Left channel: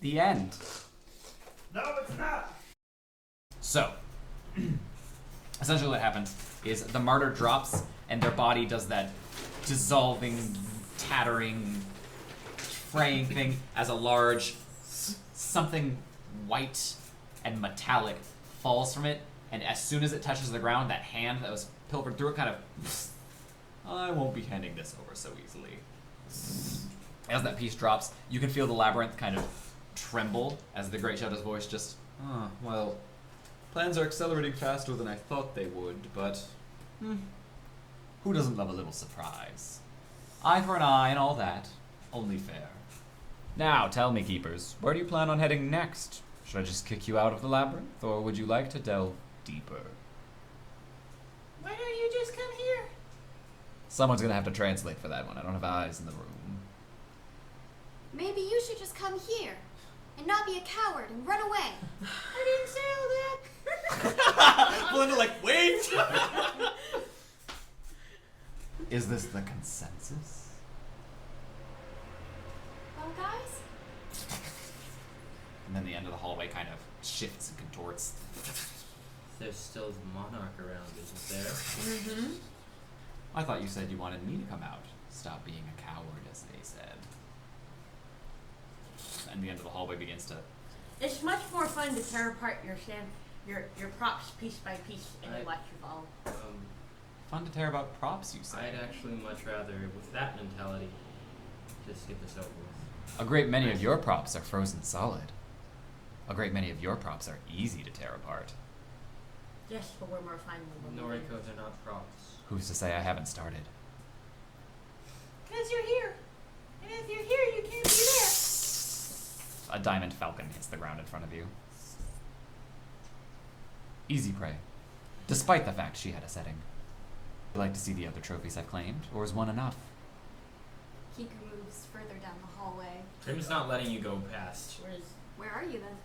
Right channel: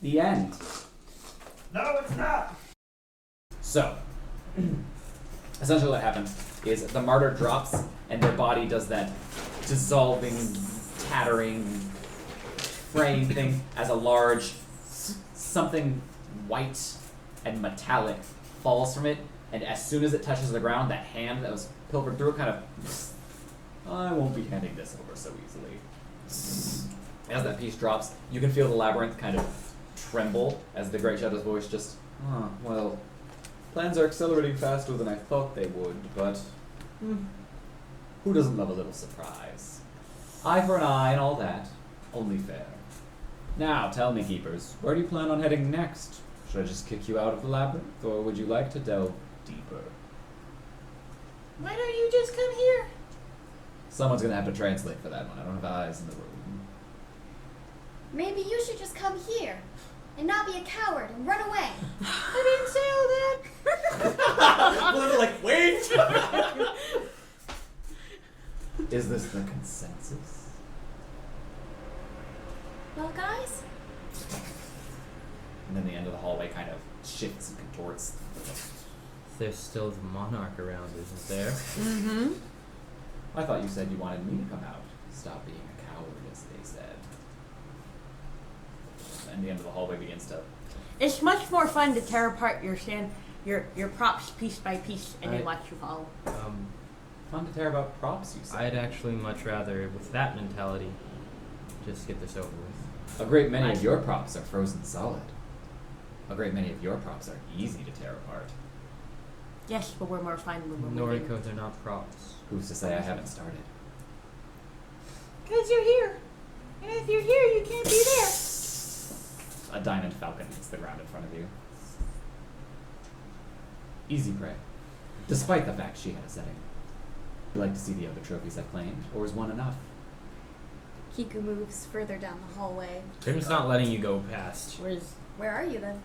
The end. No, it's not. So, essentially what happens is the martyr drops and their body does that dissolving, tattering, fraying thing as a large something white and metallic falls from it, and as soon as it touches the ground, that hand that was pilfered through it kind of, I won't be handing this over so easily. As that piece drops, you can feel the labyrinth kind of tremble as the Great Shadow's voice just, well, plans are accelerating faster than I thought they would, but who doesn't love a little surprise? Eye for an eye and all that, only fair. Now, tell me, Keepers, where do you plan on heading next? Should I just kick you out of the labyrinth, or would you like to delve deeper? Why don't you just come here? Someone's gonna have to translate for that one. I don't have eyes in the room. Maybe you should just come here and not be a coward and run away. I didn't say all that. Belinda, like, wait! Is this the consensus? Well, guys, And then the end of the hallway kind of shifts and contorts. There's still the monarch around, isn't there? Mm-hmm. I thought you said you wanted me to come out. Stop being a coward, as they said. And the end of the hallway begins to... It's much more fun to tear apart your props piece by piece and then watch you fall. Fun to tear about props, you said. I'd actually much rather, with that mentality, just get this over with. A great many of your props are frozen solid. A great many of your props are easy to tear apart. Yes, but we're more fun when we're moving. Noriko, they're not props. Who's to say I haven't started? Because you're here. And if you're here, you can't be there. A diamond falcon hits the ground in front of you. Easy prey. Despite the fact she had a setting. Would you like to see the other trophies I've claimed, or is one enough? Kiku moves further down the hallway. Prim's not letting you go past. Where are you then?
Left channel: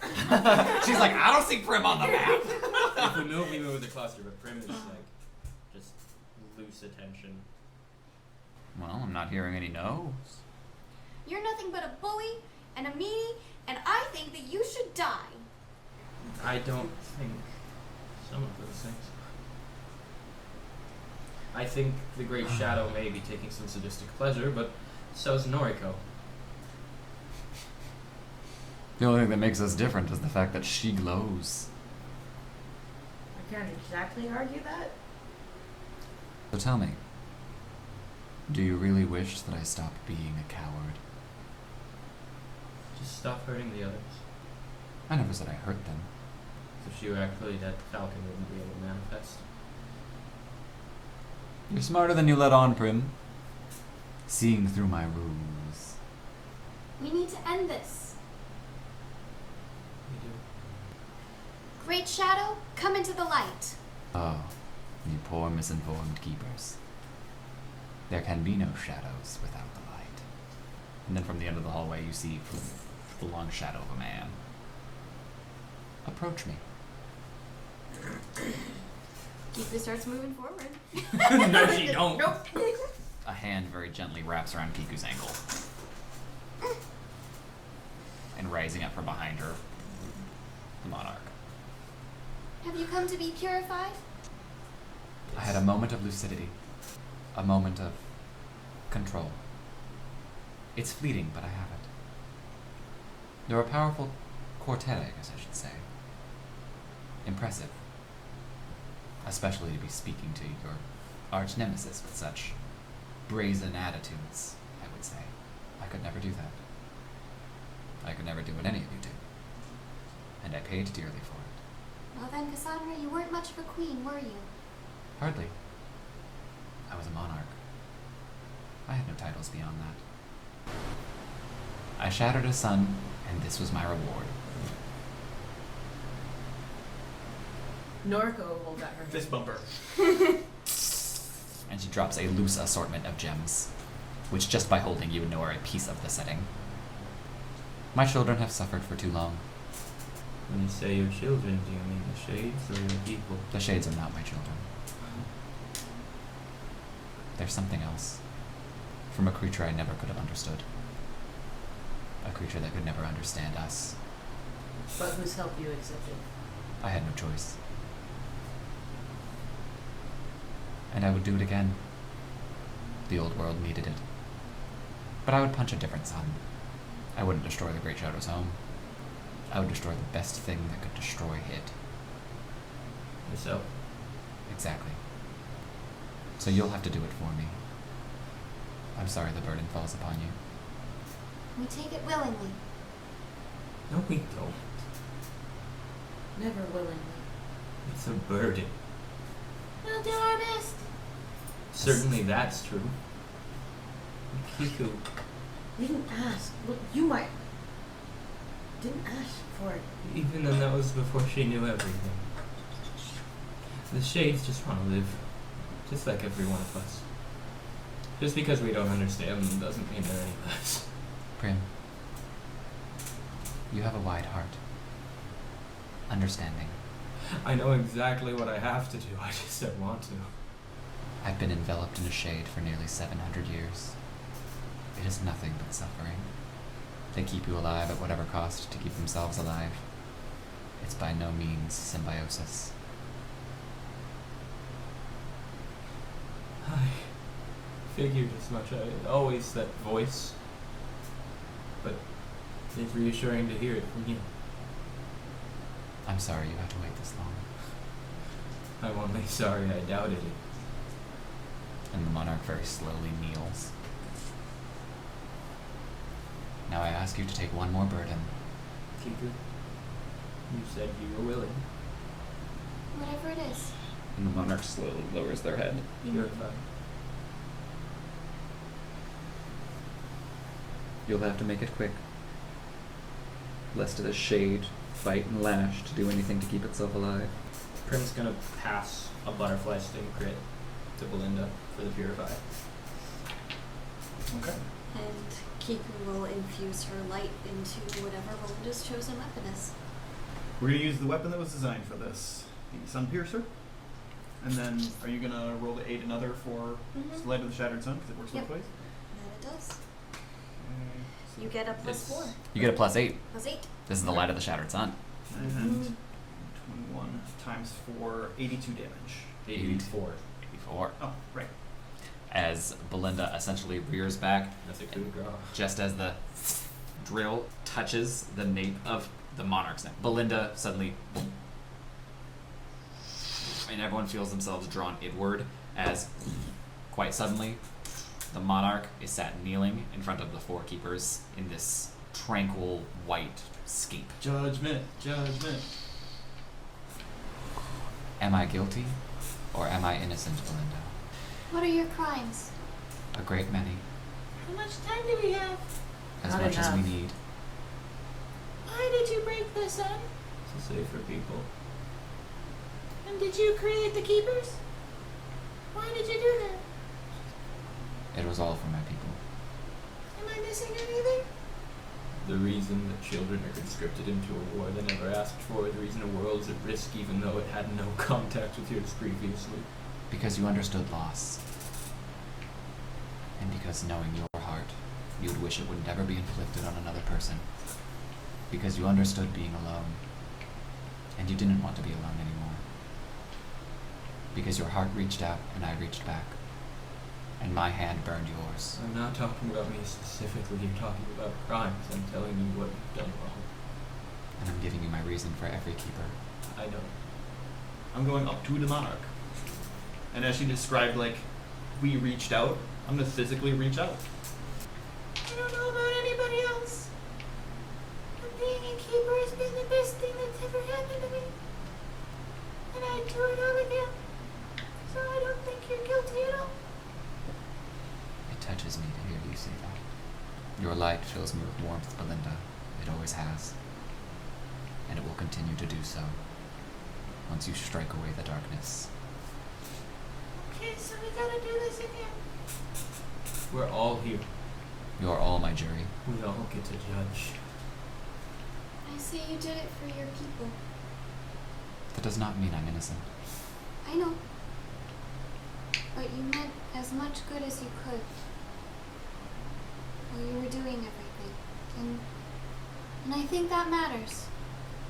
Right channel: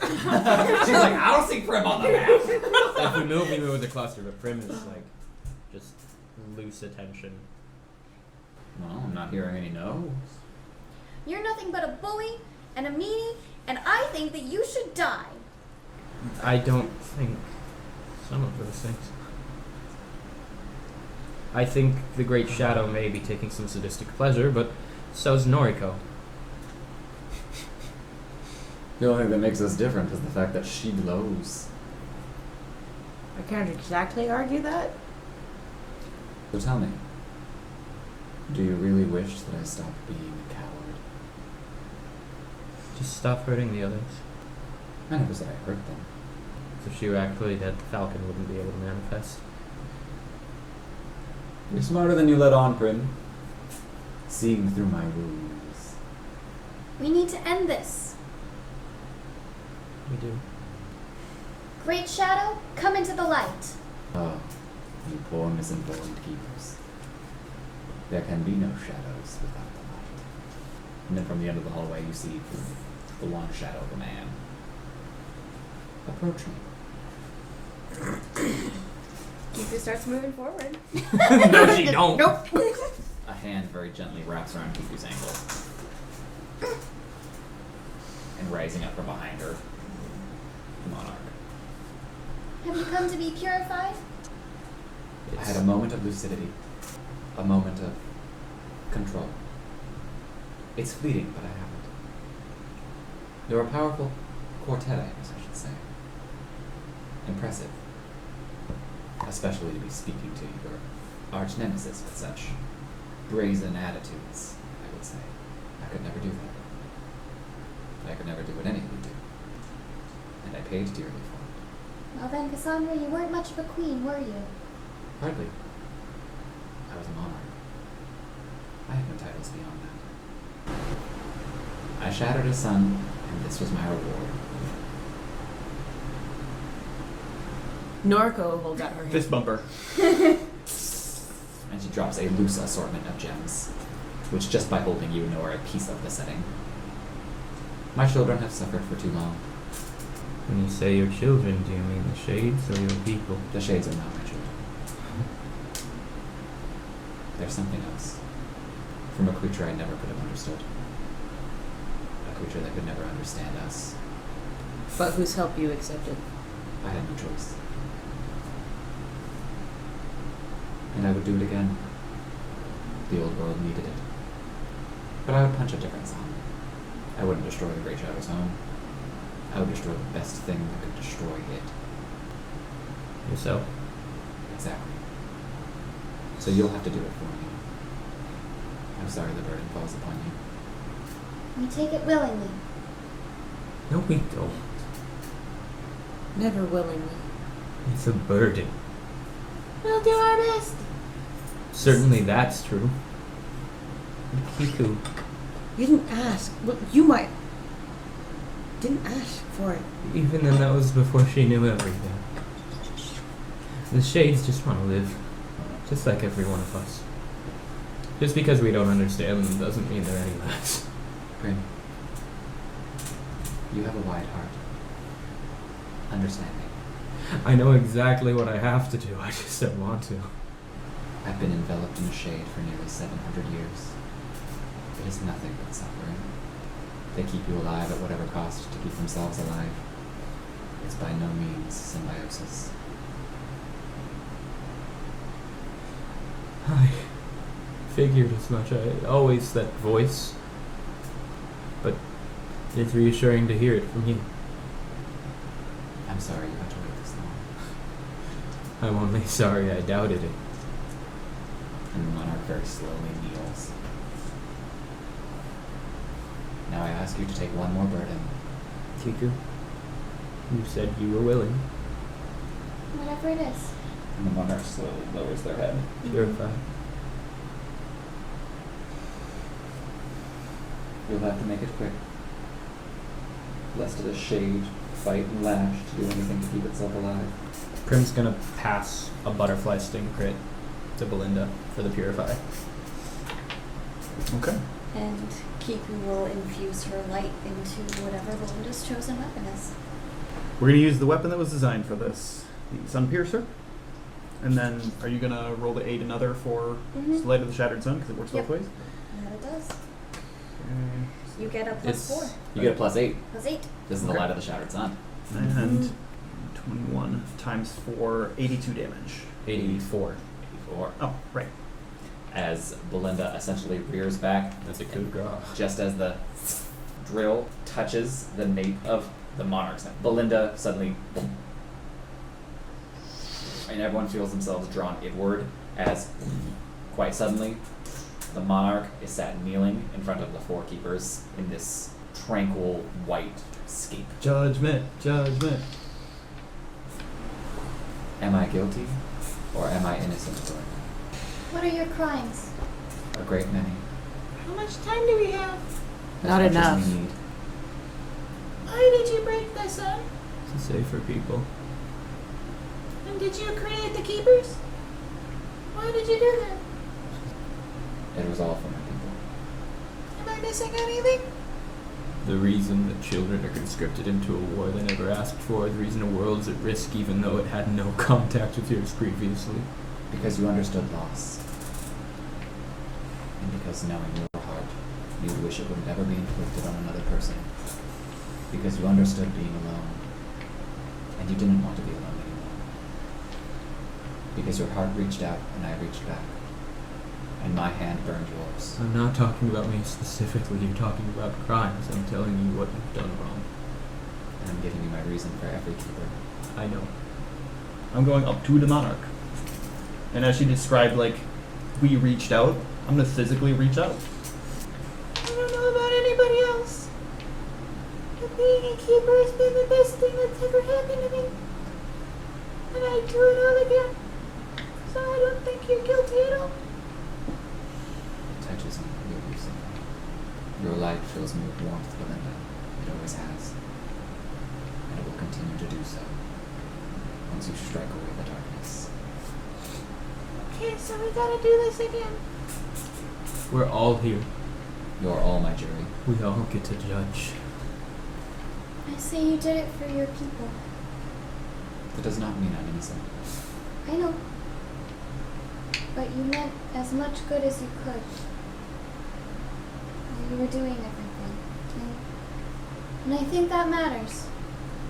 She's like, I don't see Prim on the map. If we move with the cluster, but Prim is like, just loose attention. Well, I'm not hearing any no's. You're nothing but a bully and a meanie, and I think that you should die. I don't think some of those things. I think the Great Shadow may be taking some sadistic pleasure, but so's Noriko. The only thing that makes us different is the fact that she glows. I can't exactly argue that. So tell me, do you really wish that I stopped being a coward? Just stop hurting the others. I never said I hurt them. If she were actually dead, the Falcon wouldn't be able to manifest. You're smarter than you let on, Prim. Seeing through my rules. We need to end this. We do. Great Shadow, come into the light. Oh, you poor misinformed keepers. There can be no shadows without the light. And then from the end of the hallway you see the long shadow of a man. Approach me. Kiku starts moving forward. No, she don't. Nope. A hand very gently wraps around Kiku's ankle. And rising up from behind her, the monarch. Have you come to be purified? I had a moment of lucidity. A moment of control. It's fleeting, but I have it. You're a powerful quartet, I guess I should say. Impressive. Especially to be speaking to your arch nemesis with such brazen attitudes, I would say. I could never do that. I could never do what any of you do. And I paid dearly for it. Well then, Cassandra, you weren't much of a queen, were you? Hardly. I was a monarch. I had no titles beyond that. I shattered a sun, and this was my reward. Noriko holds out her hand. Fist bumper. And she drops a loose assortment of gems, which just by holding you know are a piece of the setting. My children have suffered for too long. When you say your children, do you mean the shades or your people? The shades are not my children. There's something else. From a creature I never could have understood. A creature that could never understand us. But whose help you accepted? I had no choice. And I would do it again. The old world needed it. But I would punch a different sun. I wouldn't destroy the Great Shadow's home. I would destroy the best thing that could destroy it. So, Exactly. So you'll have to do it for me. I'm sorry the burden falls upon you. We take it willingly. no, we don't. Never willingly. It's a burden. We'll do our best. Certainly that's true. Kiku, You didn't ask. Look, you might. Didn't ask for it. even then that was before she knew everything. The Shades just want to live. Just like every one of us. Just because we don't understand them doesn't mean they're any less. Prim, you have a wide heart. Understanding. I know exactly what I have to do, I just don't want to. I've been enveloped in a shade for nearly 700 years. It is nothing but suffering. They keep you alive at whatever cost to keep themselves alive. It's by no means symbiosis. I figured as much. I always that voice. But it's reassuring to hear it from you. I'm sorry you had to wait this long. I'm only sorry I doubted it. And the monarch very slowly kneels. Now I ask you to take one more burden. Kiku, you said you were willing. Whatever it is. And the monarch slowly lowers their head. Purify. You'll have to make it quick. Lest it is shade, fight, and lash to do anything to keep itself alive. Prim's gonna pass a butterfly sting crit to Belinda for the purify. Okay. And Kiku will infuse her light into whatever Belinda's chosen weapon is. We're going to use the weapon that was designed for this, the Sun Piercer. And then, are you going to roll to aid another for Mhm. Light of the Shattered Sun, because it works Yep. both ways? That it does. Okay. You get a plus It's- 4. You get a +8. Plus 8. This is the Okay. light of the shattered sun. And 21 times 4, 82 damage. 84. 84. Oh, right. As Belinda essentially rears back, That's a coup de grace. just as the drill touches the nape of the monarch's neck. Belinda suddenly, and everyone feels themselves drawn inward as, quite suddenly, the monarch is sat kneeling in front of the four keepers in this tranquil white scape. Judgment, judgment. Am I guilty, or am I innocent, Belinda? What are your crimes? A great many. How much time do we have? As Not much enough. as we need. Why did you break the sun? To say for people. And did you create the keepers? Why did you do that? It was all for my people. Am I missing anything? The reason that children are conscripted into a war they never asked for, the reason a world is at risk even though it had no contact with yours previously. Because you understood loss. And because knowing your heart, you would wish it would never be inflicted on another person. Because you understood being alone. And you didn't want to be alone anymore. Because your heart reached out and I reached back. And my hand burned yours. I'm not talking about me specifically, you're talking about crimes. I'm telling you what you've done wrong. And I'm giving you my reason for every keeper. I know. I'm going up to the Monarch. And as she described, like, we reached out, I'm going to physically reach out. I don't know about anybody else. But being a keeper has been the best thing that's ever happened to me. And I'd do it all again. So I don't think you're guilty at all. It touches me to hear you say that. Your light fills me with warmth, Belinda. It always has. And it will continue to do so. Once you strike away the darkness. Okay, so we gotta do this again. We're all here. You're all my jury. We all get to judge. I say you did it for your people. That does not mean I'm innocent. I know. But you meant as much good as you could. While you were doing everything. And And I think that matters.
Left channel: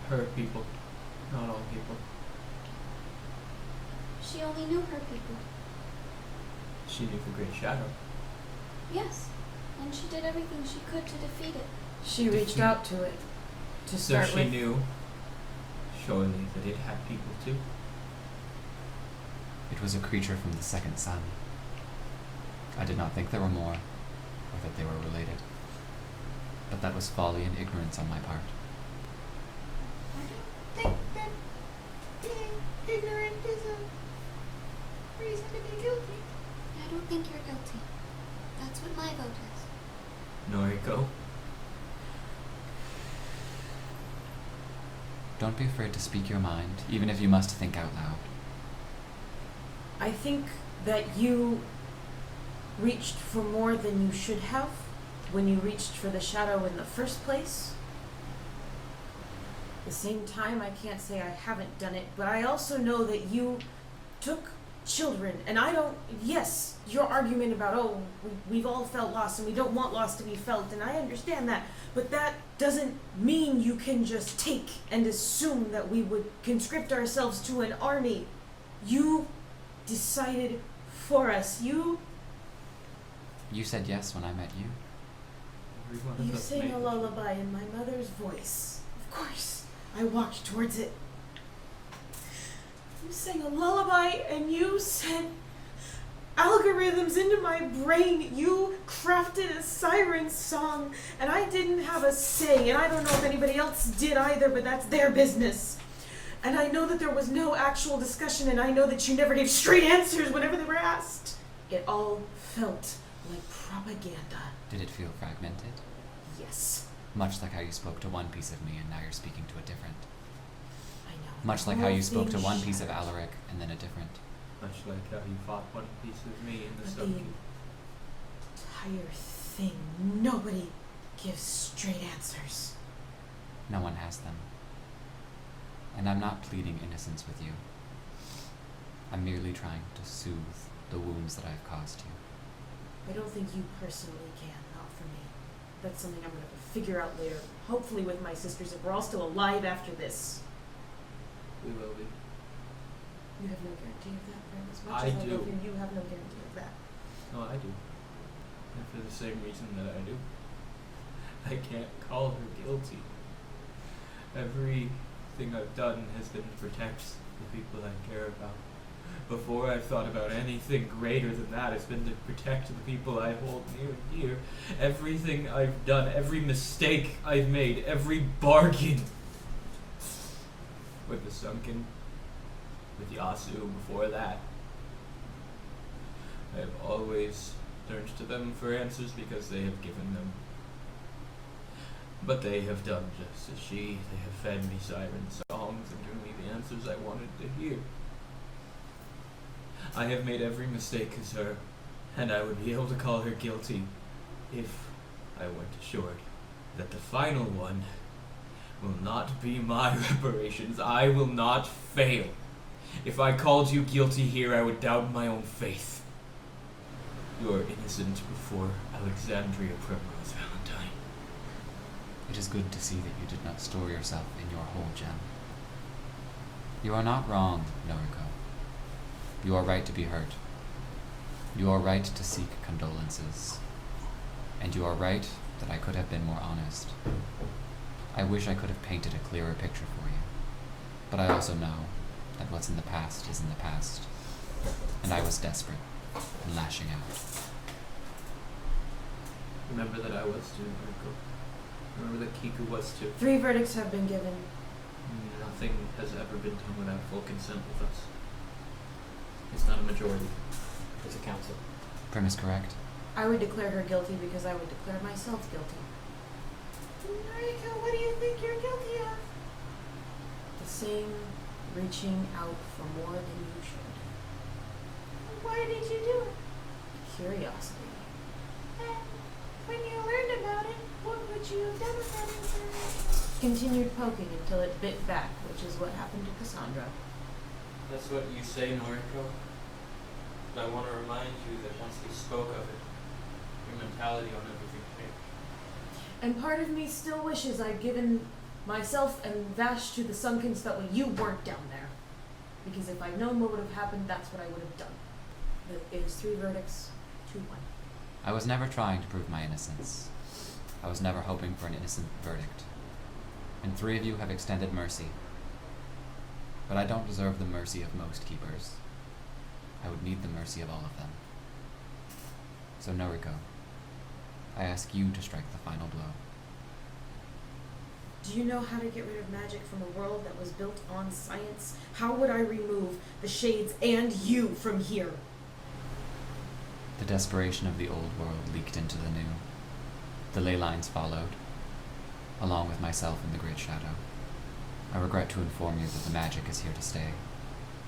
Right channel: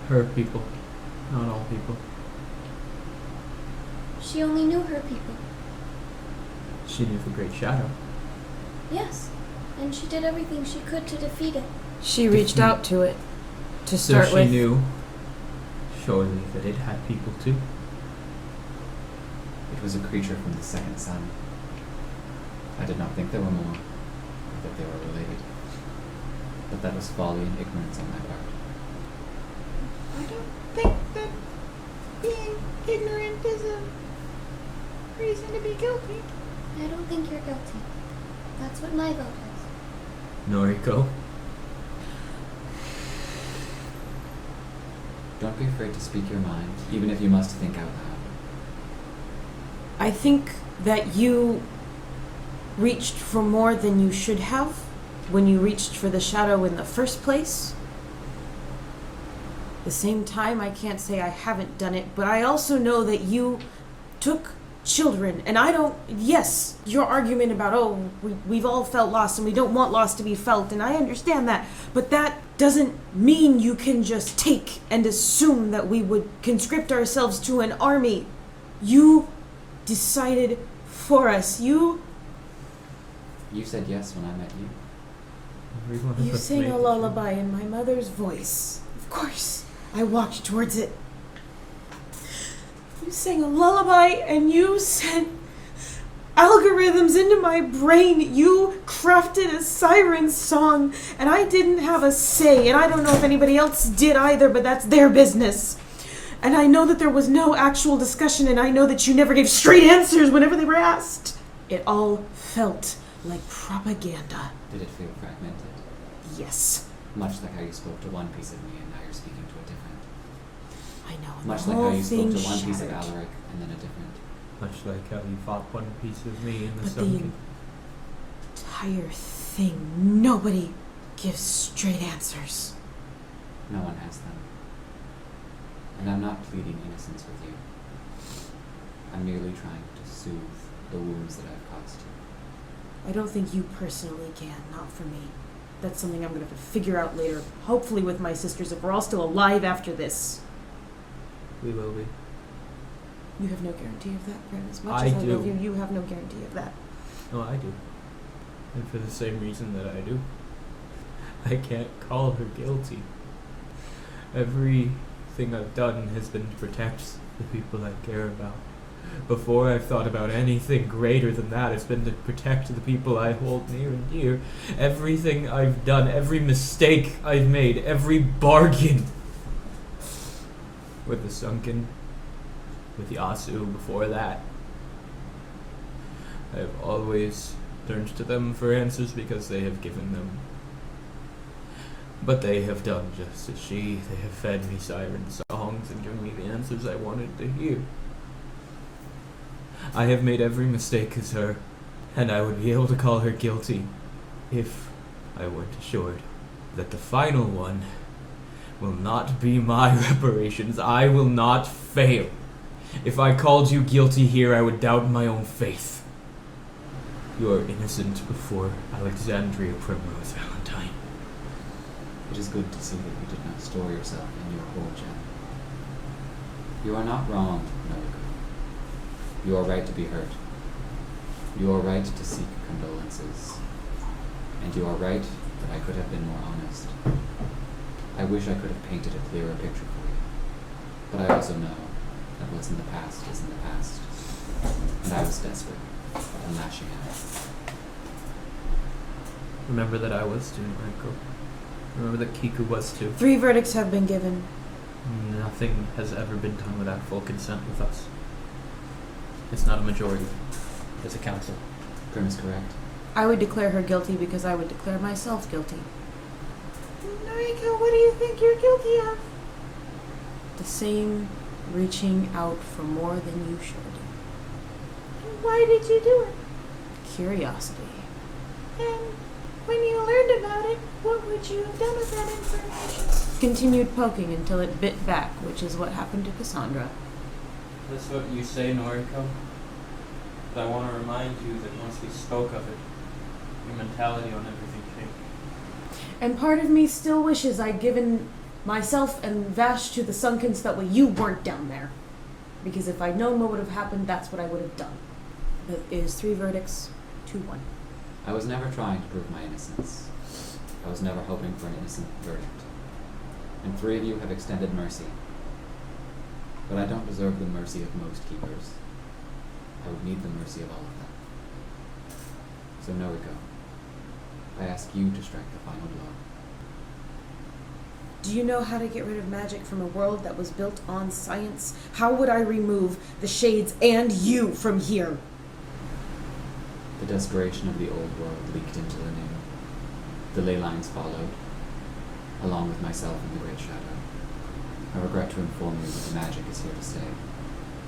Her people, not all people. She only knew her people. She knew the Great Shadow. Yes. And she did everything she could to defeat it. She reached out to it to So start she with. knew, surely, that it had people too. It was a creature from the second sun. I did not think there were more, or that they were related. But that was folly and ignorance on my part. I don't think that being ignorant is a reason to be guilty. I don't think you're guilty. That's what my vote is. Noriko. Don't be afraid to speak your mind, even if you must think out loud. I think that you reached for more than you should have when you reached for the shadow in the first place. At the same time, I can't say I haven't done it, but I also know that you took children, and I don't, yes, your argument about, oh, we've all felt lost and we don't want loss to be felt, and I understand that, but that doesn't mean you can just take and assume that we would conscript ourselves to an army. You decided for us. You said yes when I met you. Everyone of You us sang made a the lullaby in my mother's voice. Of course, I walked towards it. You sang a lullaby and you sent algorithms into my brain. You crafted a siren song and I didn't have a say, and I don't know if anybody else did either, but that's their business. And I know that there was no actual discussion, and I know that you never gave straight answers whenever they were asked. It all felt like propaganda. Did it feel fragmented? Yes, Much like how you spoke to one piece of me and now you're speaking to a different. I know. Much The like how whole you spoke to thing one piece of shattered. Alaric and then a different. Much like how you fought one piece of me in the But the sunken. entire thing, nobody gives straight answers. No one has them. And I'm not pleading innocence with you. I'm merely trying to soothe the wounds that I've caused you. I don't think you personally can, not for me. That's something I'm going to have to figure out later, hopefully with my sisters, if we're all still alive after this. We will be. You have no guarantee of that, Grim. As much I as I do. love you, you have no guarantee of that. No, I do. And for the same reason that I do. I can't call her guilty. Everything I've done has been to protect the people I care about. Before I've thought about anything greater than that, it's been to protect the people I hold near and dear. Everything I've done, every mistake I've made, every bargain with the Sunken, with Yasu before that, I have always turned to them for answers because they have given them. But they have done just as she. They have fed me siren songs and given me the answers I wanted to hear. I have made every mistake as her, and I would be able to call her guilty if I weren't assured that the final one will not be my reparations. I will not fail. If I called you guilty here, I would doubt my own faith. You are innocent before Alexandria Primrose Valentine. It is good to see that you did not store yourself in your whole gem. You are not wrong, Noriko. You are right to be hurt. You are right to seek condolences. And you are right that I could have been more honest. I wish I could have painted a clearer picture for you. But I also know that what's in the past is in the past. And I was desperate and lashing out. Remember that I was too, Mariko. Remember that Kiku was too. 3 verdicts have been given. Nothing has ever been done without full consent with us. It's not a majority. It's a council. Prim is correct. I would declare her guilty because I would declare myself guilty. Noriko, what do you think you're guilty of? The same reaching out for more than you should. Why did you do it? Curiosity. And when you learned about it, what would you have done with that information? Continued poking until it bit back, which is what happened to Cassandra. That's what you say, Noriko. But I want to remind you that once we spoke of it, your mentality on everything changed. And part of me still wishes I'd given myself and Vash to the sunken so that way you weren't down there. Because if I'd known what would have happened, that's what I would have done. It is 3 verdicts to 1. I was never trying to prove my innocence. I was never hoping for an innocent verdict. And 3 of you have extended mercy. But I don't deserve the mercy of most keepers. I would need the mercy of all of them. So Noriko, I ask you to strike the final blow. Do you know how to get rid of magic from a world that was built on science? How would I remove the shades and you from here? The desperation of the old world leaked into the new. The ley lines followed, along with myself and the Great Shadow. I regret to inform you that the magic is here to stay.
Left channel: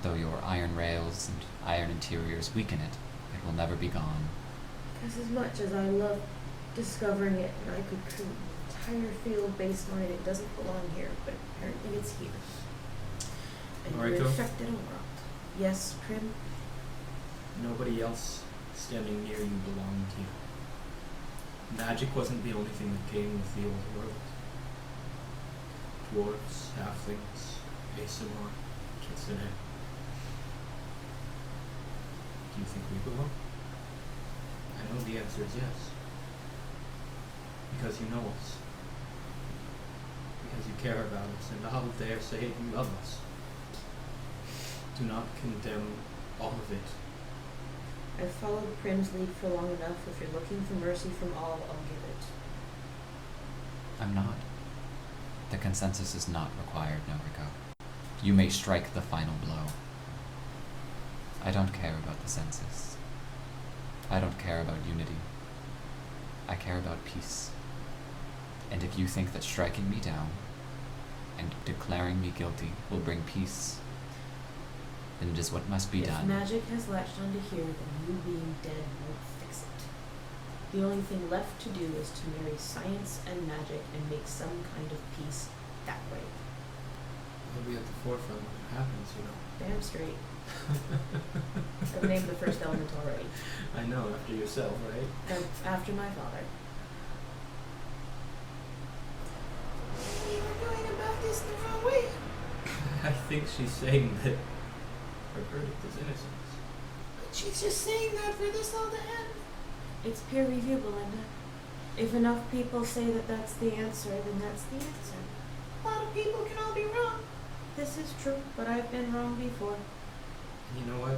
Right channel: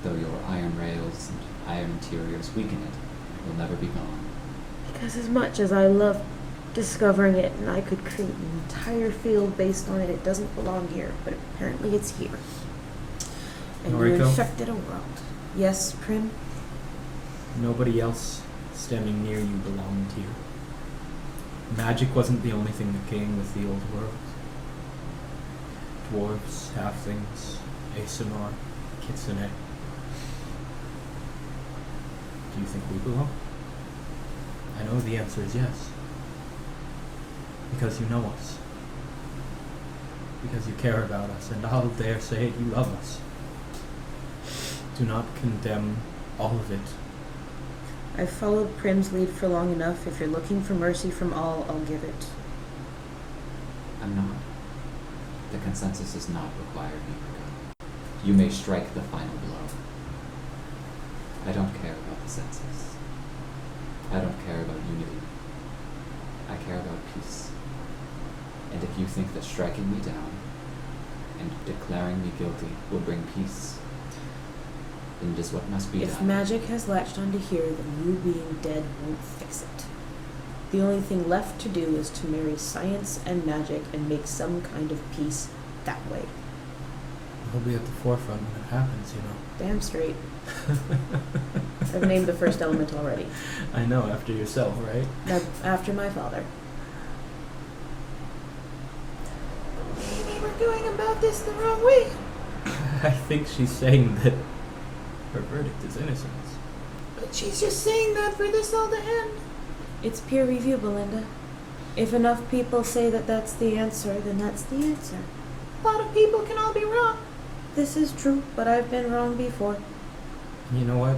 Though your iron rails and iron interiors weaken it, it will never be gone. Because as much as I love discovering it and I could create an entire field based on it, it doesn't belong here, but apparently it's here. And you Noriko? infected a world. Yes, Prim? Nobody else standing near you belonged here. Magic wasn't the only thing that came with the old world. Dwarves, halflings, Aesonar, Kitsune. Do you think we belong? I know the answer is yes. Because you know us. Because you care about us, and I'll dare say it, you love us. Do not condemn all of it. I've followed Prim's lead for long enough. If you're looking for mercy from all, I'll give it. I'm not. The consensus is not required, Noriko. You may strike the final blow. I don't care about the census. I don't care about unity. I care about peace. And if you think that striking me down and declaring me guilty will bring peace, then it is what must be If done. magic has latched onto here, then you being dead won't fix it. The only thing left to do is to marry science and magic and make some kind of peace that way. We'll be at the forefront when it happens, you know. Damn straight. I've named the first element already. I know, after yourself, right? Now, after my father. Maybe we're going about this the wrong way. I think she's saying that her verdict is innocence. But she's just saying that for this all to end. It's peer review, Belinda. If enough people say that that's the answer, then that's the answer. A lot of people can all be wrong. This is true, but I've been wrong before. You know what?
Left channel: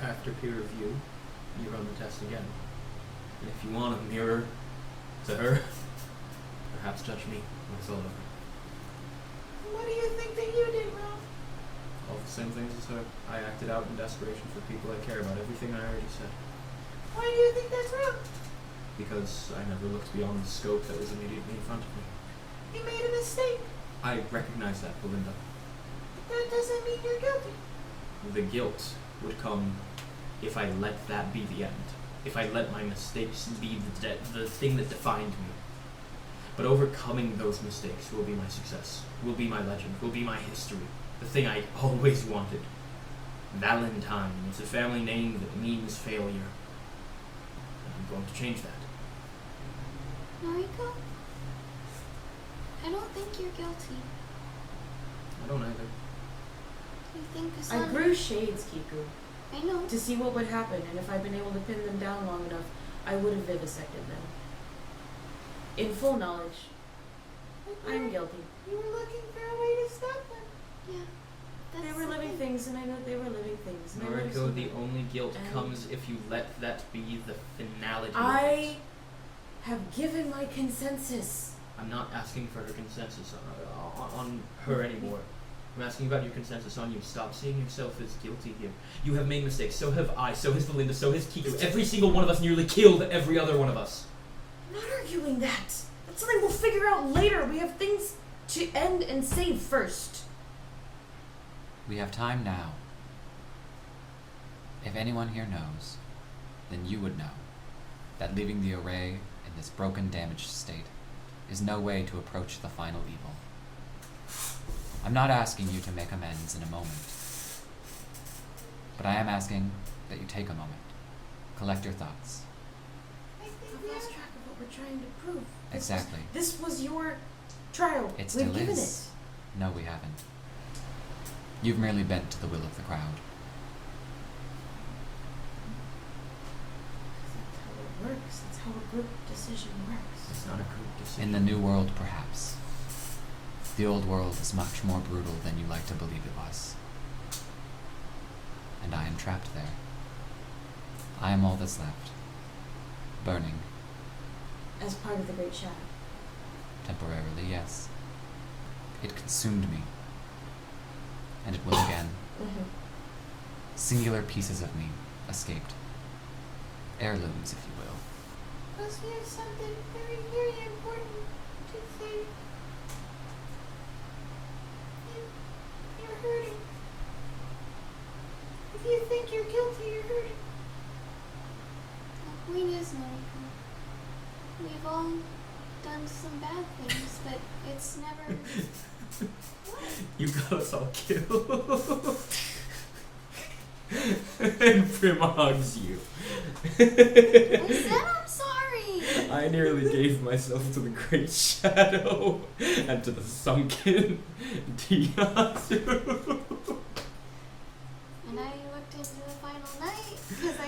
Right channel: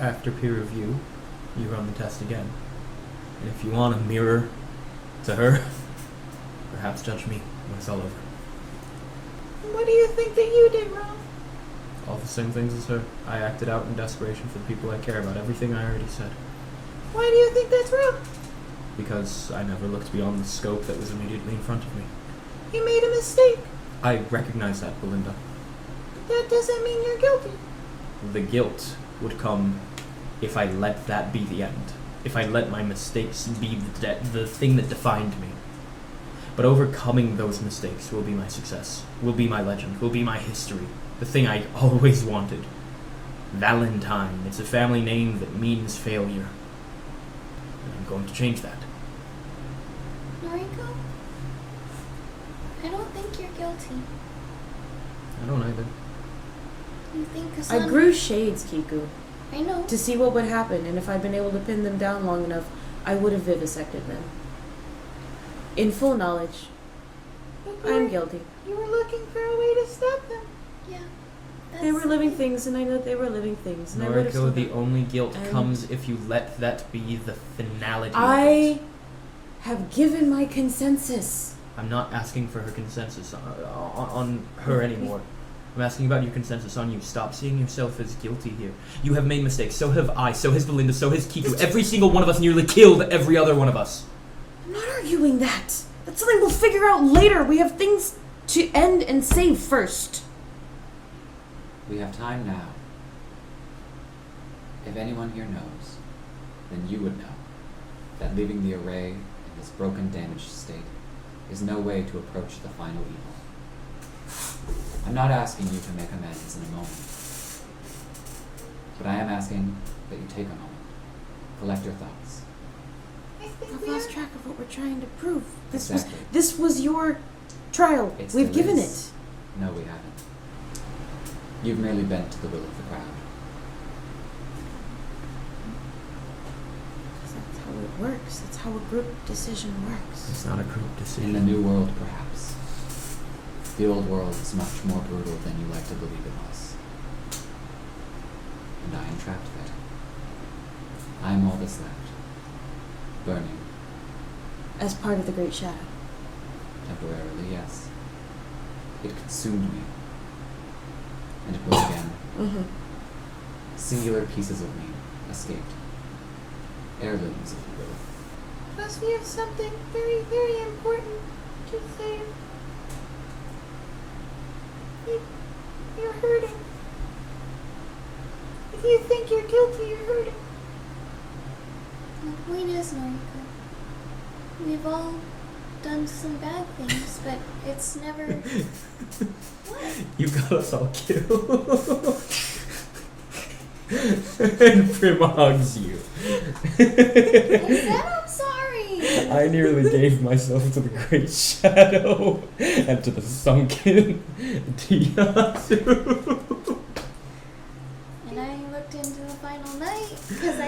After peer review, you run the test again. And if you want a mirror to her, perhaps judge me when it's all over. What do you think that you did wrong? All the same things as her. I acted out in desperation for the people I care about. Everything I already said. Why do you think that's wrong? Because I never looked beyond the scope that was immediately in front of me. You made a mistake. I recognize that, Belinda. But that doesn't mean you're guilty. The guilt would come if I let that be the end. If I let my mistakes be the thing that defined me. But overcoming those mistakes will be my success, will be my legend, will be my history. The thing I always wanted. Valentine. It's a family name that means failure. And I'm going to change that. Noriko? I don't think you're guilty. I don't either. You think I Cassandra... grew shades, Kiku, I know. to see what would happen, and if I'd been able to pin them down long enough, I would have vivisected them. In full knowledge, But I'm guilty. You were looking for a way to stop them. Yeah. They were living things, and I know they were living things, and I would have Noriko, the only guilt And- comes if you let that be the finality of it. I have given my consensus. I'm not asking for her consensus on her anymore. I'm asking about your consensus on you. Stop seeing yourself as guilty here. You have made mistakes. So have I. So has Belinda. So has Kiku. Every single one of us nearly killed every other one of us. I'm not arguing that. That's something we'll figure out later. We have things to end and save first. We have time now. If anyone here knows, then you would know that leaving the array in this broken, damaged state is no way to approach the final evil. I'm not asking you to make amends in a moment, but I am asking that you take a moment, collect your thoughts. I think I've we lost are. track of what we're trying to prove. Exactly. This was your trial. It We've still given is. it. No, we haven't. You've merely bent to the will of the crowd. That's how it works. That's how a group decision works. It's not a group decision. In the new world, perhaps. The old world is much more brutal than you like to believe it was. And I am trapped there. I am all that's left. Burning. As part of the Great Shadow. Temporarily, yes. It consumed me. And it will again. Mm-hmm. Singular pieces of me escaped. Heirlooms, if you will. Plus, we have something very, very important to say. You're hurting. If you think you're guilty, you're hurting. The point is, Noriko, we've all done some bad things, but it's never. What? You got us all killed. And Prima hugs you. I said I'm sorry! I nearly gave myself to the Great Shadow and to the sunken Tiyasu. And I looked into the final night because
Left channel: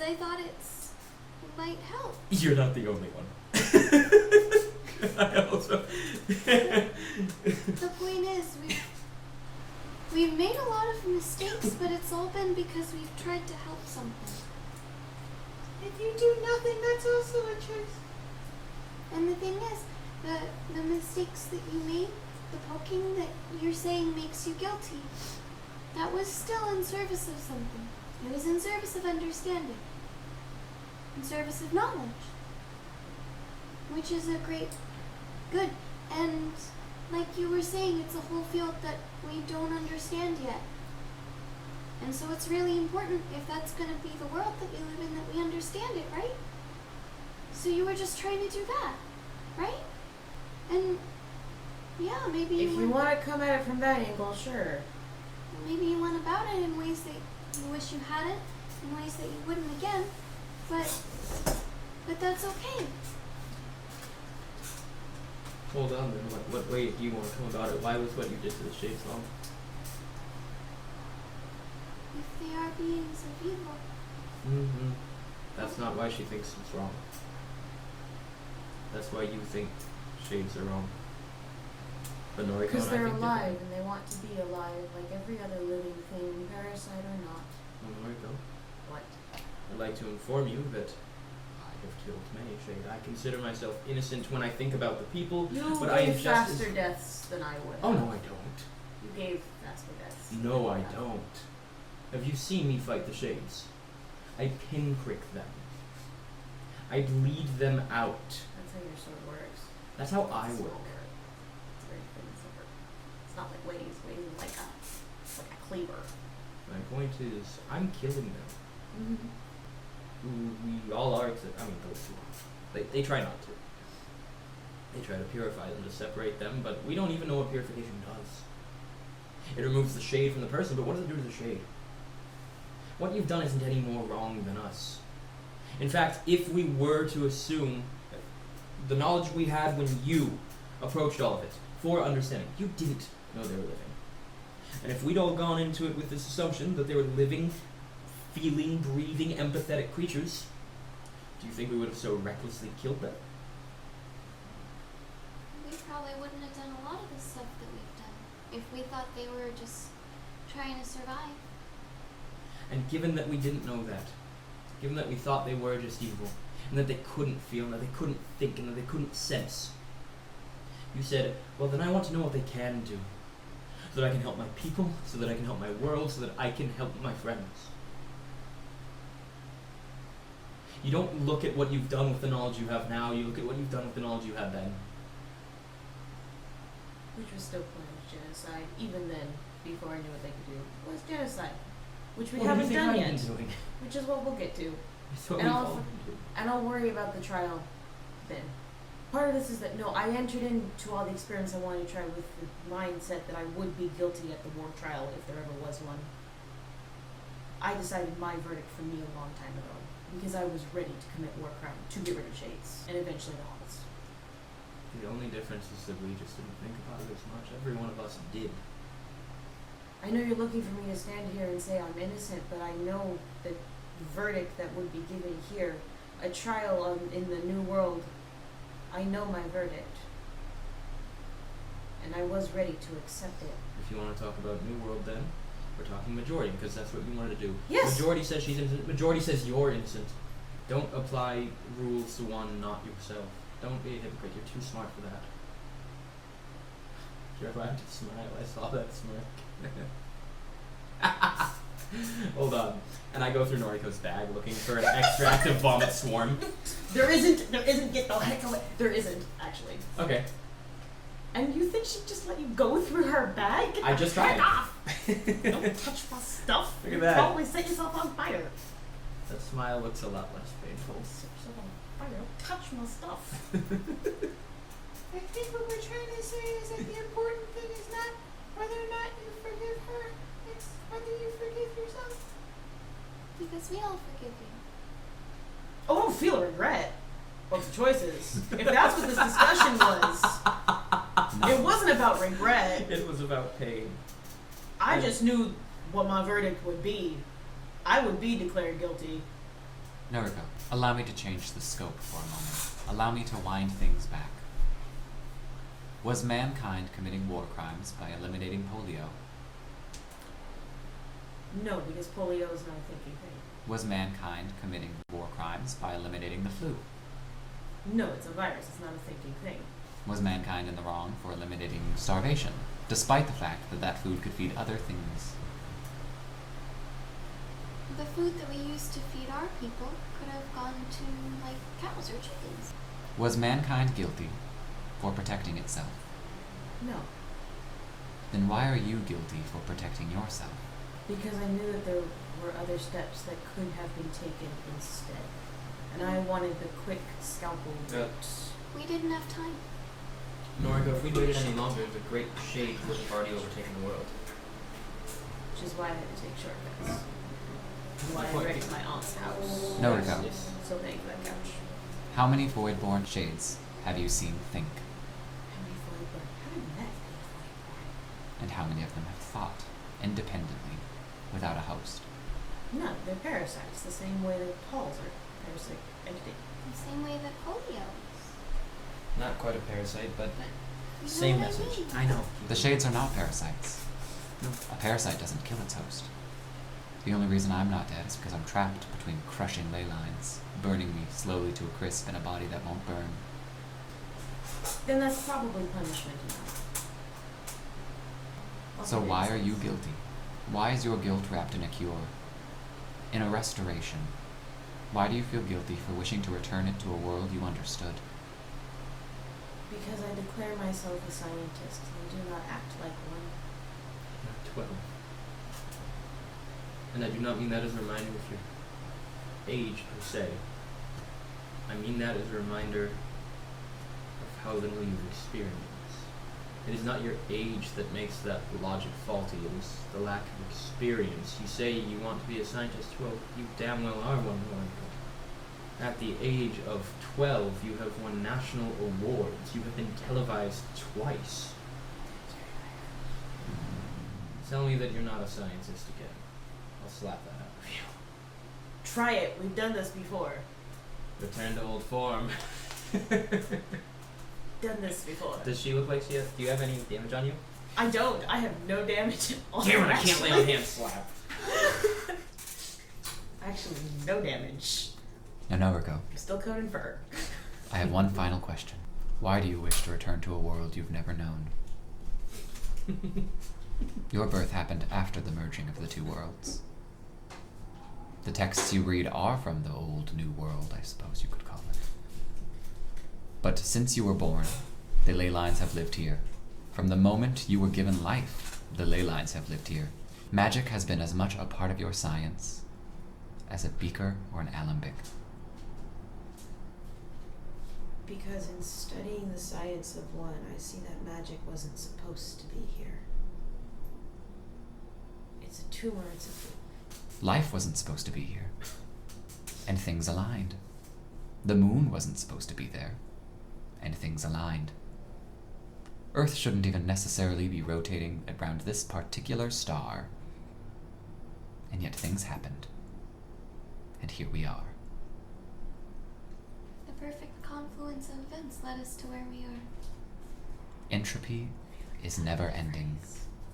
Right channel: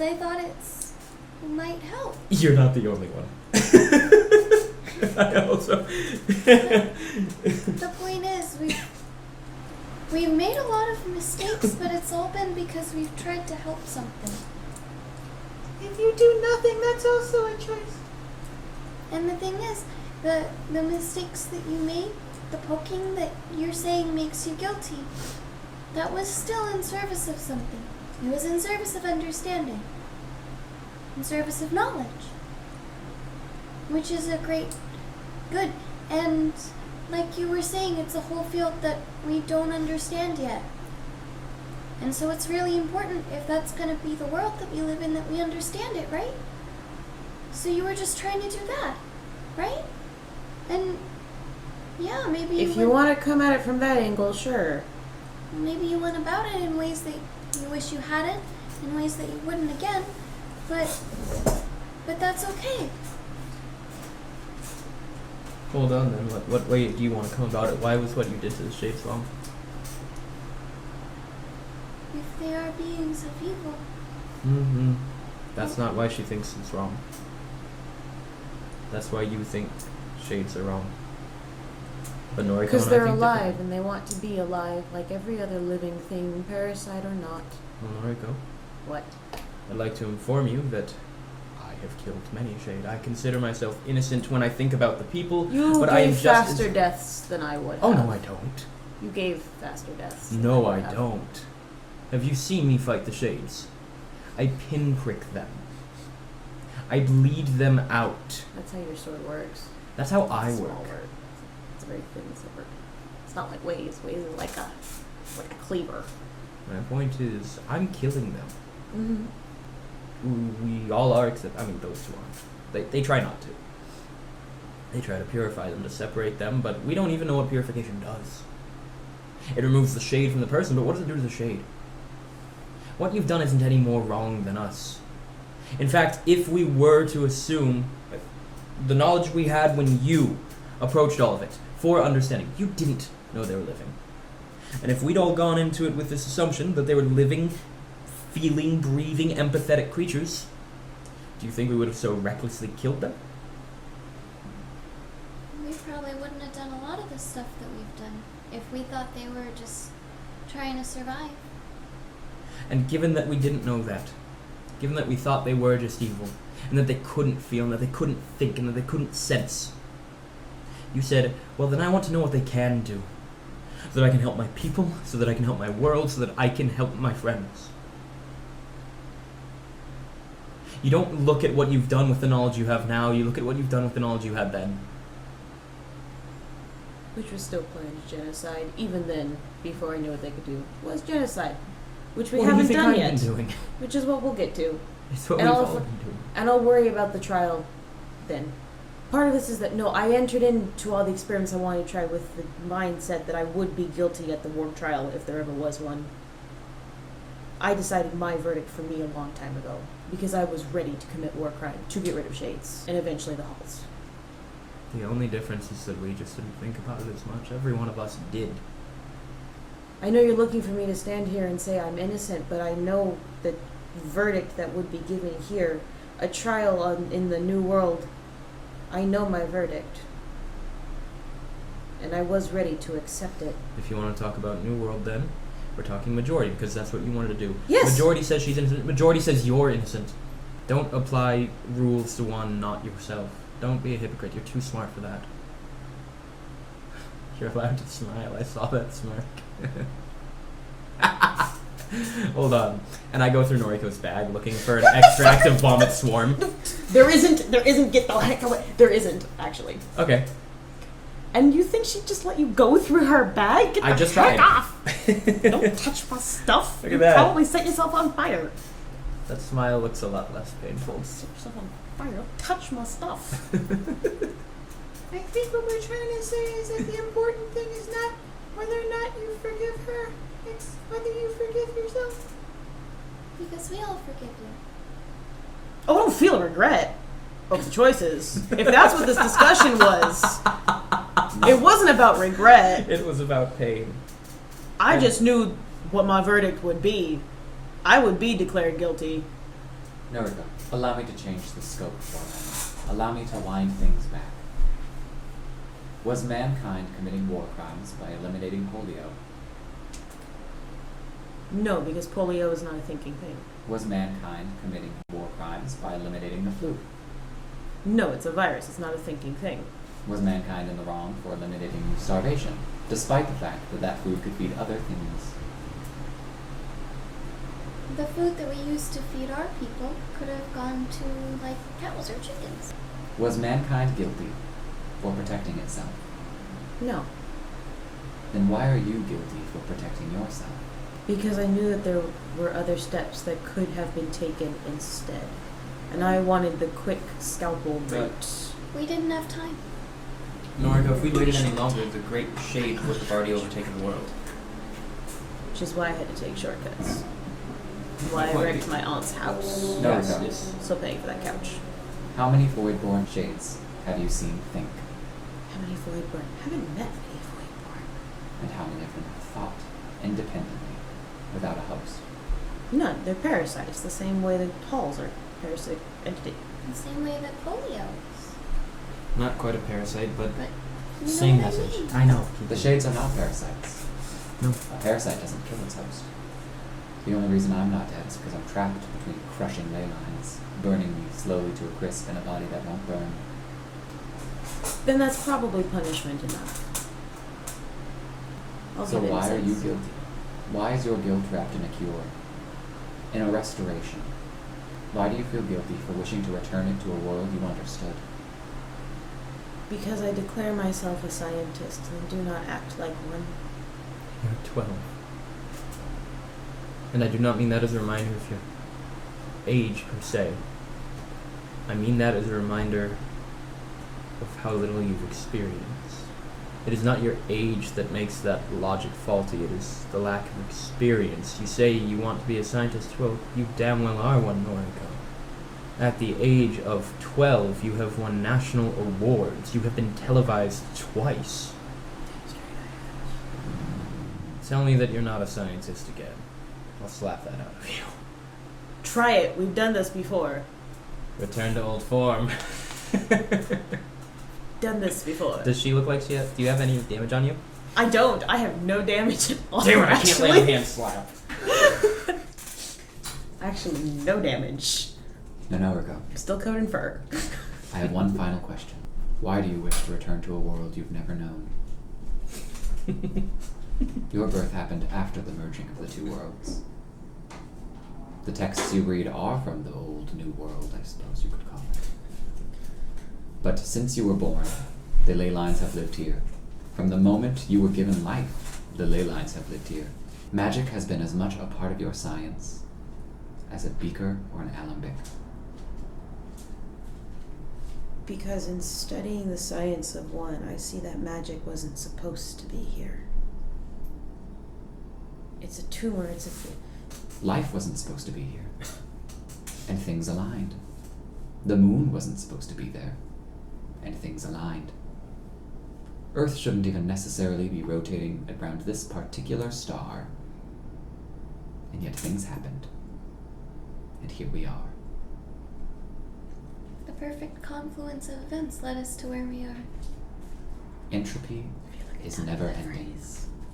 I thought it's might help. You're not the only one. I also. The point is, we've made a lot of mistakes, but it's all been because we've tried to help something. If you do nothing, that's also a choice. And the thing is, the mistakes that you made, the poking that you're saying makes you guilty, that was still in service of something. It was in service of understanding. In service of knowledge. Which is a great good. And like you were saying, it's a whole field that we don't understand yet. And so it's really important, if that's going to be the world that we live in, that we understand it, right? So you were just trying to do that, right? And yeah, maybe If you want to come at it from that angle, sure. maybe you went about it in ways that you wish you hadn't, in ways that you wouldn't again, but that's okay. Hold on then. What way do you want to come about it? Why was what you did to the shapes wrong? If they are beings of evil, Mm-hmm. That's not why she thinks it's wrong. That's why you think shades are wrong. But Noriko Because and I they're think alive differently. and they want to be alive like every other living thing, parasite or not. Well, Noriko, What? I'd like to inform you that I have killed many shade. I consider myself innocent when I think about the people, You but I am gave just faster as... deaths than I would. Oh, have. no, I don't. You gave faster deaths. than No, would I have. don't. Have you seen me fight the shades? I pinprick them. I bleed them out. That's how your sword works. That's how It's I a small work. word. It's a very thin sword. It's not like waves. Waves is like a cleaver. My point is, I'm killing them. Mm-hmm. We all are, except, those two aren't. They try not to. They try to purify them, to separate them, but we don't even know what purification does. It removes the shade from the person, but what does it do to the shade? What you've done isn't any more wrong than us. In fact, if we were to assume the knowledge we had when you approached all of it, for understanding, you didn't know they were living. And if we'd all gone into it with this assumption that they were living, feeling, breathing, empathetic creatures, do you think we would have so recklessly killed them? we probably wouldn't have done a lot of the stuff that we've done if we thought they were just trying to survive. And given that we didn't know that, given that we thought they were just evil, and that they couldn't feel, and that they couldn't think, and that they couldn't sense, you said, well, then I want to know what they can do, so that I can help my people, so that I can help my world, so that I can help my friends. You don't look at what you've done with the knowledge you have now, you look at what you've done with the knowledge you had then. Which was still planned genocide, even then, before I knew what they could do, was genocide. Which we What do you haven't think done I've yet. been doing? Which is what we'll get to. It's what And we've I'll all f- been doing. And I'll worry about the trial then. Part of this is that, no, I entered into all the experiments I wanted to try with the mindset that I would be guilty at the war trial if there ever was one. I decided my verdict for me a long time ago, because I was ready to commit war crime, to get rid of Shades, and eventually the Halls. The only difference is that we just didn't think about it as much. Every one of us did. I know you're looking for me to stand here and say I'm innocent, but I know the verdict that would be given here, a trial in the New World, I know my verdict. And I was ready to accept it. If you want to talk about New World, then we're talking majority, because that's what we wanted to do. Yes! Majority says she's innocent. Majority says you're innocent. Don't apply rules to one, not yourself. Don't be a hypocrite. You're too smart for that. You're allowed to smile. I saw that smirk. Hold on. And I go through Noriko's bag looking for an extract of vomit swarm. There isn't, get the heck away. There isn't, actually. Okay. And you think she'd just let you go through her bag? Get I the just heck tried. off! Don't touch my stuff. Look at You that. probably set yourself on fire. That smile looks a lot less painful. Set yourself on fire. Don't touch my stuff. I think what we're trying to say is that the important thing is not whether or not you forgive her, it's whether you forgive yourself. Because we all forgive you. Oh, I don't feel a regret of the choices. If that's what this discussion was, it wasn't about regret. It was about pain. I just knew what my verdict would be. I would be declared guilty. Noriko, allow me to change the scope for a moment. Allow me to wind things back. Was mankind committing war crimes by eliminating polio? No, because polio is not a thinking thing. Was mankind committing war crimes by eliminating the flu? No, it's a virus. It's not a thinking thing. Was mankind in the wrong for eliminating starvation, despite the fact that that food could feed other things? The food that we used to feed our people could have gone to, like, cows or chickens. Was mankind guilty for protecting itself? No, Then why are you guilty for protecting yourself? because I knew that there were other steps that could have been taken instead. And I wanted the quick scalpel route. We didn't have time. Noriko, if we waited any longer, the great shade would have already overtaken the world. Which is why I had to take shortcuts. Why I wrecked my aunt's house. Noriko, Yes. Still paying for that couch. how many void-born shades have you seen think? How many Voidborn? I haven't met any Voidborn. And how many of them have thought independently, without a host? None. They're parasites, the same way that halls are parasitic entity. The same way that polio is. Not quite a parasite, but But you same know what message. I mean. I know. The shades are not parasites. No. A parasite doesn't kill its host. The only reason I'm not dead is because I'm trapped between crushing ley lines, burning me slowly to a crisp in a body that won't burn. Then that's probably punishment enough. I'll So give why are you innocence. guilty? Why is your guilt wrapped in a cure? In a restoration? Why do you feel guilty for wishing to return it to a world you understood? Because I declare myself a scientist and do not act like one. You're 12. And I do not mean that as a reminder of your age, per se. I mean that as a reminder of how little you've experienced. It is not your age that makes that logic faulty, it is the lack of experience. You say you want to be a scientist, well, you damn well are one, Noriko. At the age of 12, you have won national awards. You have been televised twice. Tell me that you're not a scientist again. I'll slap that out of you. Try it. We've done this before. Return to old form. Done this before. Does she look like she has, do you have any damage on you? I don't. I have no damage at all. Damn it, I can't actually. lay on hand slap. Actually, no damage. Now, Noriko, I'm still covered in fur. I have one final question. Why do you wish to return to a world you've never known? Your birth happened after the merging of the two worlds. The texts you read are from the old new world, I suppose you could call it. But since you were born, the ley lines have lived here. From the moment you were given life, the ley lines have lived here. Magic has been as much a part of your science as a beaker or an alembic. Because in studying the science of one, I see that magic wasn't supposed to be here. It's a tumor, Life wasn't supposed to be here. And things aligned. The moon wasn't supposed to be there. And things aligned. Earth shouldn't even necessarily be rotating around this particular star. And yet things happened. And here we are. The perfect confluence of events led us to where we are. Entropy is never ending.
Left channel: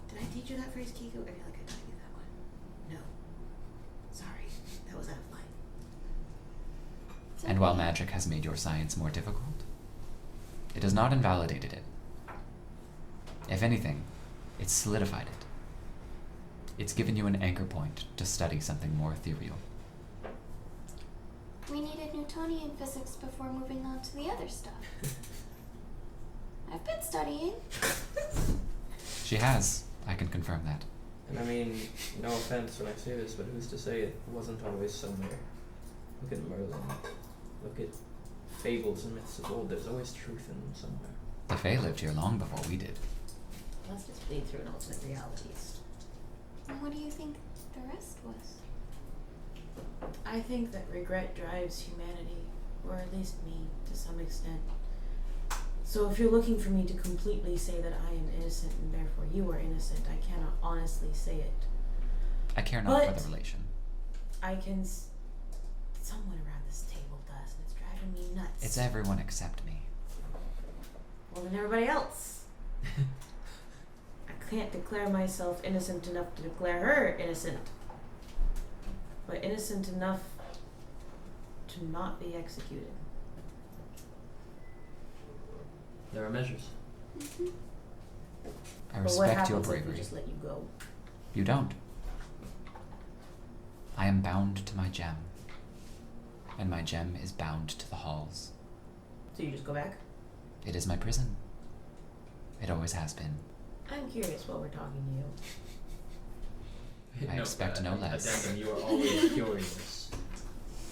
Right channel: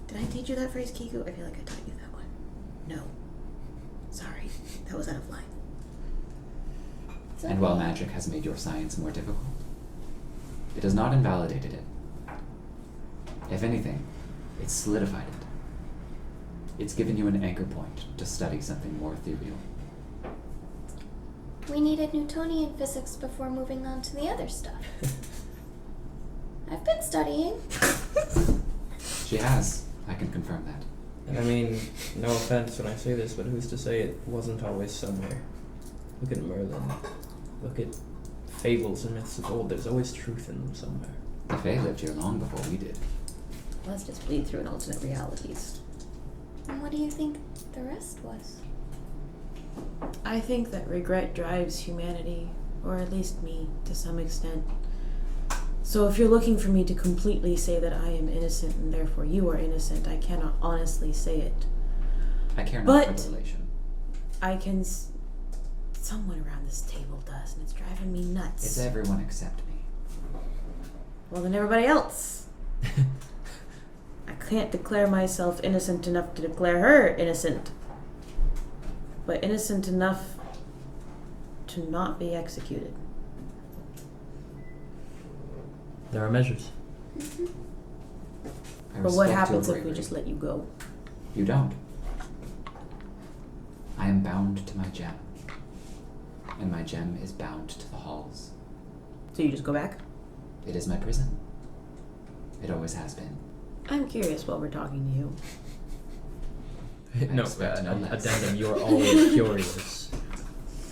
Did I teach you that phrase, Kiku? I feel like I taught you that one. No. Sorry. That was out of line. It's And while okay. magic has made your science more difficult, it has not invalidated it. If anything, it's solidified it. It's given you an anchor point to study something more ethereal. We needed Newtonian physics before moving on to the other stuff. I've been studying. She has. I can confirm that. And I mean, no offense when I say this, but who's to say it wasn't always somewhere? Look at Merlin. Look at fables and myths of old. There's always truth in them somewhere. The Fae lived here long before we did. Let's just bleed through an alternate realities. And what do you think the rest was? I think that regret drives humanity, or at least me, to some extent. So if you're looking for me to completely say that I am innocent and therefore you are innocent, I cannot honestly say it. I care not for But- the relation. I can... Someone around this table does, and it's driving me nuts. It's everyone except me. Well, then everybody else. I can't declare myself innocent enough to declare her innocent. But innocent enough to not be executed. There are measures. I But respect what your happens if we bravery. just let you go? You don't. I am bound to my gem. And my gem is bound to the halls. So you just go back? It is my prison. It always has been. I'm curious while we're talking to you. I expect no less. Addendum, you're always curious.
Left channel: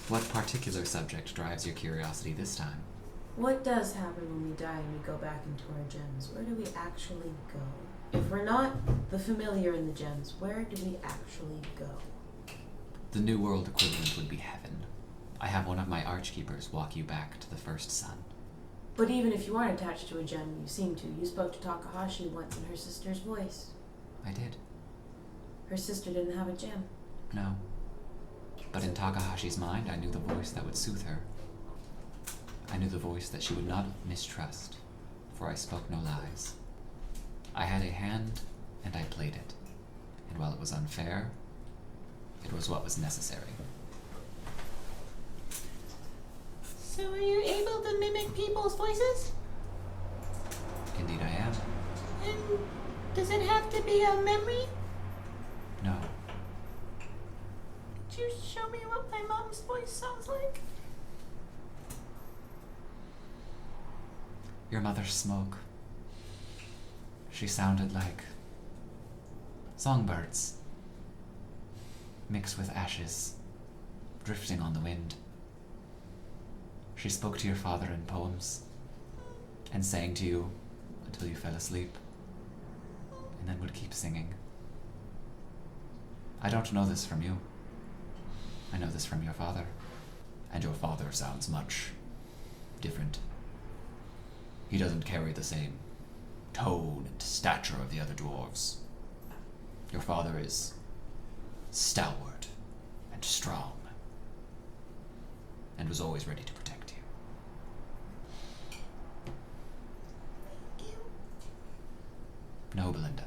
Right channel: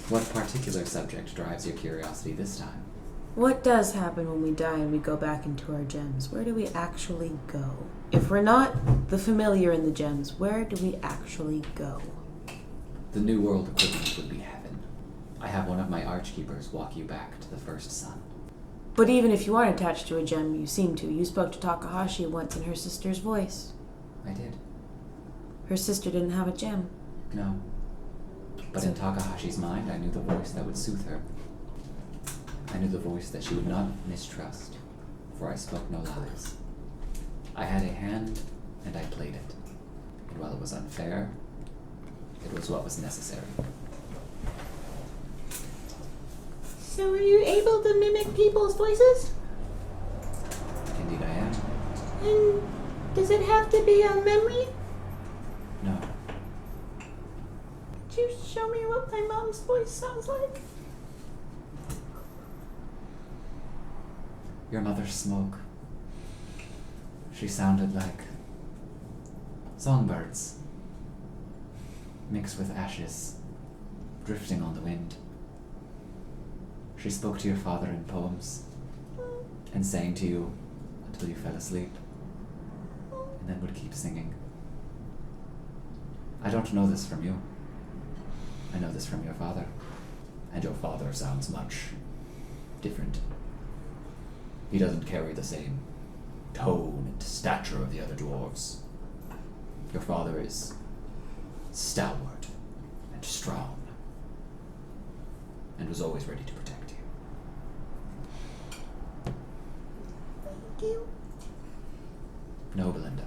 What particular subject drives your curiosity this time? What does happen when we die and we go back into our gems? Where do we actually go? If we're not the familiar in the gems, where do we actually go? The New World equivalent would be heaven. I have one of my archkeepers walk you back to the first sun. But even if you aren't attached to a gem, you seem to. You spoke to Takahashi once in her sister's voice. I did. Her sister didn't have a gem. No. But in Takahashi's mind, I knew the voice that would soothe her. I knew the voice that she would not mistrust, for I spoke no lies. I had a hand, and I played it. And while it was unfair, it was what was necessary. So are you able to mimic people's voices? Indeed I am. And does it have to be a memory? No. Could you show me what my mom's voice sounds like? Your mother's smoke. She sounded like songbirds, mixed with ashes, drifting on the wind. She spoke to your father in poems, and sang to you until you fell asleep, and then would keep singing. I don't know this from you. I know this from your father. And your father sounds much different. He doesn't carry the same tone and stature of the other dwarves. Your father is stalwart and strong, and was always ready to protect you. Thank you. No, Belinda.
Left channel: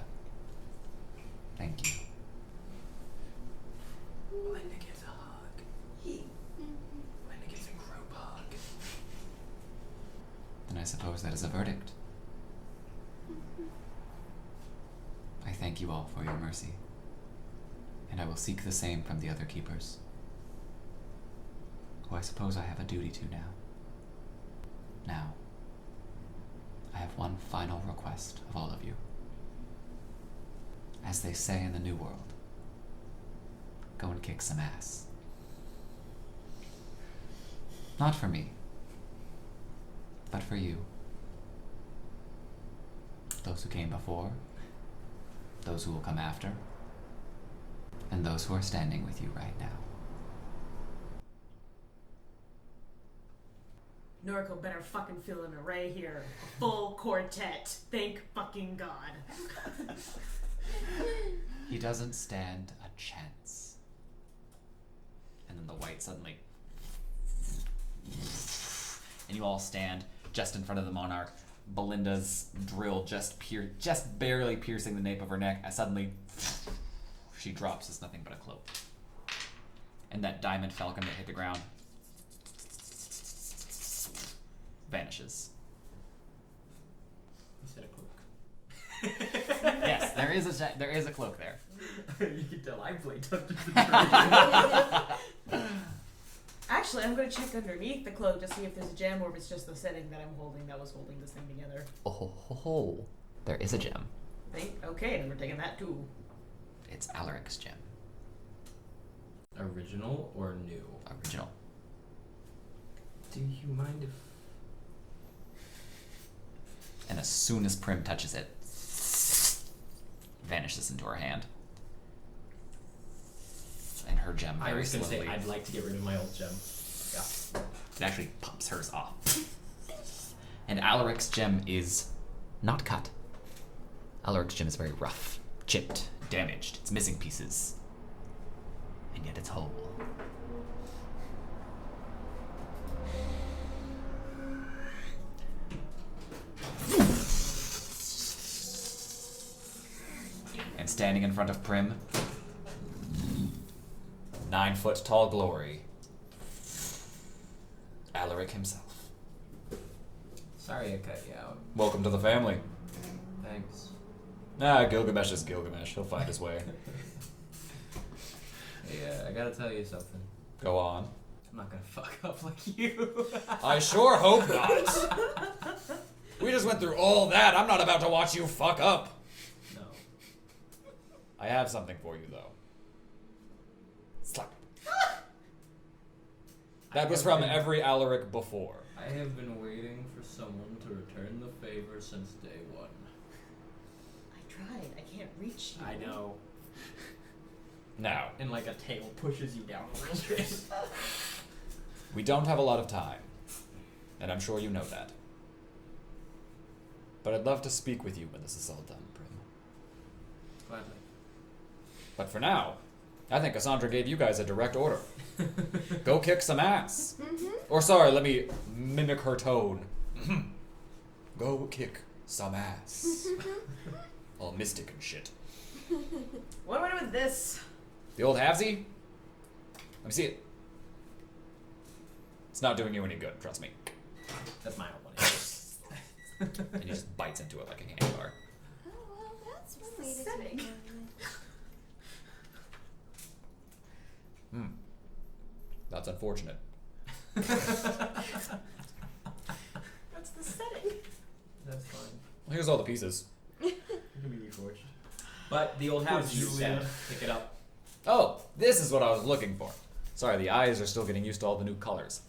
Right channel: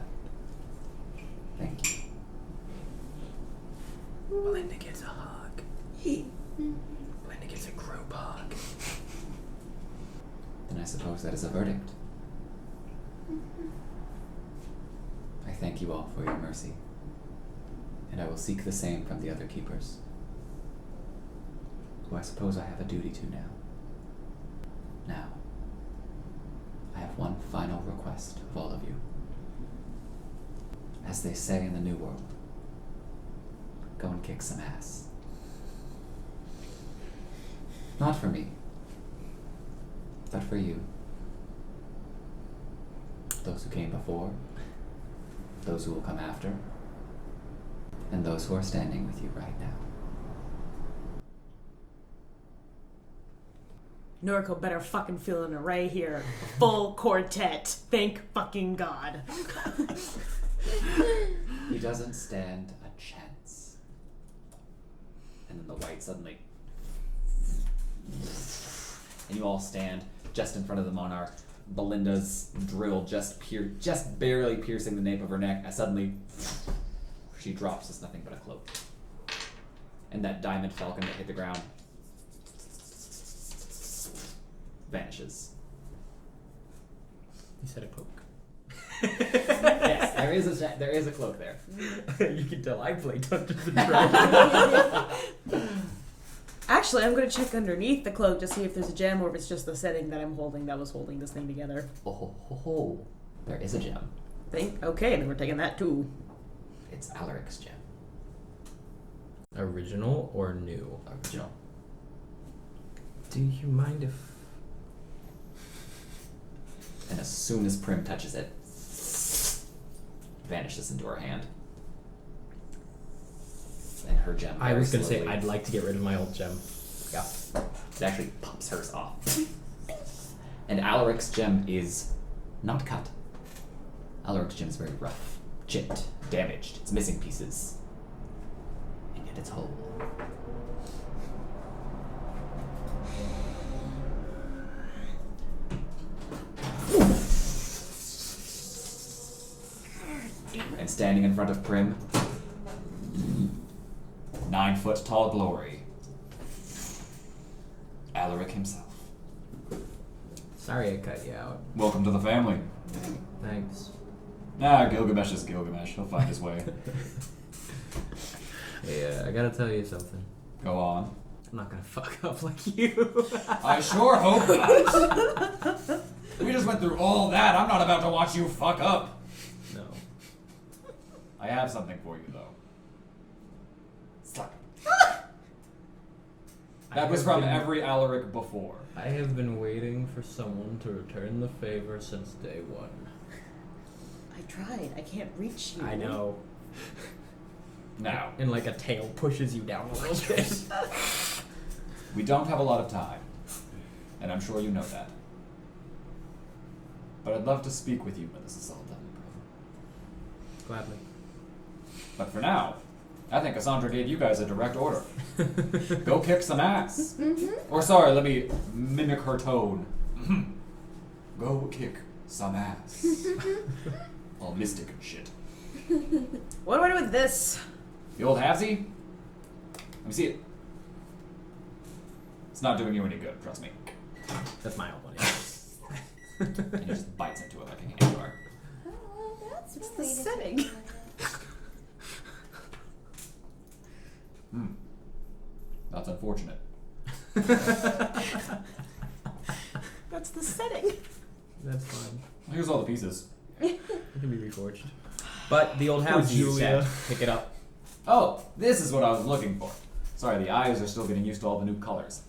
Thank you. Belinda gives a hug. Mm-hmm. Belinda gives a group hug. Then I suppose that is a verdict. I thank you all for your mercy, and I will seek the same from the other keepers, who I suppose I have a duty to now. Now, I have one final request of all of you. As they say in the New World, go and kick some ass. Not for me, but for you. Those who came before, those who will come after, and those who are standing with you right now. Noriko better fucking feel an array here. Full quartet. Thank fucking God. He doesn't stand a chance. And then the white suddenly. And you all stand just in front of the monarch. Belinda's drill just barely piercing the nape of her neck. As suddenly, she drops as nothing but a cloak. And that diamond falcon that hit the ground vanishes. You said a cloak. Yes, there is a cloak there. You can tell I played Dungeons and Dragons. Actually, I'm gonna check underneath the cloak to see if there's a gem or if it's just the setting that I'm holding that was holding this thing together. Oh, there is a gem. Okay, then we're taking that too. It's Alaric's gem. Original or new? Original. Do you mind if... And as soon as Prim touches it, vanishes into her hand. And her gem. I was gonna say, slowly- I'd like to get rid of my old gem. Yeah. It actually pops hers off. And Alaric's gem is not cut. Alaric's gem is very rough, chipped, damaged. It's missing pieces. And yet it's whole. And standing in front of Prim, 9-foot tall glory, Alaric himself. Sorry I cut you out. Welcome to the family. Thanks. Gilgamesh is Gilgamesh. He'll find his way. Yeah, I gotta tell you something. Go on. I'm not gonna fuck up like you. I sure hope not. We just went through all that. I'm not about to watch you fuck up. No. I have something for you, though. Slap. That was from every Alaric before. I have been waiting for someone to return the favor since day one. I tried. I can't reach you. I know. Now, And like a tail pushes you down a little bit. we don't have a lot of time, and I'm sure you know that. But I'd love to speak with you when this is all done, bro. Gladly. But for now, I think Cassandra gave you guys a direct order. Go kick some ass. Or sorry, let me mimic her tone. Go kick some ass. All mystic and shit. What do I do with this? The old halvesy? Let me see it. It's not doing you any good, trust me. That's my old one. And he just bites into it like a hand bar. Oh, well, that's What's really the setting? That's unfortunate. That's the setting. That's fine. Here's all the pieces. It can be reforged. But the old house you said, pick it up. Oh, this is what I was looking for. Sorry, the eyes are still getting used to all the new colors.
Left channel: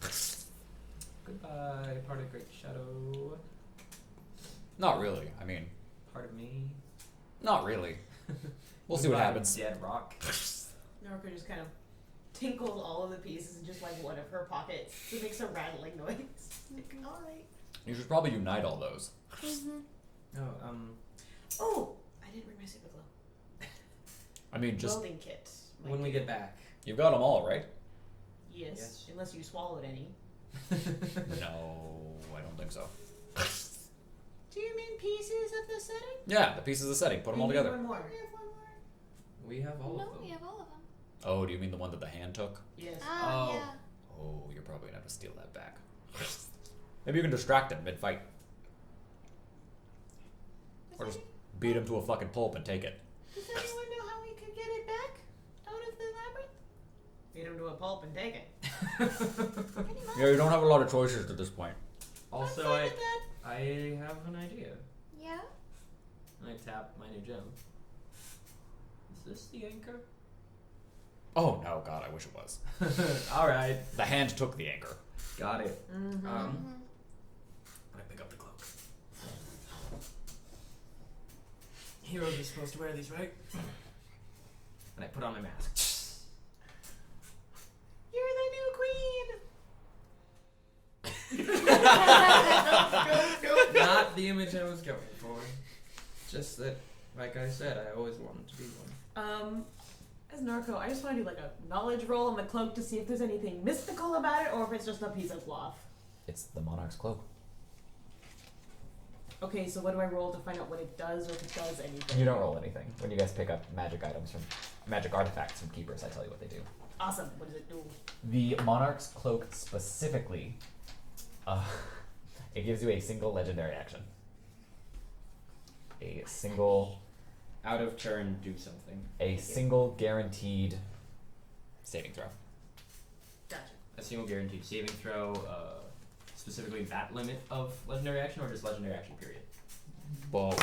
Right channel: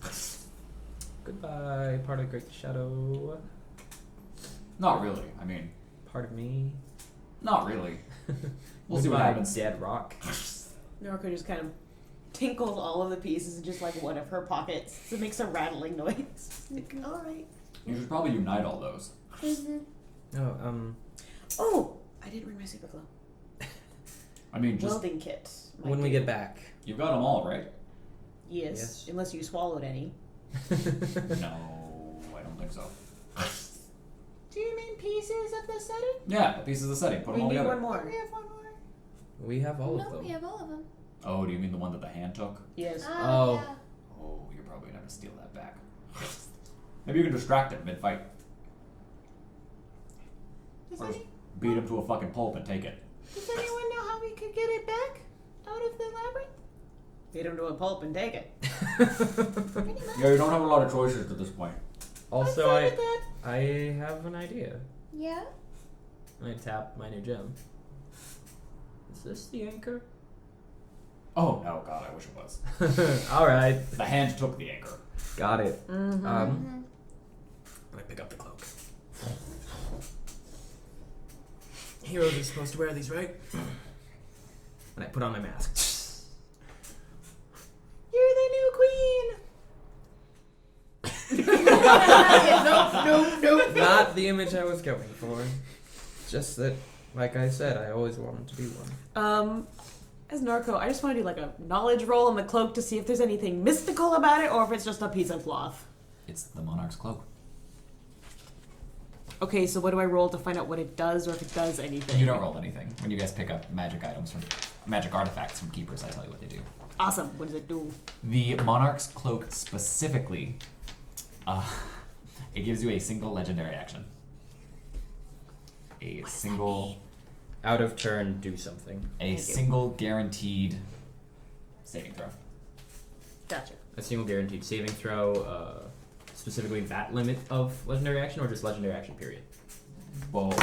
Goodbye, part of Great Shadow. Not really. I mean, Part of me. not really. We'll see what Goodbye, happens. Dead rock. Noriko just kind of tinkles all of the pieces in just like one of her pockets. So it makes a rattling noise. Like, alright. You should probably unite all those. Oh, Oh! I didn't bring my super glue. I mean, just Welding kit. might when we do. get back. you've got them all, right? Yes, Yes. unless you swallowed any. No, I don't think so. Do you mean pieces of the setting? Yeah, the pieces of the setting. Put them all We need together. one more. We have one more. We have all of No, them. we have all of them. Oh, do you mean the one that the hand took? Yes. Ah, Oh. yeah. Oh, you're probably gonna have to steal that back. Maybe you can distract him mid-fight. Or just beat him to a fucking pulp and take it. Does anyone know how we could get it back out of the labyrinth? Beat him to a pulp and take it. Yeah, you don't have a lot of choices at this point. Also, I'm fine with that. I have an idea. Yeah? And I tap my new gem. Is this the anchor? Oh, no, God, I wish it was. Alright. The hand took the anchor. Got it. Mm-hmm. And I pick up the cloak. Heroes are supposed to wear these, right? And I put on my mask. You're the new queen. No. Not the image I was going for. Just that, like I said, I always wanted to be one. As Narco, I just want to do like a knowledge roll on the cloak to see if there's anything mystical about it or if it's just a piece of cloth. It's the monarch's cloak. Okay, so what do I roll to find out what it does or if it does anything? You don't roll anything. When you guys pick up magic items from magic artifacts from keepers, I tell you what they do. Awesome. What does it do? The monarch's cloak specifically, it gives you a single legendary action. A single, Out of turn, do something. a single guaranteed saving throw. Gotcha. A single guaranteed saving throw, specifically that limit of legendary action, or just legendary action period? Well,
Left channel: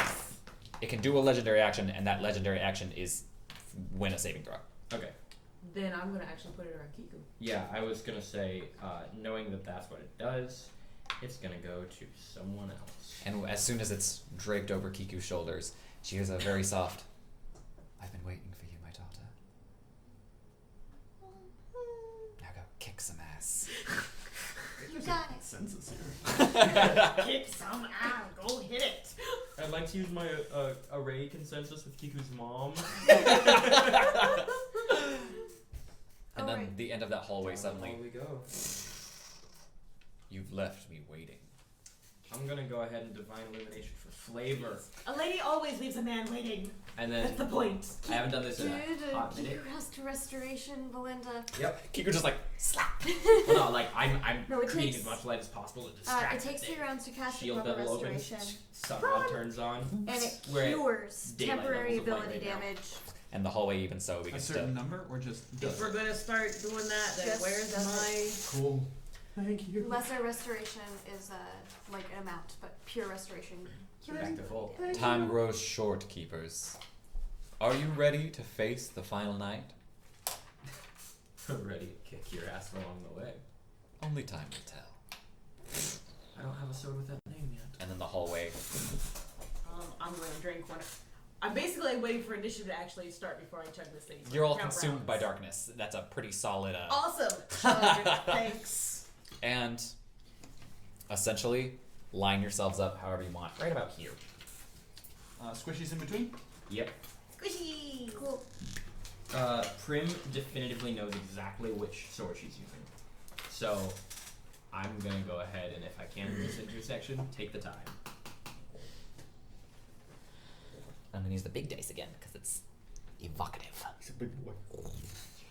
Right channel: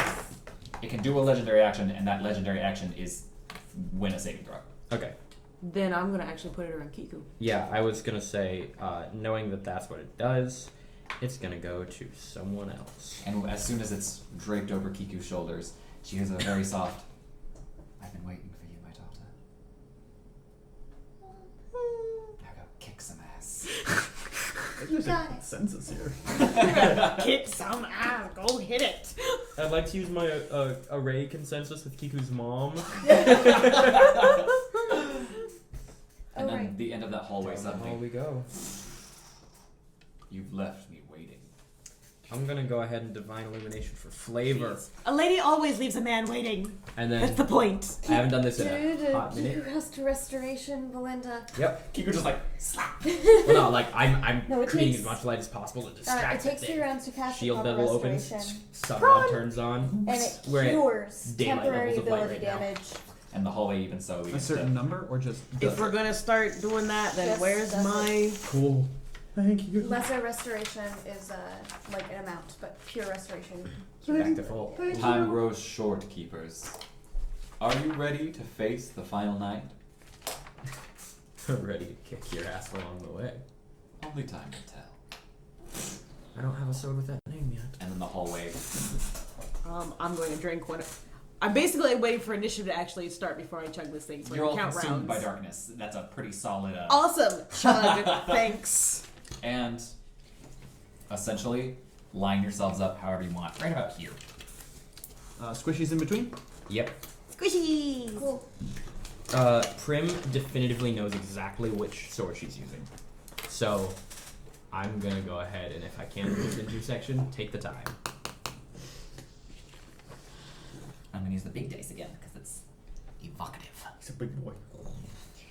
it can do a legendary action, and that legendary action is win a saving throw. Okay. Then I'm gonna actually put it around Kiku. Yeah, I was gonna say, knowing that that's what it does, it's gonna go to someone else. And as soon as it's draped over Kiku's shoulders, she hears a very soft, "I've been waiting for you, my daughter. Now go kick some ass." There's Got a it. census here. Kick some ass. Go hit it. I'd like to use my array consensus with Kiku's mom. And then Alright. the end of that hallway Down the hall suddenly, we go. "You've left me waiting." I'm gonna go ahead and divine illumination for flavor, A lady always leaves a man waiting. and That's then the point. I haven't done this in Due a hot to minute. Kiku restoration, Belinda. Yep. Kiku just like slap. Well, no, like I'm No, it creating takes- as much light as possible to distract It takes the 2 thing. rounds to cast Shield a bevel opens, restoration, sun rod turns on, and it We're at cures daylight temporary levels of light ability right now. damage. And the hallway even so A begins certain to... number or just If we're gonna start doing that, then Just where's does my... cool. Thank you. Lesser restoration is like an amount, but pure restoration. back to full. Time grows short, keepers. Are you ready to face the final night? Ready to kick your ass along the way. Only time will tell. I don't have a sword with that name yet. And then the hallway. I'm going to drink one. I'm basically waiting for initiative to actually start before I chug this thing. So You're I all can count consumed by rounds. darkness. That's a pretty solid... Awesome. Chug. Thanks. And essentially, line yourselves up however you want. Right about here. Squishies in between. Yep. Squishy. Cool. Prim definitively knows exactly which sword she's using. So, I'm gonna go ahead and if I can use intersection, take the time. I'm gonna use the big dice again because it's evocative. He's a big boy.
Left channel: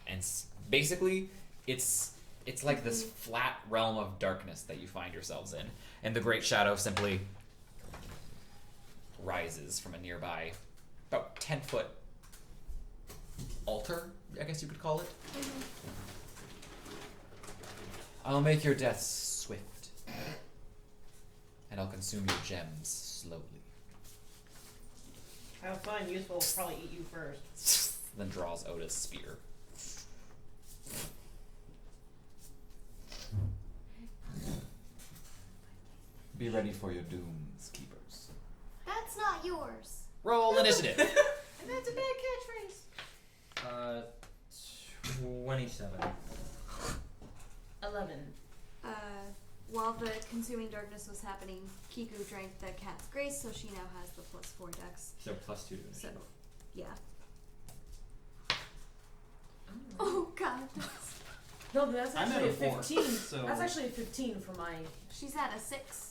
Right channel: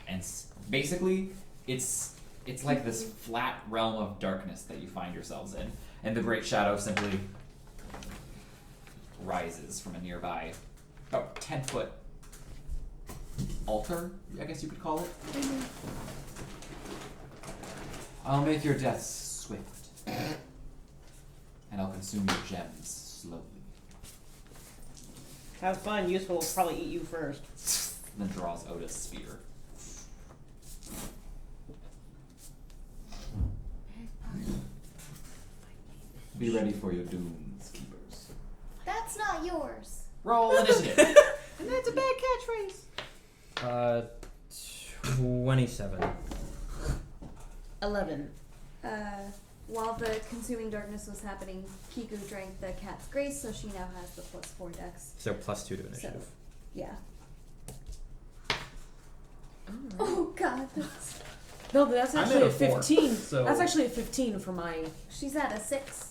And basically, it's like this flat realm of darkness that you find yourselves in, and the great shadow simply rises from a nearby, about 10-foot altar, I guess you could call it. I'll make your deaths swift, and I'll consume your gems slowly. Have fun. Useful will probably eat you first. Then draws out a spear. Be ready for your dooms, keepers. That's not yours. Roll initiative. And that's a bad catchphrase. 27. 11. While the consuming darkness was happening, Kiku drank the cat's grace, so she now has the +4 dex. So +2 to initiative. Yeah. Oh god, No, that's I'm actually at a a 4, 15. so- That's actually a 15 for my... she's at a 6.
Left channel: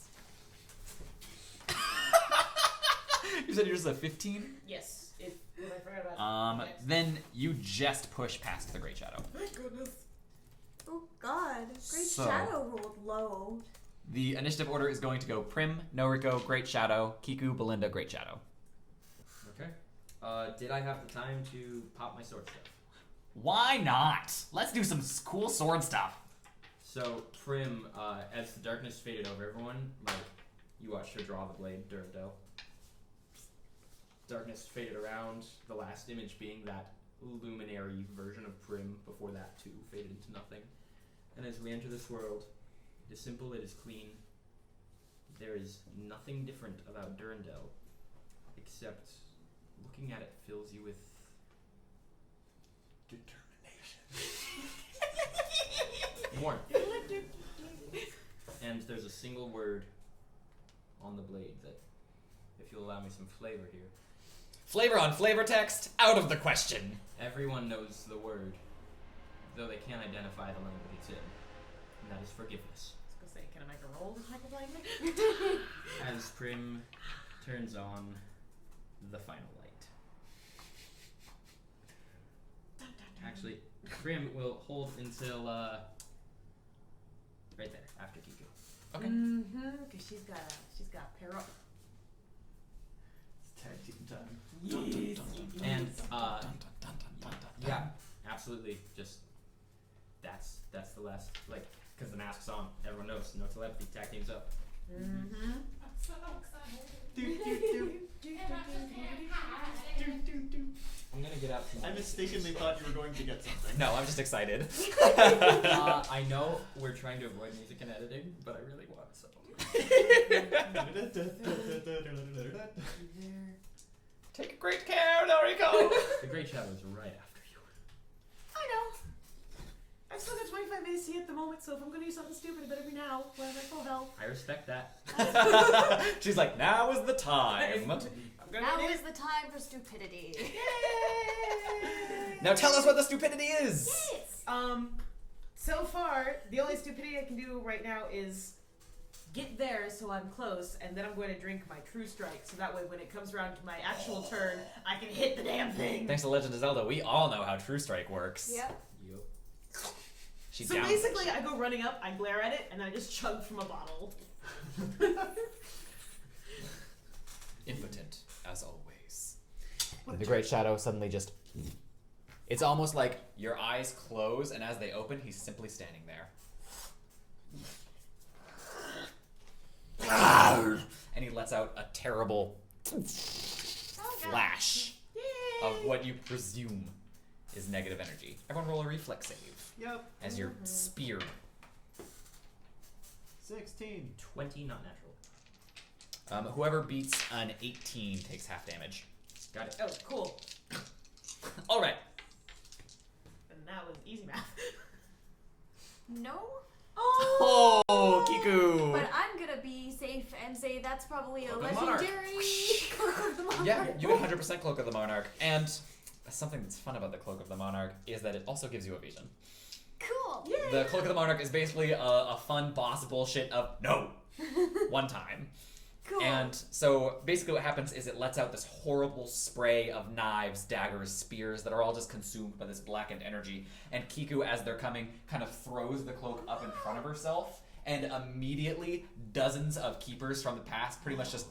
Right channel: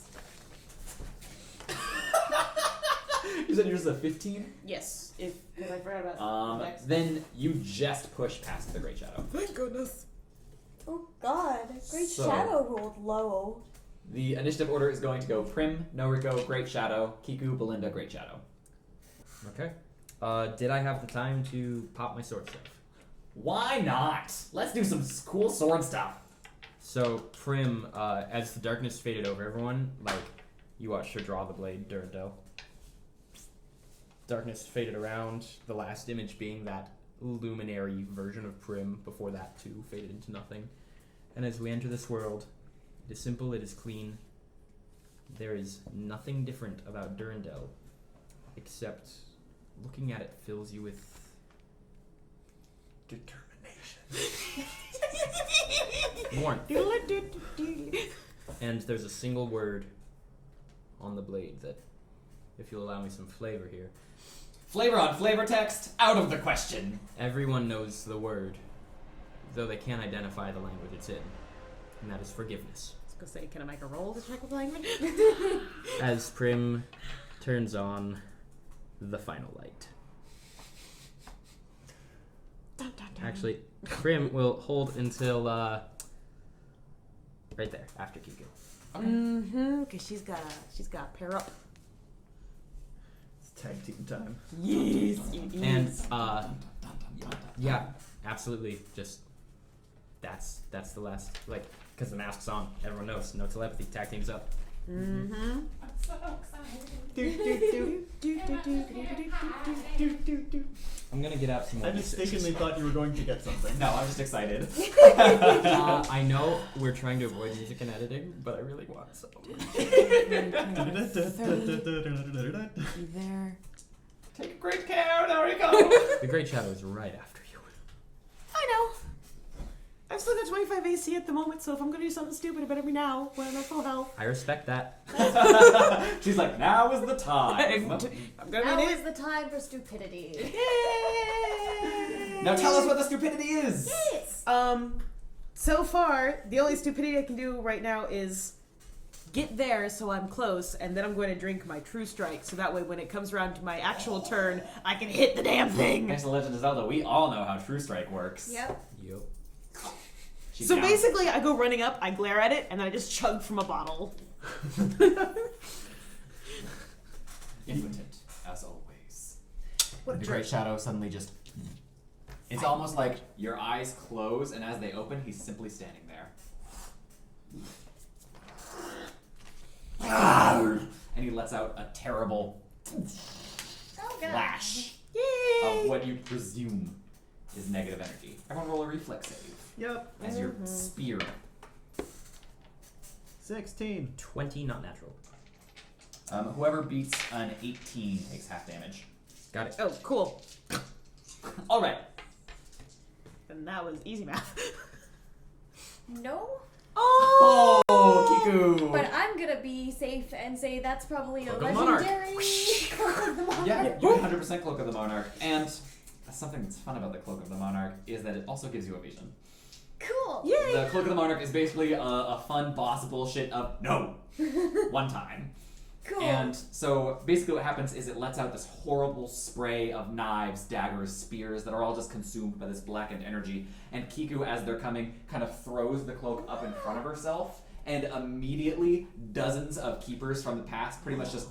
You said yours is a 15? Yes. If I forgot about next. Then you just push past the Great Shadow. Thank goodness. Oh god, Great So- Shadow rolled low. The initiative order is going to go Prim, Noriko, Great Shadow, Kiku, Belinda, Great Shadow. Okay. Did I have the time to pop my sword stuff? Why not? Let's do some cool sword stuff. So, Prim, as the darkness faded over everyone, like, you watched her draw the blade, Durandel. Darkness faded around, the last image being that luminary version of Prim, before that too faded into nothing. And as we enter this world, it is simple, it is clean. There is nothing different about Durandel, except looking at it fills you with Determination. Warmth. And there's a single word on the blade that, if you'll allow me some flavor here, Flavor on FlavorText, out of the question. everyone knows the word, though they can't identify the language it's in, and that is forgiveness. I was gonna say, can I make a roll to check the language? As Prim turns on the final light. Dun, dun, dun. Actually, Prim will hold until right there after Kiku. Okay. Mm-hmm. Cause she's got to pair up. It's tag team time. Yes. And Dun, dun, dun, dun. yeah, absolutely. Just that's the last, like, because the mask's on. Everyone knows. No telepathy. Tag team's up. Mm-hmm. I'm so excited. I'm gonna get out some. I mistakenly thought you were going to get something. No, I'm just excited. I know we're trying to avoid music and editing, but I really want some. You there? Take great care, Noriko. The Great Shadow is right after you. I know. I've still got 25 AC at the moment, so if I'm gonna do something stupid, it better be now when I'm at full health. I respect that. She's like, now is the time. I'm Now gonna is the time for stupidity. Now tell us what the stupidity is. Yes. So far, the only stupidity I can do right now is get there so I'm close, and then I'm going to drink my True Strike, so that way when it comes around to my actual turn, I can hit the damn thing. Thanks to Legend of Zelda, we all know how True Strike works. Yep. Yup. She's So down. basically, I go running up, I glare at it, and then I just chug from a bottle. Impotent, as always. What a The jerk. Great Shadow suddenly just... It's almost like your eyes close, and as they open, he's simply standing there. And he lets out a terrible Oh god. flash Yay! of what you presume is negative energy. Everyone roll a reflex save Yep. as you're speared. 16. 20, not natural. Whoever beats an 18 takes half damage. Got it. Oh, cool. All right. And that was easy math. No. Oh! Oh, Kiku! But I'm gonna be safe and say that's probably a Cloak of the Monarch. legendary Cloak of the Monarch. Yeah, you 100% Cloak of the Monarch. And something that's fun about the Cloak of the Monarch is that it also gives you evasion. Cool. Yay! The Cloak of the Monarch is basically a fun boss bullshit of no. One time. Cool. And so basically what happens is it lets out this horrible spray of knives, daggers, spears that are all just consumed by this blackened energy. And Kiku, as they're coming, kind of throws the cloak up in front of herself. And immediately, dozens of keepers from the past pretty much just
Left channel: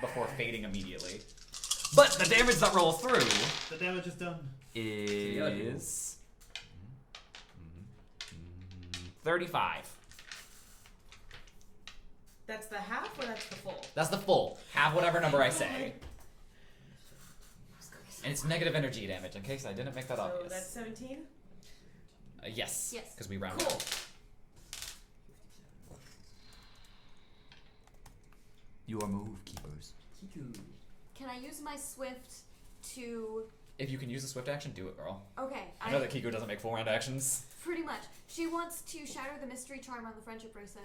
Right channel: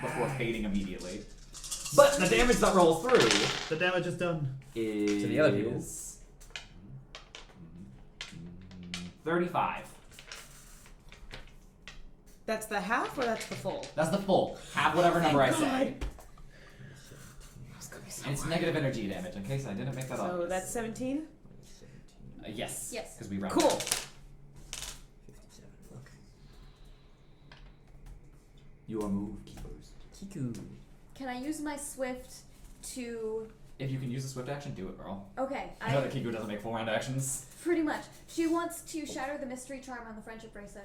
before fading immediately. But the damage that rolls through The damage is done. is the other people. 35. That's the half or that's the full? That's the full. Have whatever number I say. And it's negative energy damage, in case I didn't make that So obvious. that's 17? Yes. Yes. Because we round. Cool. 57. Your move, keepers. Kiku. Can I use my swift to? If you can use a swift action, do it, girl. Okay. I know that Kiku doesn't make full round actions. Pretty much. She wants to shatter the mystery charm on the friendship bracelet.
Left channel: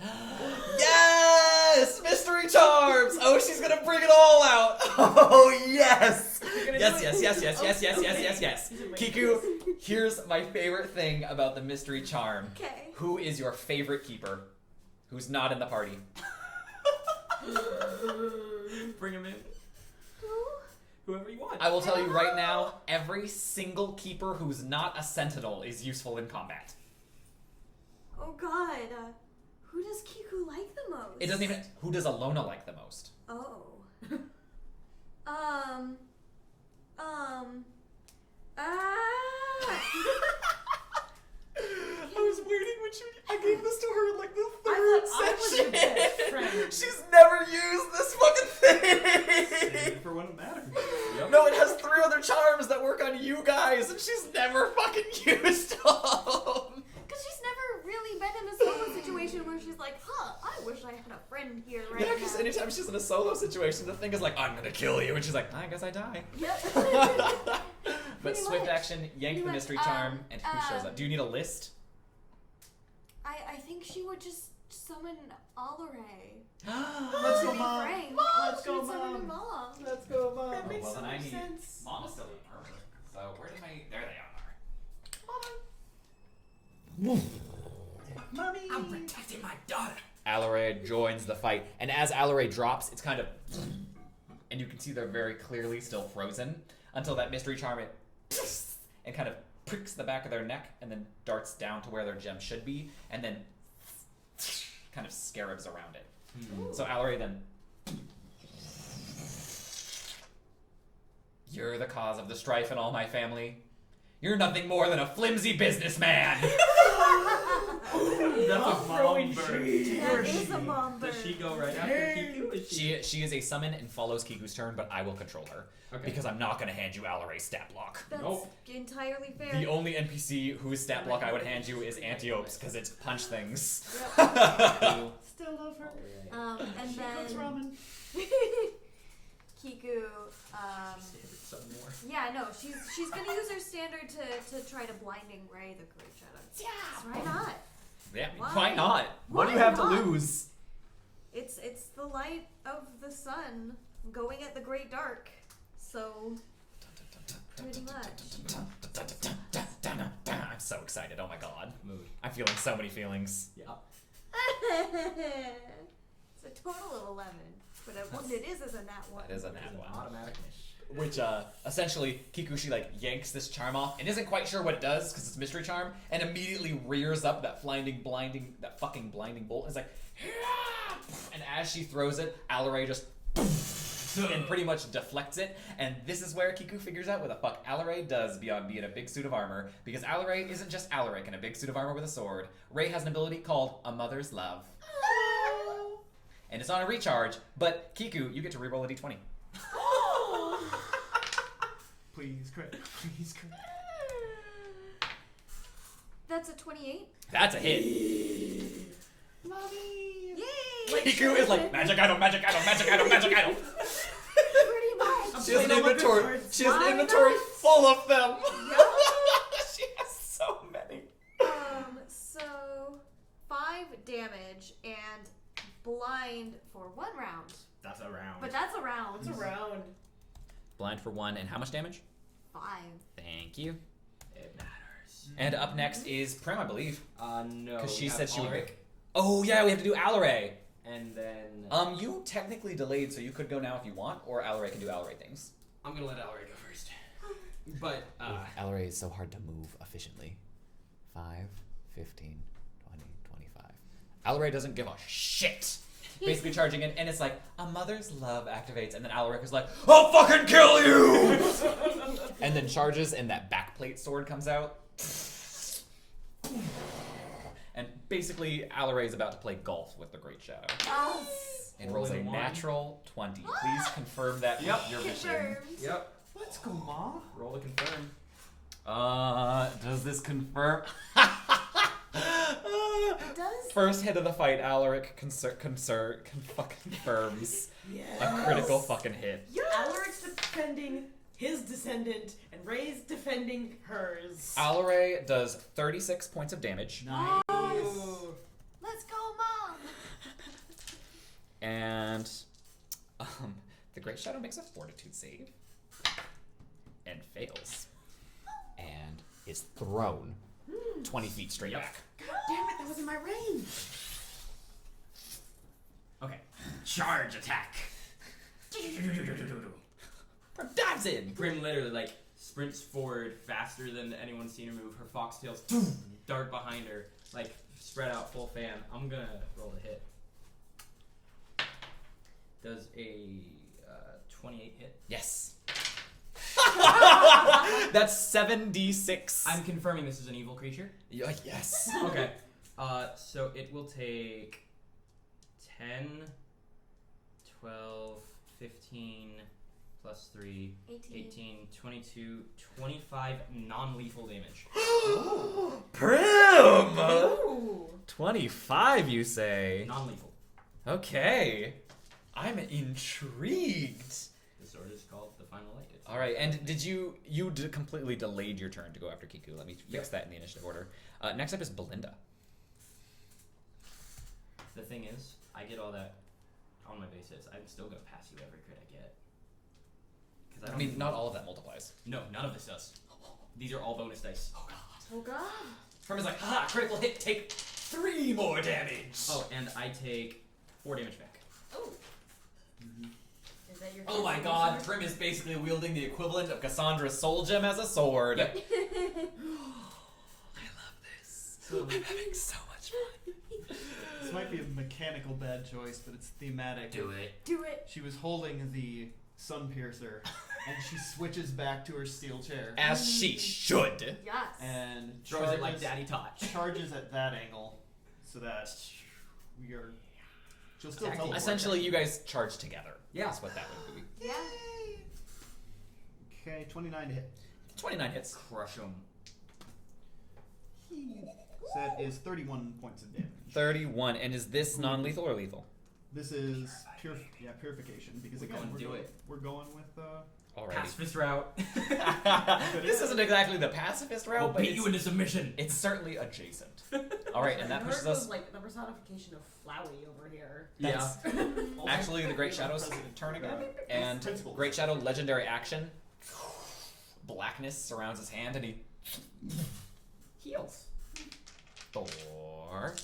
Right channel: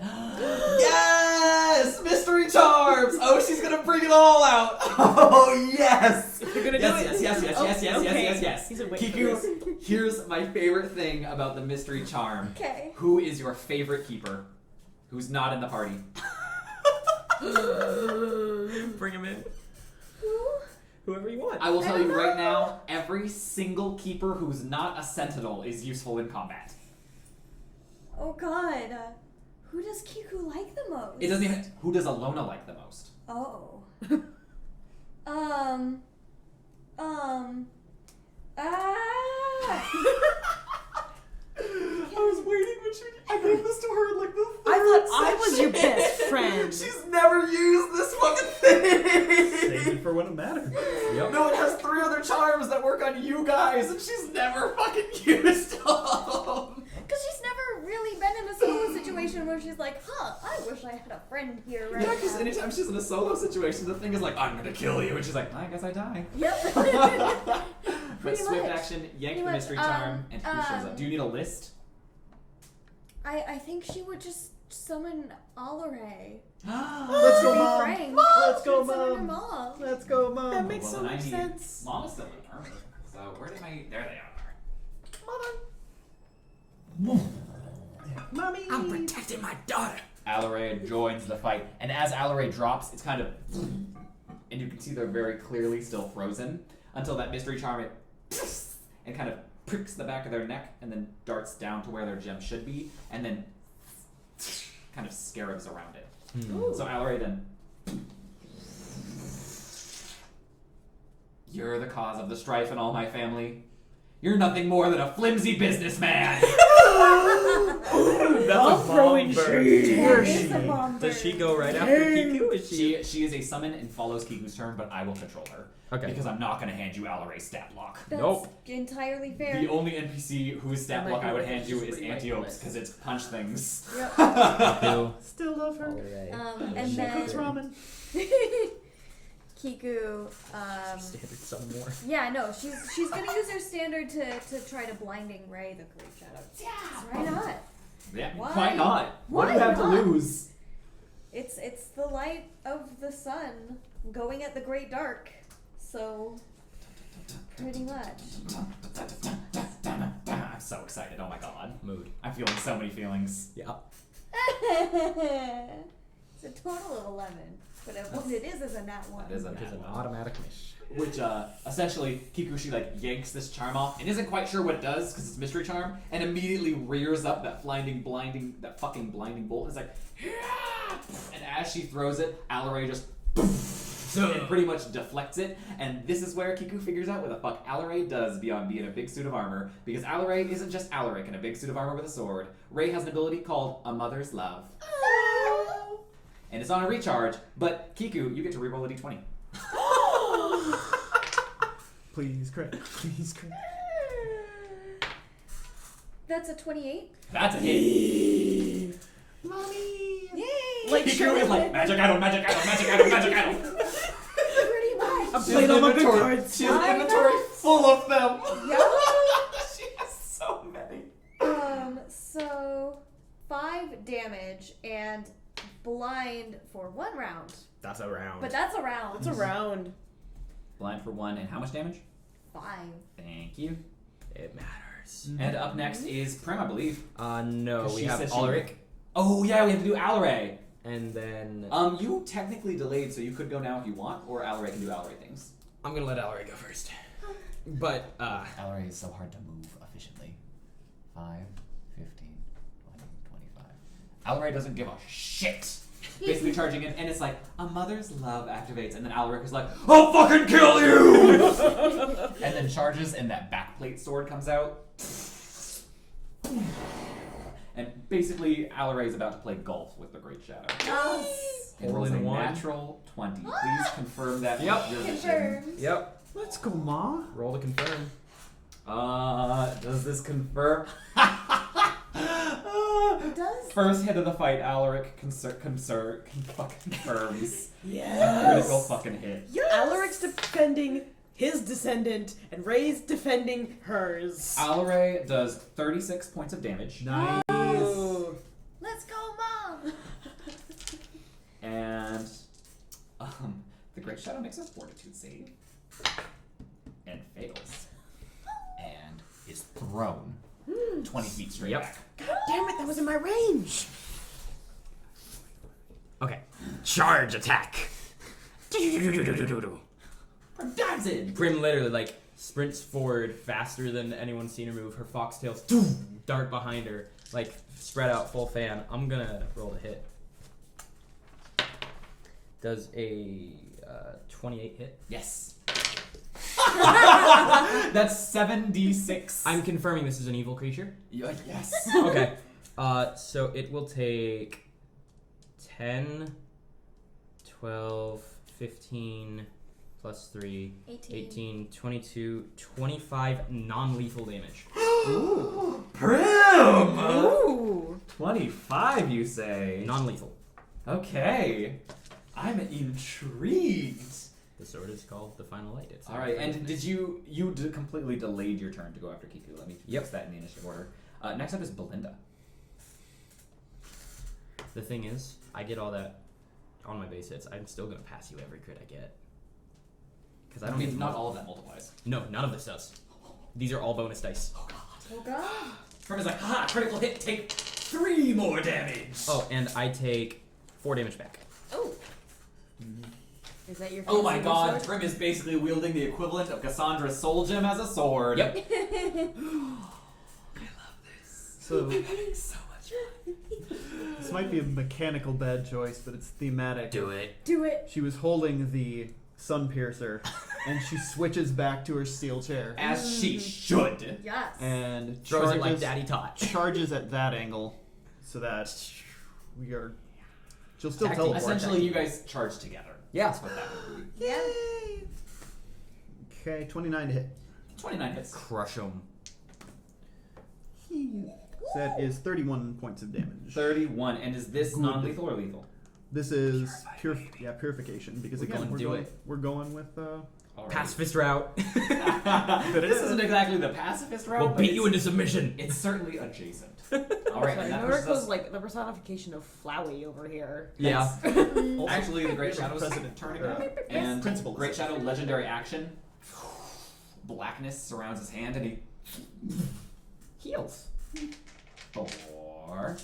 Yes! Mystery charms! Oh, she's gonna bring it all out! Oh, yes! You're gonna Yes, do yes, it? yes, yes, Oh, yes, yes, okay. yes, yes, He's been yes. waiting for Kiku, here's my favorite thing about the mystery charm. Okay. Who is your favorite keeper? Who's not in the party? Bring him in. Who? Whoever you want. I will tell you right now, every single keeper who's not a sentinel is useful in combat. Oh god. Who does Kiku like the most? It doesn't even... Who does Alona like the most? Oh. I was waiting when she... I gave this to her like the I thought I was your best friend. She's never used this fucking Save thing! it for when it matters. Yep. No, it has 3 other charms that work on you guys, and she's never fucking used them! Because she's never really been in a solo situation where she's like, huh, I wish I had a friend here right Yeah, because now. anytime she's in a solo situation, the thing is like, I'm gonna kill you, and she's like, I guess I die. Yep. But Pretty swift much. action, yank the Pretty mystery much, charm, and who shows up? Do you need a list? I think she would just summon Alare. Let's go, To be Mom. frank. Let's She go, would summon her Mom. mom. Let's go, Mom. That makes Well, so then I much need- sense. Mom is still in armor. So where did my... There they are. Mommy. I'm protecting my daughter. Alare joins the fight, and as Alare drops, it's kind of... And you can see they're very clearly still frozen until that mystery charm and kind of pricks the back of their neck and then darts down to where their gem should be and then kind of scarabs around it. So Alare then... You're the cause of the strife in all my family. You're nothing more than a flimsy businessman. That's throwing shade. That is a bomb Does she bird. go right after Kiku? Is She is a summon and follows Kiku's turn, but I will control her. Okay. Because I'm not going to hand you Alare's stat block. That's Nope. entirely fair. The only NPC whose stat That block might I be would hand you is pretty Antiope's, ridiculous. because it's punch things. Yep. Kiku. Still love her. And She cooks then ramen. Kiku. Standard some more. Yeah, no, she's gonna use her standard to try to blinding ray the Great Shadow. Yeah. Why not? Yeah, Why? why not? What do Why you have not? to lose? It's the light of the sun going at the great dark. So pretty much. I'm so excited. Oh my god. Mood. I'm feeling so many feelings. Yeah. It's a total of 11, but what it is a nat 1. That is a It is nat an one. automatic miss. Which, essentially, Kikuchi, yanks this charm off and isn't quite sure what it does because it's mystery charm and immediately rears up that fucking blinding bolt. It's like, "Yeah!" And as she throws it, Alare just and pretty much deflects it. And this is where Kiku figures out what the fuck Alare does beyond being a big suit of armor. Because Alare isn't just Alaric in a big suit of armor with a sword. Ray has an ability called A Mother's Love. And it's on a recharge, but Kiku, you get to reroll a d20. Please crit. Please crit. That's a 28. That's a hit. Mommy. Yay! Kiku is like, magic item, magic item, magic item, magic item. Pretty much. She has playing an all my good inventory. cards. She has Why an inventory not? full of them. Yeah. She has so many. So 5 damage and blind for 1 round. That's a round. But that's a round. It's around. Blind for 1, and how much damage? 5. Thank you. It matters. And up next is Prim, I believe. No, 'Cause we she have said she Ulrich, Oh yeah, we have to do Alare. and then You technically delayed, so you could go now if you want, or Alare can do Alare things. I'm gonna let Ellery go first. But Alare is so hard to move efficiently. 5, 15, 20, 25. Alare doesn't give a shit. Basically charging in, and it's like, a mother's love activates, and then Alaric is like, I'll fucking kill you! And then charges, and that backplate sword comes out. And basically, Alare is about to play golf with the Great Shadow. Yes. It rolls a 1. natural 20. Please confirm that. with Yep. your vision. Confirmed. yep, Let's go, Ma. roll to confirm. Does this confirm? It does. First hit of the fight, Alaric confirms Yes. a critical fucking hit. Alaric's defending his descendant, and Ray's defending hers. Alare does 36 points of damage, Nice. Ooh. Let's go, Mom. and the Great Shadow makes a fortitude save and fails, and is thrown 20 feet straight back. Damn it, that was in my range. Okay, charge attack. Dives in. Prim literally sprints forward faster than anyone's seen her move. Her foxtails dart behind her, spread out full fan. I'm gonna roll a hit. Does a 28 hit? Yes. That's 7d6. I'm confirming this is an evil creature. Yes. Okay. So it will take 10, 12, 15, plus 3, 18, 22, 25 non-lethal damage. Prim! Ooh. 25, you say? Non-lethal. Okay. I'm intrigued. The sword is called the Final Light. It's All right, and did you completely delayed your turn to go after Kiku? Let me fix that in the initiative order. Next up is Belinda. The thing is, I get all that on my base hits. I'm still gonna pass you every crit I get. Because I mean, not all of that multiplies. No, none of this does. These are all bonus dice. Oh god. Oh god. Prim is like, haha, critical hit, take 3 more damage. Oh, and I take 4 damage back. Oh. Is that your? Oh my fancy god, sword? Prim is basically wielding the equivalent of Cassandra's soul gem as a sword. Yep. I love this. So I'm having so much fun. this might be a mechanical bad choice, but it's thematic. Do it. Do it. She was holding the sun piercer, and she switches back to her steel chair As she should. Yes. and Throws it like Daddy taught. charges at that angle, so that we are. She'll still Attack teleport. Essentially, you guys charge together. Yeah. That's what that would be. Yeah. Okay, 29 to hit. 29 hits. Crush 'em. So that is 31 points of damage. 31. And is this non-lethal or lethal? This is purification because We're again going we're to do going, it. we're going with Alright. Pacifist route. This isn't exactly the pacifist route, We'll but beat it's, you into submission. it's certainly adjacent. Alright, and that pushes Noriko's us... like the personification of Flowey over here. Yeah. Actually, the Great we have a Shadow's precedent. turn again. And Principles. Great Shadow, legendary action. Blackness surrounds his hand and he Heals. 4.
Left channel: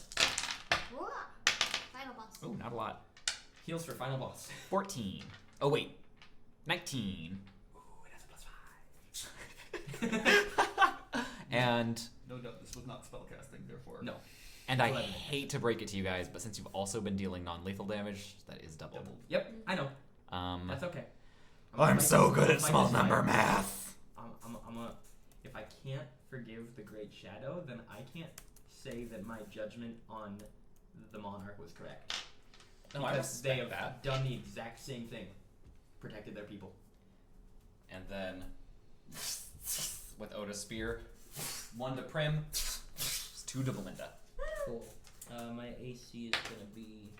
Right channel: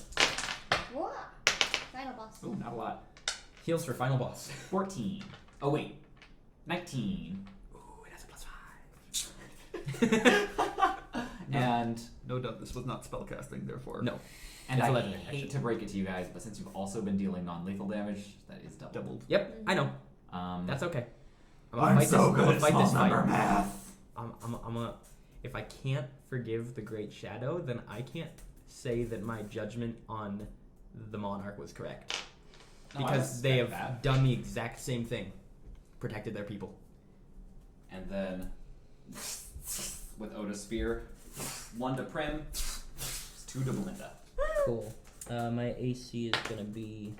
Whoa. Final boss. Ooh, not a lot. Heals for final boss. 14. Oh, wait. 19. Ooh, it has a +5. And no doubt this was not spellcasting, therefore No. and It's I 11 hate to break it to you guys, but since you've also been dealing non-lethal damage, that is doubled. doubled. Yep, I know. That's That's okay. I'm so good at small number math. I'm a. If I can't forgive the Great Shadow, then I can't say that my judgment on the Monarch was correct. No, I Because they have respect that. done the exact same thing. Protected their people. And then with Oda's spear, 1 to Prim, 2 to Belinda. Cool. My AC is gonna be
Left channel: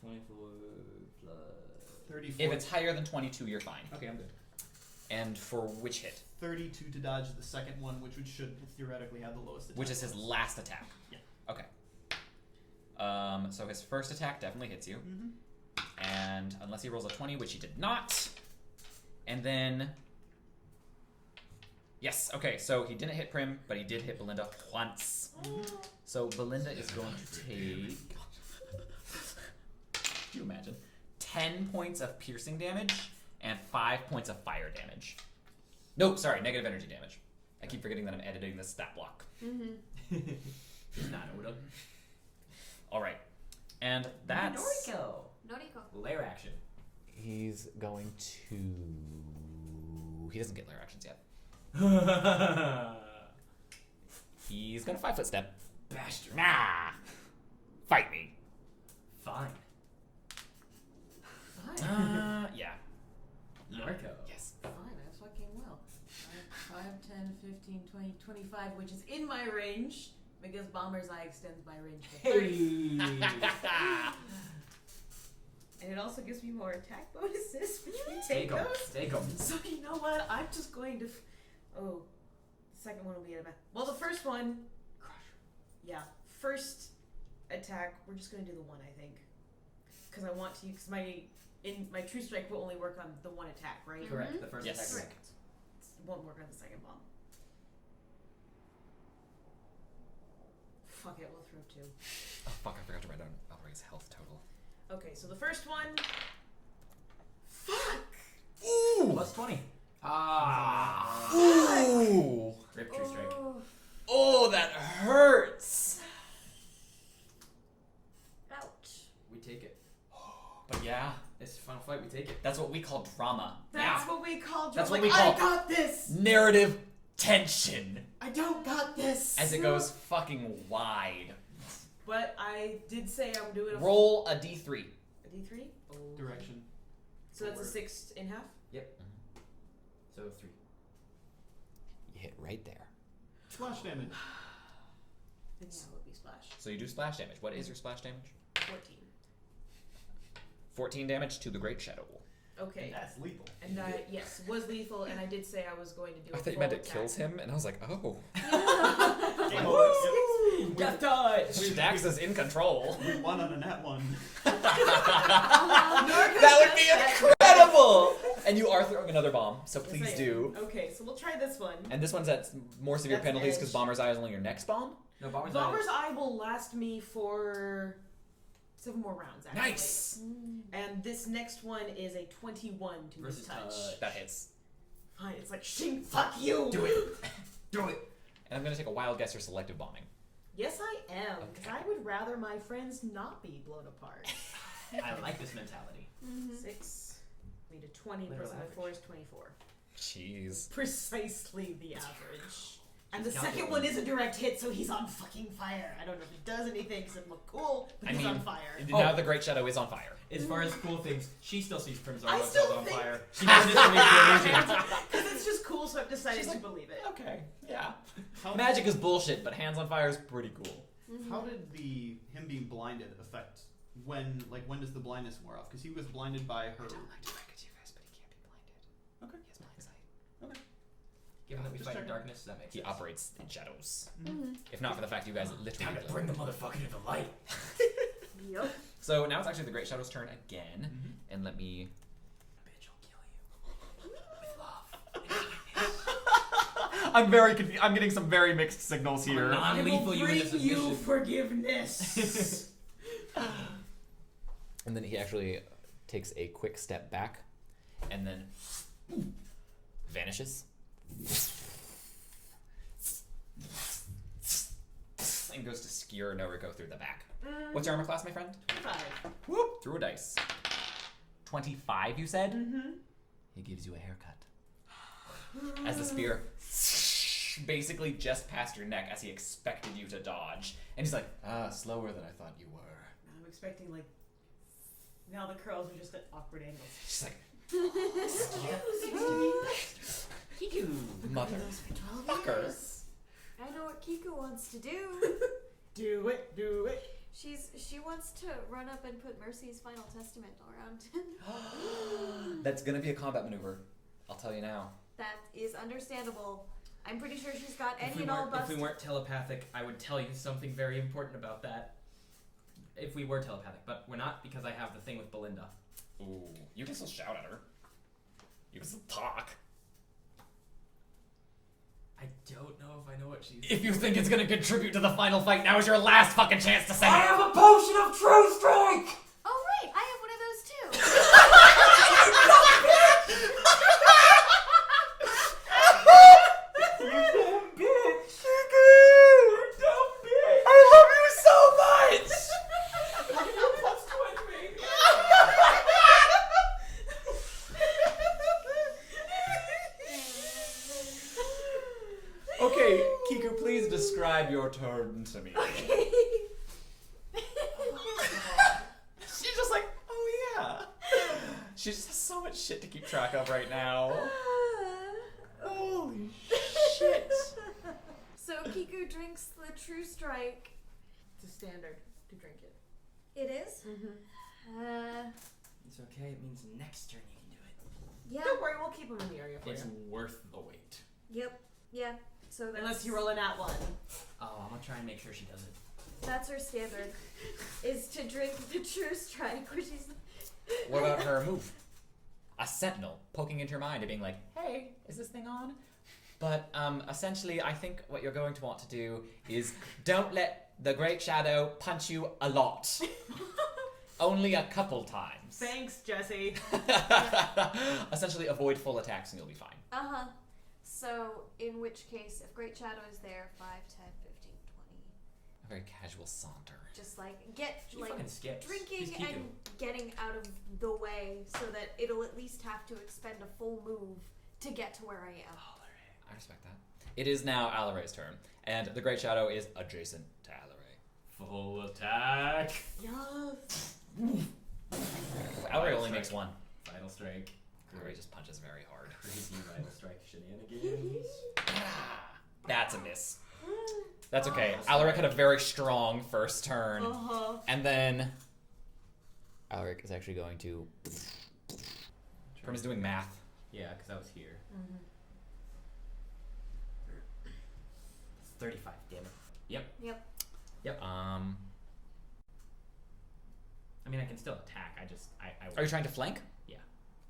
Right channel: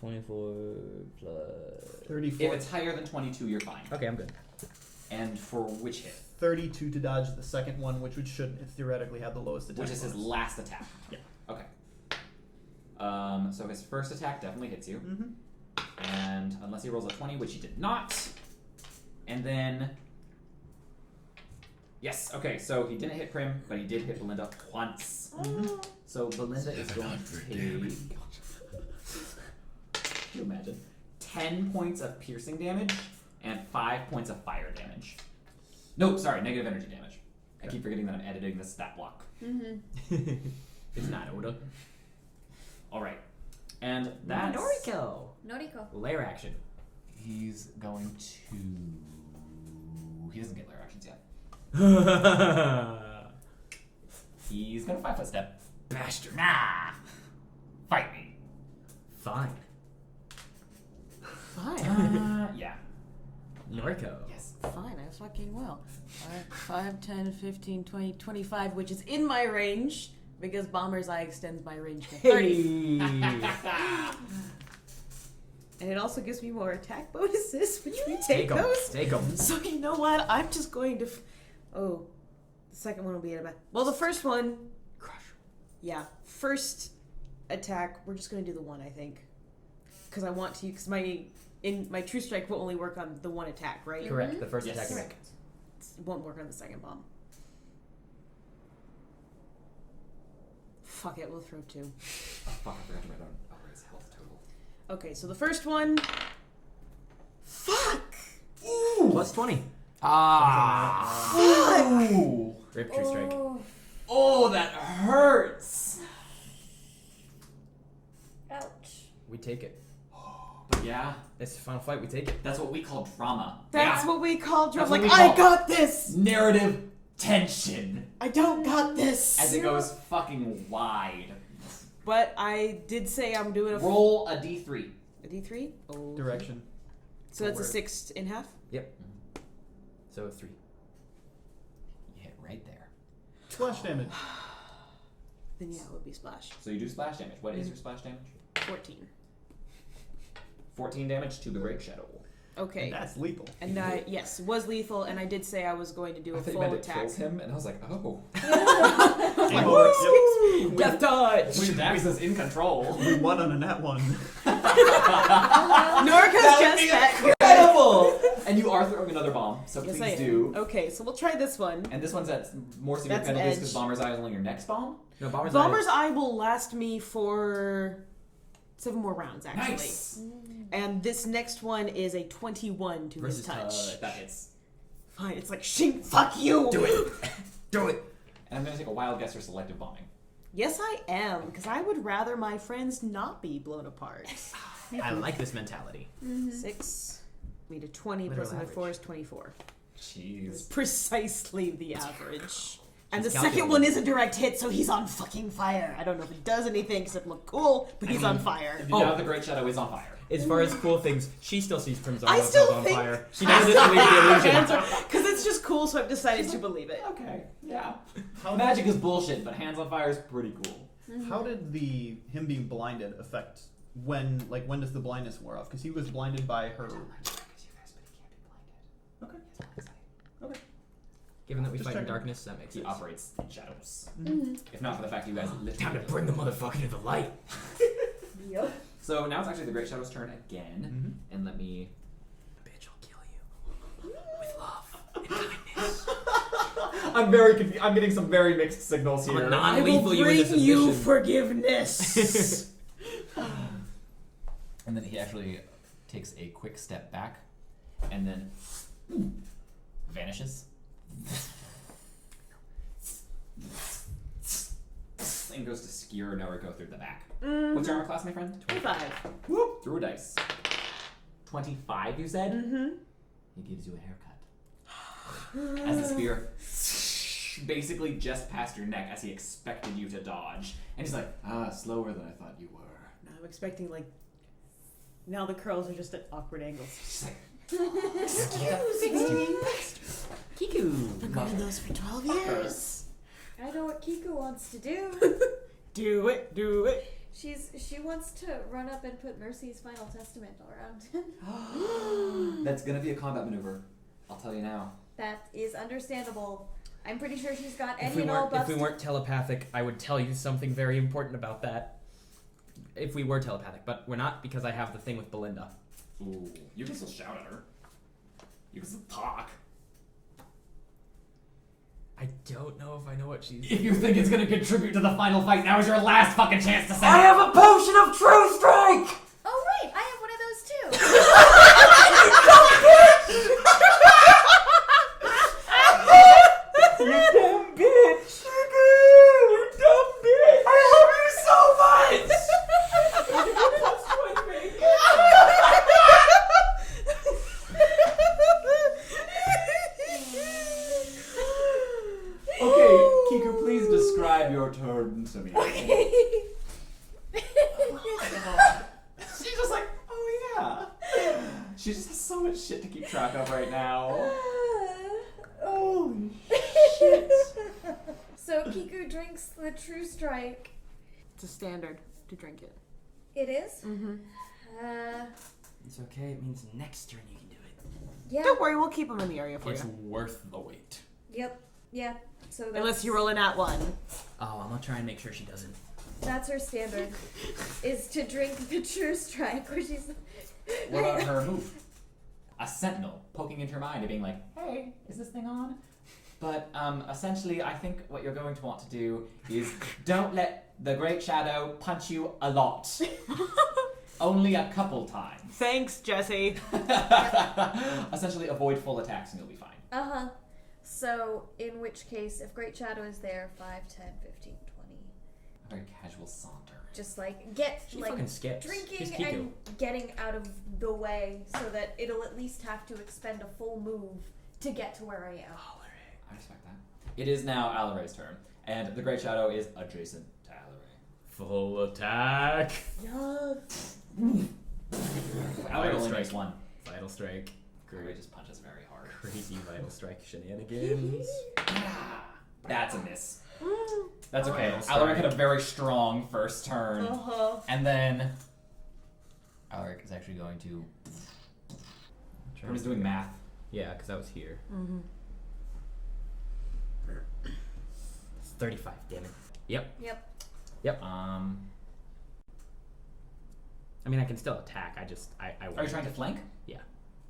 24 plus. 34. If it's higher than 22, you're fine. Okay, I'm good. And for which hit? 32 to dodge the second one, which should theoretically have the lowest attack. Which is his bonus. last attack. Yeah. Okay. So his first attack definitely hits you. Mm-hmm. And unless he rolls a 20, which he did not. And then... Yes, okay, so he didn't hit Prim, but he did hit Belinda once. So Belinda is going to take... Can you imagine? 10 points of piercing damage and 5 points of fire damage. No, sorry, negative energy damage. I keep forgetting that I'm editing this stat block. It's not Oda. Alright. And that's... Noriko. Noriko. Lair action. He's going to... He doesn't get lair actions yet. He's gonna 5-foot step. Bastard. Nah! Fight me. Fine. Fine. Yeah. Noriko. Yes. Fine, I fucking will. 5, 10, 15, 20, 25, which is in my range, because Bomber's Eye extends my range to 30. And it also gives me more attack bonuses, which we take those. Take 'em. So you know what? I'm just going to... the second one will be at about... Well, the first one... Crush. Yeah, first attack, we're just going to do the one, I think. Because I want to... Because my True Strike will only work on the one attack, right? Correct. The first Yes. attack. Correct. It won't work on the second bomb. Fuck it, we'll throw 2. Oh, fuck, I forgot to write down Albright's health total. Okay, so the first one... Fuck! Plus 20. Ah! Ooh! Rip True Strike. Oh. Oh, that hurts! Ouch. We take it. But yeah, It's the final fight. We take it. that's what we call trauma. That's Yeah. what we call That's drama. what Like, we call- I got this! Narrative tension I don't got this! as it goes fucking wide. But I did say I'm doing a... Roll a d3. A D3? Oh. Direction. So that's a Forward. 6 in half? Yep. So 3. You hit right there. Splash damage. Then yeah, it would be splash. So you do splash damage. What is your splash damage? 14. 14 damage to the Great Shadow. Okay. And that's lethal. And I, yes, was lethal, and I did say I was going to do I a thought you full meant it attack. kills him, and I was like, oh. Game over. Yep. Death touch! Dax is in control. We won on a nat one. Norco's That would just be met. incredible! And you are throwing another bomb, so Yes, please I am. do. Okay, so we'll try this one. And this one's at more severe That's penalties edge. because Bomber's Eye is only your next bomb. No, Bomber's Bomber's Eye will last me for 7 more rounds, actually. Nice! And this next one is a 21 to Versus his touch. That hits. Fine, it's like, shink, fuck you! Do it! Do it! And I'm gonna take a wild guess for selective bombing. Yes, I am, because I would rather my friends not be blown apart. I like this mentality. 6 made a 20 Literal plus another 4 average. is 24. Jeez. Precisely the average. And the It's second calculated. one is a direct hit, so he's on fucking fire. I don't know if it does anything because it looked cool, but he's on fire. Now the Great Shadow is on fire. As far as cool things, she still sees Crimson I still on think- fire. She does this to make the illusion. Because it's just cool, so I've decided to believe it. Okay, yeah. How Magic is bullshit, but hands on fire is pretty cool. How did him being blinded affect when does the blindness wear off? Because he was blinded by her. Okay. Okay. Given that we Just fight in checking. darkness, that makes He sense. operates in shadows. Mm-hmm. If not for the fact you guys literally. Time to bring the motherfucker to the light. Yep. So now it's actually the Great Shadow's turn again, Mhm. and let me. Bitch, I'll kill you. With love and kindness. I'm very confused. I'm getting some very mixed signals I'm here. a non-lethal you into submission. forgiveness. And then he actually takes a quick step back, and then vanishes. And goes to skewer Noriko through the back. What's your armor class, my friend? 25. Whoop! Through a dice. 25, you said? Mm-hmm. He gives you a haircut. As the spear basically just past your neck as he expected you to dodge. And he's like, slower than I thought you were. No, I'm expecting, like, now the curls are just at awkward angles. She's like, Kiku. I've been doing those for 12 years. I know what Kiku wants to do. Do it, do it. She wants to run up and put Mercy's final testament around him. That's gonna be a combat maneuver. I'll tell you now. That is understandable. I'm pretty sure she's got If any we, and all weren't, if buffs. we weren't telepathic, I would tell you something very important about that. If we were telepathic, but we're not because I have the thing with Belinda. Ooh, you can still shout at her. You can still talk. I don't know if I know what she's. If you think it's gonna contribute to the final fight, now is your last fucking chance to say I it. have a potion of true strike! Oh right, I have one of those too. You dumb bitch! You dumb bitch! I love you so much! Okay, Kiku, please describe your turn to me. She's just like, oh yeah. She just has so much shit to keep track of right now. Holy shit. So Kiku drinks the True Strike. It's a standard to drink it. It is? Mm-hmm. It's okay, it means next turn you can do it. Yeah. Don't worry, we'll keep them in the area for It's you. worth the wait. Yep. Yeah. So that's, Unless you roll in at one. Oh, I'm gonna try and make sure she doesn't. that's her standard, is to drink the True Strike, which is. What about her move? A sentinel poking into her mind and being like, hey, is this thing on? But essentially, I think what you're going to want to do is don't let the Great Shadow punch you a lot. Only a couple times. Thanks, Jesse. Essentially, avoid full attacks and you'll be fine. Uh-huh. So, in which case, if Great Shadow is there, 5, 10, 15, 20. A very casual saunter. Just like, get, She like, fucking skips. drinking She's Kiku. and getting out of the way so that it'll at least have to expend a full move to get to where I am. I respect that. It is now Alare's turn, and the Great Shadow is adjacent to Alare. Full attack. Yes. Alare only makes one. Vital strike. Alare just punches very hard. Crazy vital strike shenanigans. That's a miss. That's okay. Oh, Alaric had a very strong first turn. Uh-huh. And then Alaric is actually going to Prim is doing math. Yeah, because I was here. Mm-hmm. It's 35, damn it. Yep. Yep. I mean, I can still attack. I Are you trying to flank? Yeah.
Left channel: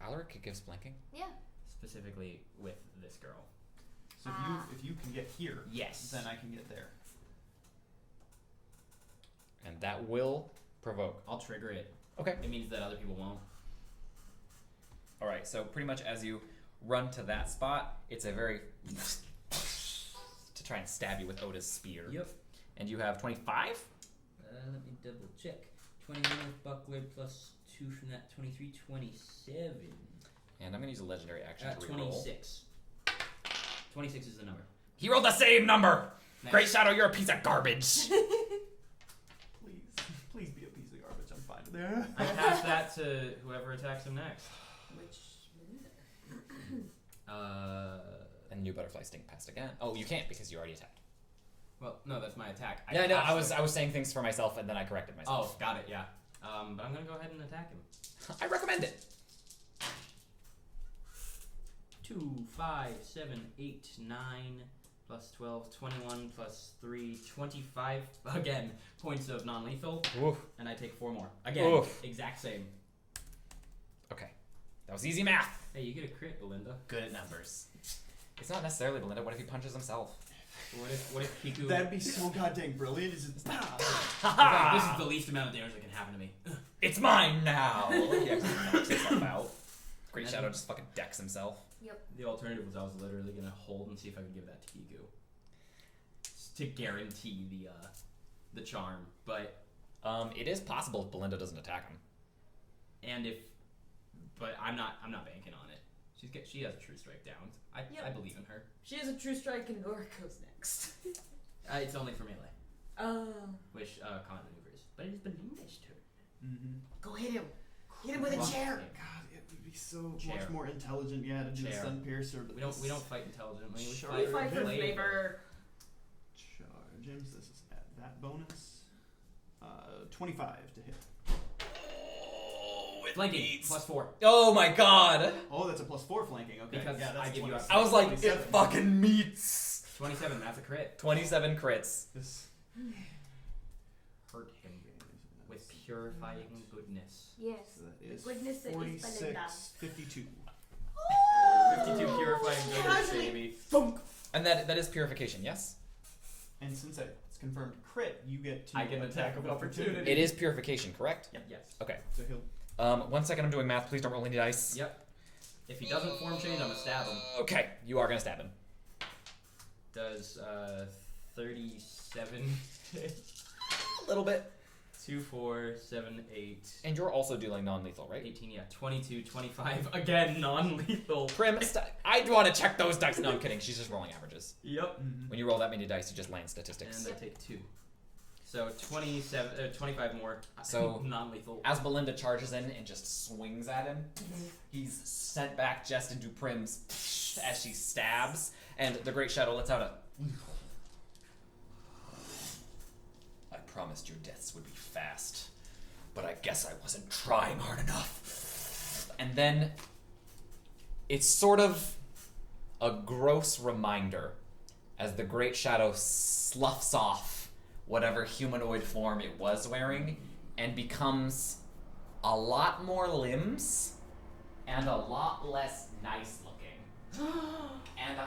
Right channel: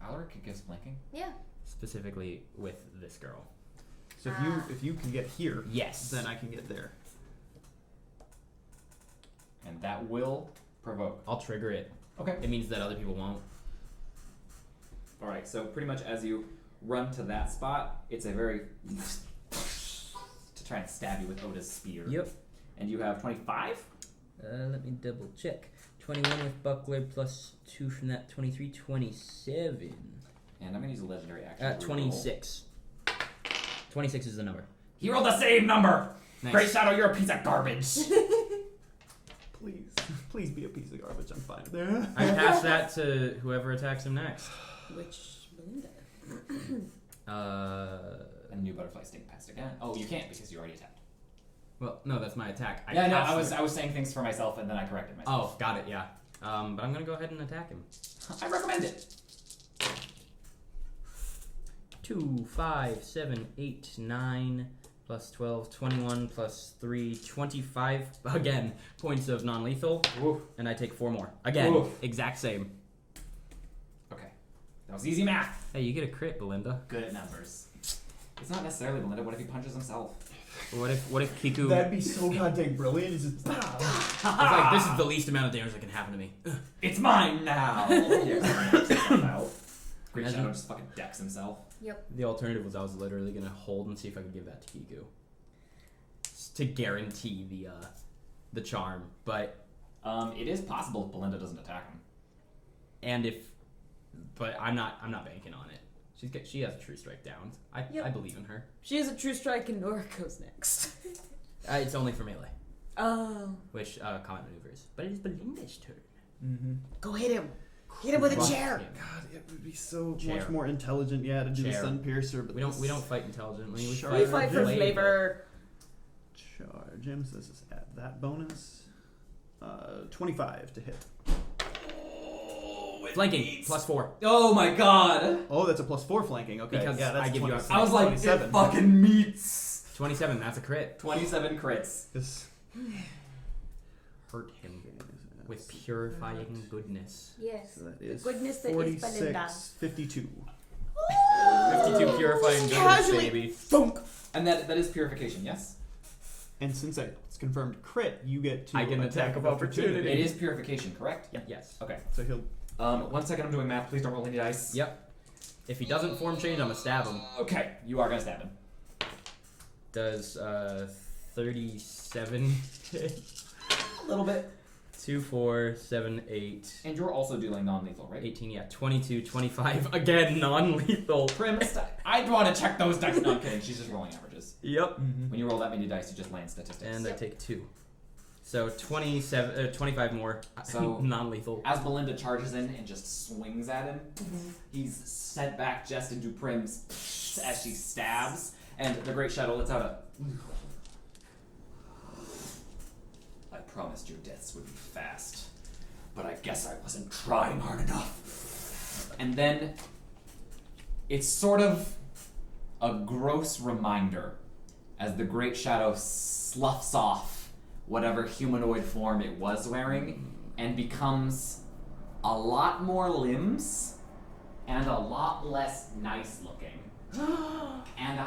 Alaric gives flanking. Yeah. Specifically with this girl. So if you can get here, Yes. then I can get there. And that will provoke. I'll trigger it. Okay. It means that other people won't. Alright, so pretty much as you run to that spot, it's a very to try and stab you with Oda's spear. Yep. And you have 25? Let me double check. 21 with buckler plus 2 from that. 23, 27. And I'm gonna use a legendary action. to reroll. 26. 26 is the number. He rolled the same number! Nice. Great Shadow, you're a piece of garbage! Please be a piece of garbage. I'm fine. I pass that to whoever attacks him next. Which Belinda? And new butterfly stink passed again. Oh, you can't because you already attacked. Well, no, that's my attack. Yeah, no, passed I was saying things for myself and then I corrected myself. Oh, got it, yeah. But I'm gonna go ahead and attack him. I recommend it. 2, 5, 7, 8, 9, plus 12, 21, plus 3, 25, again, points of non-lethal, Oof. and I take 4 more. Again, Oof. exact same. Okay. That was easy math. Hey, you get a crit, Belinda. Good at numbers. It's not necessarily Belinda. What if he punches himself? What if Kiku... That'd be so goddamn brilliant. Is it? It's like, this is the least amount of damage that can happen to me. It's mine now! He knocks himself out. Great Imagine- Shadow just fucking decks himself. Yep. The alternative was I was literally gonna hold and see if I could give that to Kiku. To guarantee the charm, but... It is possible if Belinda doesn't attack him. But I'm not banking on it. She has a true strike down. I believe in her. She has a true strike and Nora goes next. It's only for melee, Oh. which combat maneuvers. But it is Belinda's turn. Mm-hmm. Go hit him. Hit him with a Crush chair. him. God, it would be so Chair. much more intelligent, to do the Chair. stun piercer. But We don't fight intelligently. We Sure. We fight, fight for flavor. flavor. Charge him. So this is at that bonus. 25 to hit. Flanking +4 Oh my god! Oh, that's a +4 flanking. Okay, Because yeah, that's I give you a- 20 I was like, 27. it fucking meets! 27. That's a crit. 27 crits. This Hurt him with purifying goodness. Yes. so that is Goodness that is Belinda. 46, 52. 52 purifying goodness, Casually. baby. Thunk. And that is purification, yes? And since it's confirmed crit, you get to I get an attack of opportunity. It is purification, correct? Yes. Okay. So he'll 1 second, I'm doing math. Please don't roll any dice. Yep. If he doesn't form change, I'm gonna stab him. Okay, you are gonna stab him. Does 37 A little bit. 2, 4, 7, 8, And you're also dealing non-lethal, right? 18, yeah, 22, 25, again, non-lethal. Prim, I want to check those dice. No, I'm kidding. She's just rolling averages. Yep. When you roll that many dice, you just land statistics. And I take 2. So 25 more. So- non-lethal. As Belinda charges in and just swings at him, he's sent back just into Prim's as she stabs, and the Great Shadow lets out a... I promised your deaths would be fast, but I guess I wasn't trying hard enough. And then it's sort of a gross reminder as the Great Shadow sloughs off whatever humanoid form it was wearing and becomes a lot more limbs and a lot less nice looking. And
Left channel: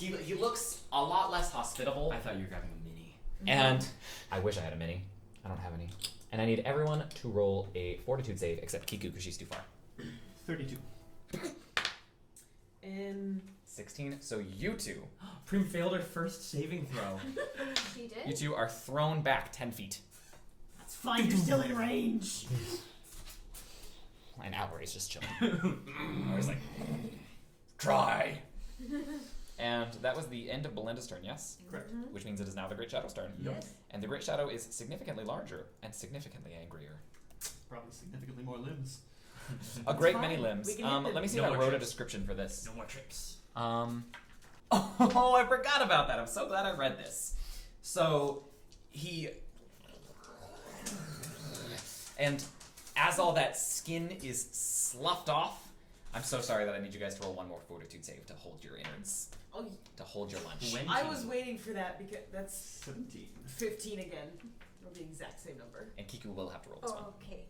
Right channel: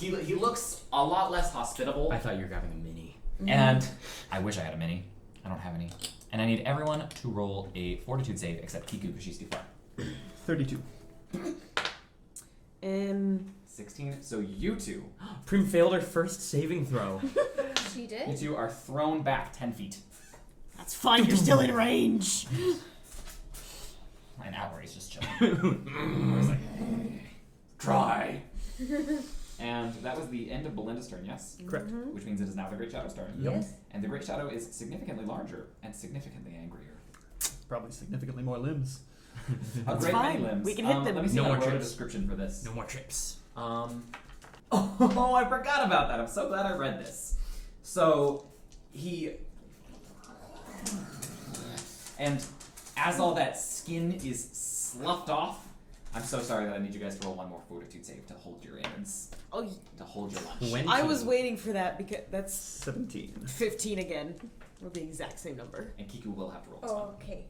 he looks a lot less hospitable. I thought you were grabbing a mini. And I wish I had a mini. I don't have any. And I need everyone to roll a fortitude save except Kiku because she's too far. 32. 16. So you two. Prim failed her first saving throw. She did? You two are thrown back 10 feet. That's fine. You're still in range. And Albury's just chilling. Always like, try. And that was the end of Belinda's turn, yes? Correct. Which means it is now the Great Shadow's turn. Yes. And the Great Shadow is significantly larger and significantly angrier. Probably significantly more limbs. A great fine. many limbs. We can hit them. Let me see No if I more wrote a trips. description for this. No more trips. Oh, I forgot about that. I'm so glad I read this. So, and as all that skin is sloughed off, I'm so sorry that I need you guys to roll one more fortitude save to hold your innards. Oh, To hold your lunch. When I was waiting for that because that's 17. 15 again. With the exact same number. And Kiku will have to roll this one. Okay.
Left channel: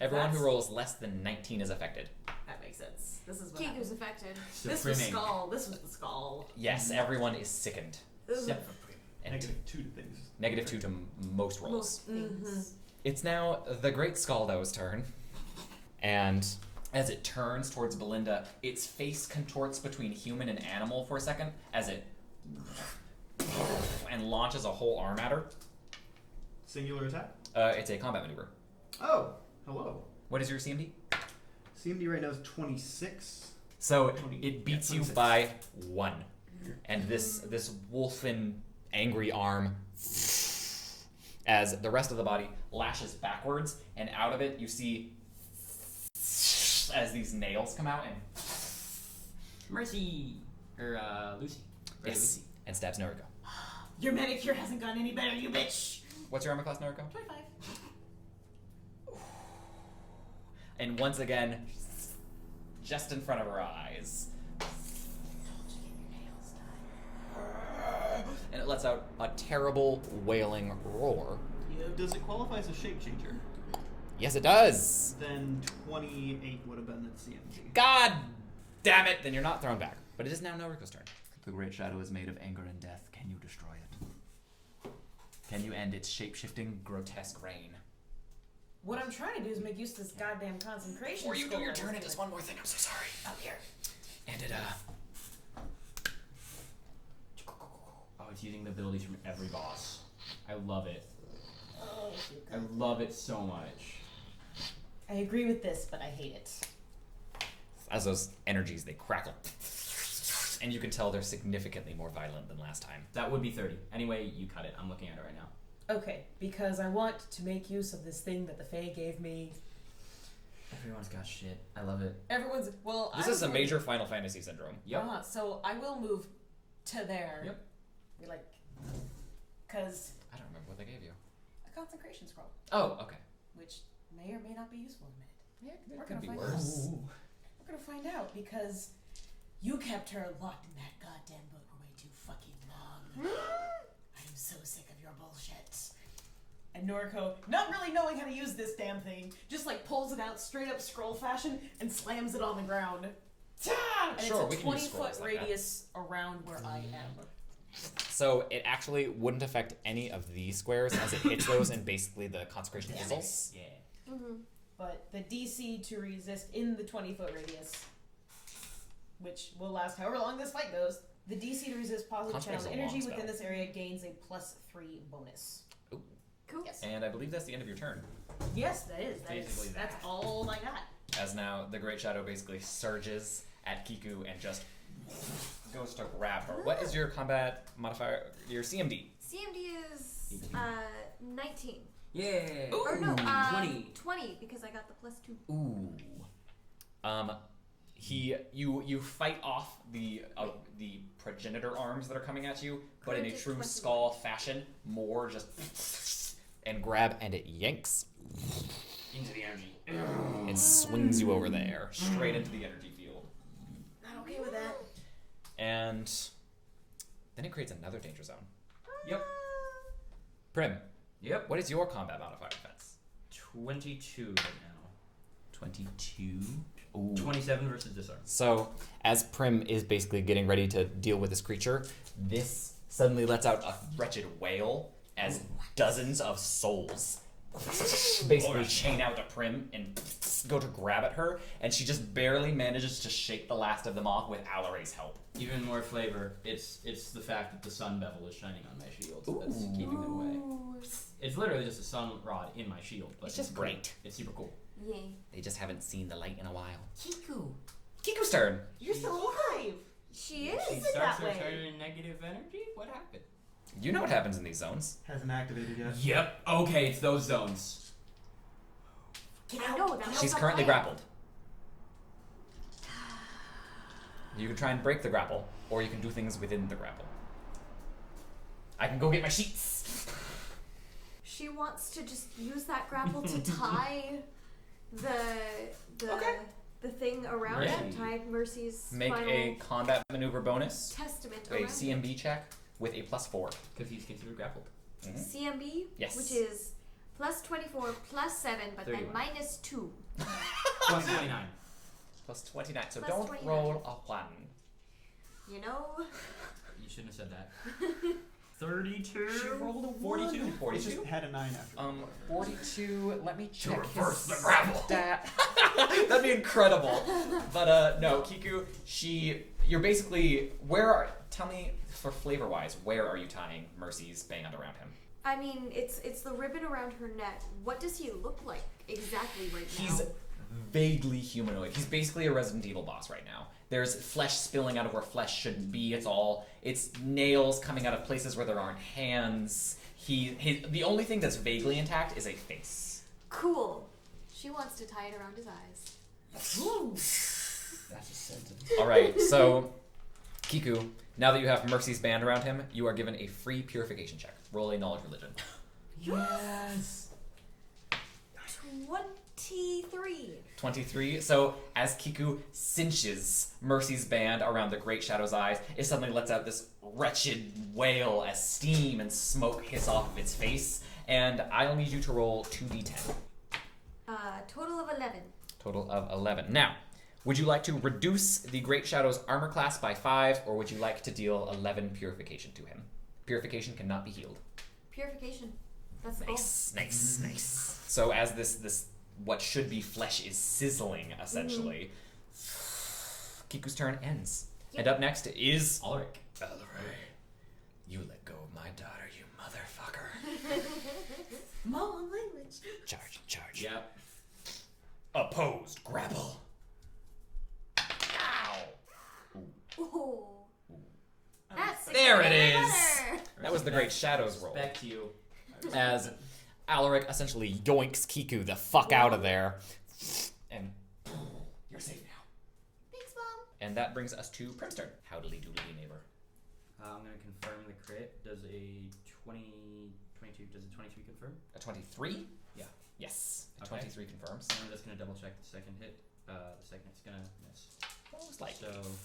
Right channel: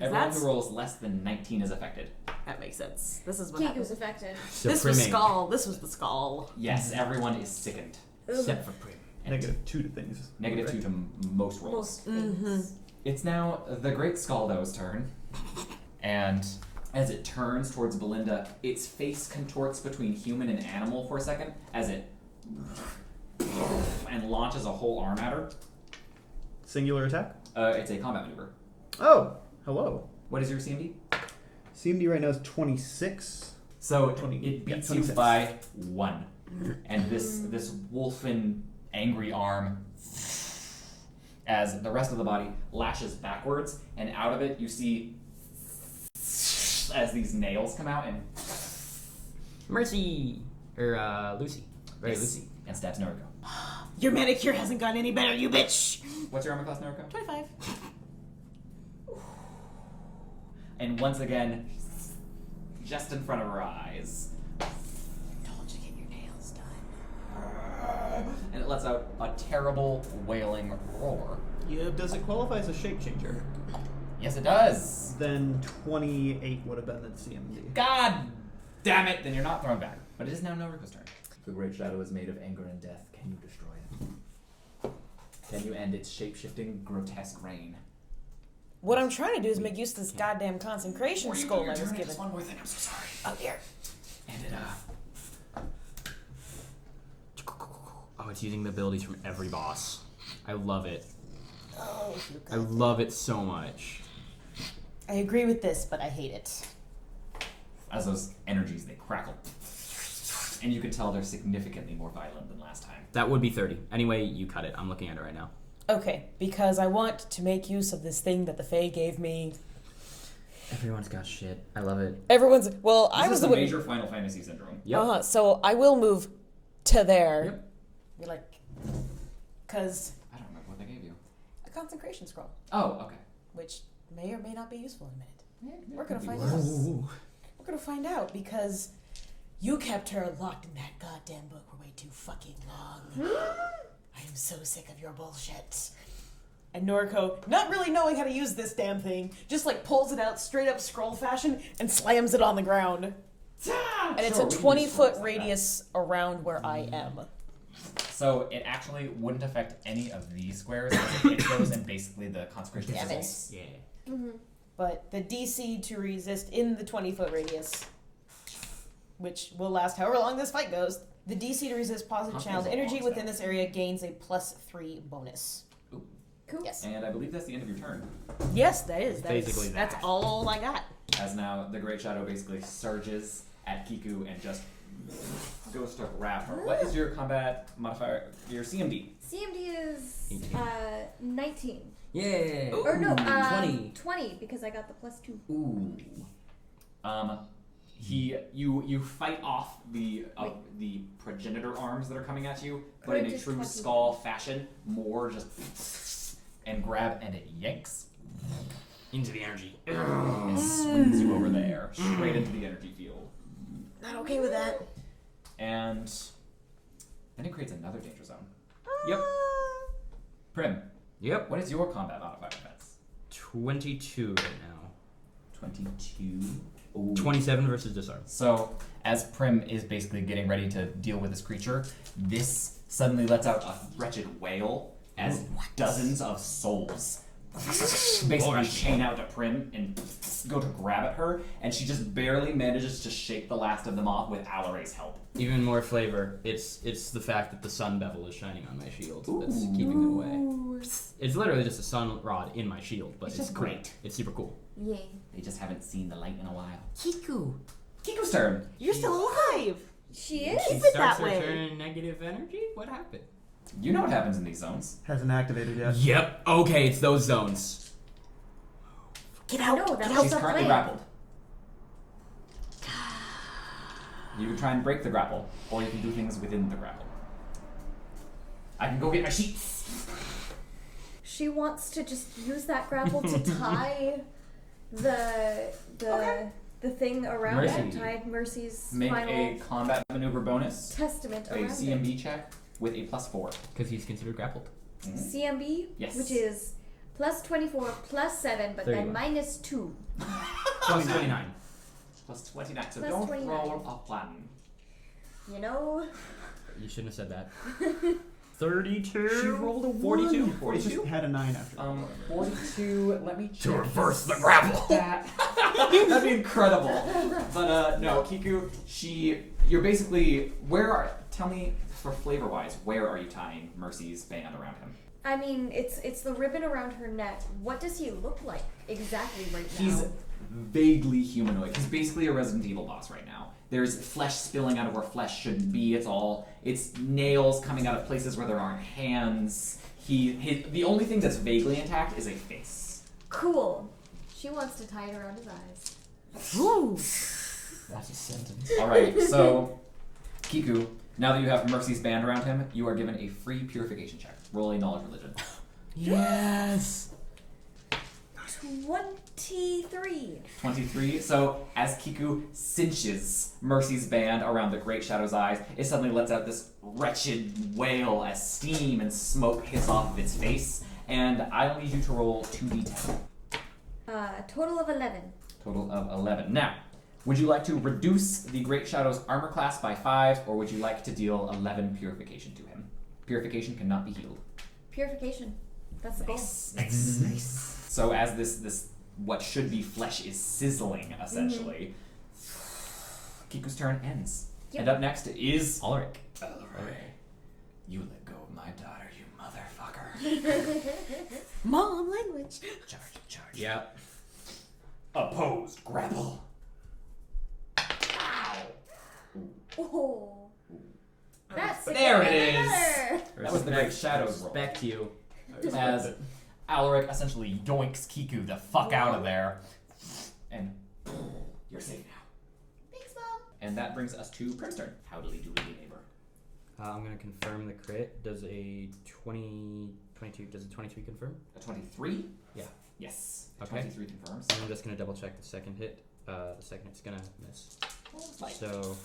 Everyone that's- who rolls less than 19 is affected. That makes sense. This is what Kiku's happened. affected. So This was priming. Skull. This was the Skull. Yes, everyone is sickened. Except for prim. And -2 to things. negative 2 to most rolls. Most things. It's now the Great Scaldo's turn. And as it turns towards Belinda, its face contorts between human and animal for a second as it and launches a whole arm at her. Singular attack? It's a combat maneuver. Oh, hello. What is your CMD? CMD right now is 26. So 20 it beats yeah, you 26. by 1. And this wolfen angry arm, as the rest of the body lashes backwards, and out of it you see as these nails come out and Mercy! Or, Lucy. Right, yes, Lucy. and stabs Noriko. Your manicure hasn't gotten any better, you bitch! What's your armor class, Noriko? 25. And once again, just in front of her eyes, Told you get your nails done. and it lets out a terrible wailing roar. Yeah, does it qualify as a shape changer? Yes, it does. Then 28 would have been the CMD. God damn it! Then you're not thrown back. But it is now Noriko's turn. The Great Shadow is made of anger and death. Can you destroy it? Can you end its shape-shifting, grotesque reign? What I'm trying to do is make use of this goddamn concentration skull I was given. one more thing. I'm so sorry. Oh, here. And it Oh, it's using the abilities from every boss. I love it. Oh, you I love it so much. I agree with this, but I hate it. as those energies they crackle, and you can tell they're significantly more violent than last time. That would be 30. Anyway, you cut it. I'm looking at it right now. Okay, because I want to make use of this thing that the Fae gave me. Everyone's got shit. I love it. Everyone's well. This I was is the the major Final Fantasy syndrome. Yep. So I will move to there. Yep. Be like, cause I don't remember what they gave you. a consecration scroll, Oh, okay. which may or may not be useful in a minute. Yeah, We're gonna could be find worse. out. We're gonna find out because you kept her locked in that goddamn book for way too fucking long. I am so sick of your bullshit. And Noriko, not really knowing how to use this damn thing, just like pulls it out straight up scroll fashion and slams it on the ground. And it's Sure, a we can 20 use foot scrolls like that. radius around where I am. So it actually wouldn't affect any of these squares as it hits those, and basically the consecration Damn fizzles. Yeah. Mm-hmm. But the DC to resist in the 20 foot radius, which will last however long this fight goes, the DC to resist positive Huh, channeled that's a long energy within spell. this area gains a +3 bonus. Cool. Yes. And I believe that's the end of your turn. Yes, that is. That's, Basically that's that. all I got. As now the Great Shadow basically surges at Kiku and just goes to grab her. What is your combat modifier? Your CMD? CMD is 19. Yeah. Or no, 20. 20 because I got the +2. Ooh. You fight off the progenitor arms that are coming at you, but in a Courage is true 20. skull fashion, more just and grab, and it yanks Into the energy. and swings you over there, straight into the energy field. Not okay with that. And then it creates another danger zone. Yep. Prim, Yep. what is your combat modifier defense? 22 right now. 22. Ooh. 27 versus disarm. So, as Prim is basically getting ready to deal with this creature, this suddenly lets out a wretched wail as dozens of souls basically chain out to Prim and go to grab at her, and she just barely manages to shake the last of them off with Alare's help. Even more flavor. It's the fact that the sun bevel is shining on my shield that's keeping it away. It's literally just a sun rod in my shield, but It's it's just cool. great. It's super cool. Yay. They just haven't seen the light in a while. Kiku. Kiku's turn. You're still alive. She is? She Keep it starts that way. her turn in negative energy? What happened? You know what happens in these zones. Hasn't activated yet. Yep. Okay, it's those zones. Get I out. know, that's She's the currently plan. grappled. You can try and break the grapple, or you can do things within the grapple. I can go get my sheets. She wants to just use that grapple to tie the Okay. the thing around Mercy. it, tied Mercy's Make final a combat maneuver bonus, testament a around CMB check with a +4. Because he's considered grappled. it. CMB, Yes. which is plus 24, plus 7, but 31. then minus 2. Plus 29. +29. So Plus don't 29. roll a 1. You know? You shouldn't have said that. 32. She rolled a 42. 1. It 42. just had a 9 after that. 42. Let me check. reverse the grapple. That. That'd be incredible. But no, Kiku. You're basically. Tell me for flavor wise, where are you tying Mercy's band around him? I mean, it's the ribbon around her neck. What does he look like exactly right now? He's vaguely humanoid. He's basically a Resident Evil boss right now. There's flesh spilling out of where flesh shouldn't be. It's nails coming out of places where there aren't hands. The only thing that's vaguely intact is a face. Cool. She wants to tie it around his eyes. Ooh. That's a sentence. All right, so Kiku, now that you have Mercy's band around him, you are given a free purification check. Roll a knowledge religion. Yes. 23. 23. So as Kiku cinches Mercy's band around the Great Shadow's eyes, it suddenly lets out this wretched wail as steam and smoke hiss off of its face. And I'll need you to roll 2d10. Total of 11. Total of 11. Now, would you like to reduce the Great Shadow's armor class by 5, or would you like to deal 11 purification to him? Purification cannot be healed. Purification. That's the goal. Nice. So as this what should be flesh is sizzling, essentially, Kiku's turn ends. Yep. And up next is Ulrich. You let go of my daughter, you motherfucker. Mom language. Charge. Yep. Opposed, grapple. Oh. That's There it even is. better. That was the Great Shadow's roll. Respect you. As Alaric essentially yoinks Kiku the fuck out of there. And you're safe now. Thanks, Mom. And that brings us to Prim's turn. Howdily doodly neighbor. I'm going to confirm the crit. Does a 22, does a 23 confirm? A 23? Yeah. Yes. A Okay. 23 confirms. I'm just going to double check the second hit. The second hit's going to miss. So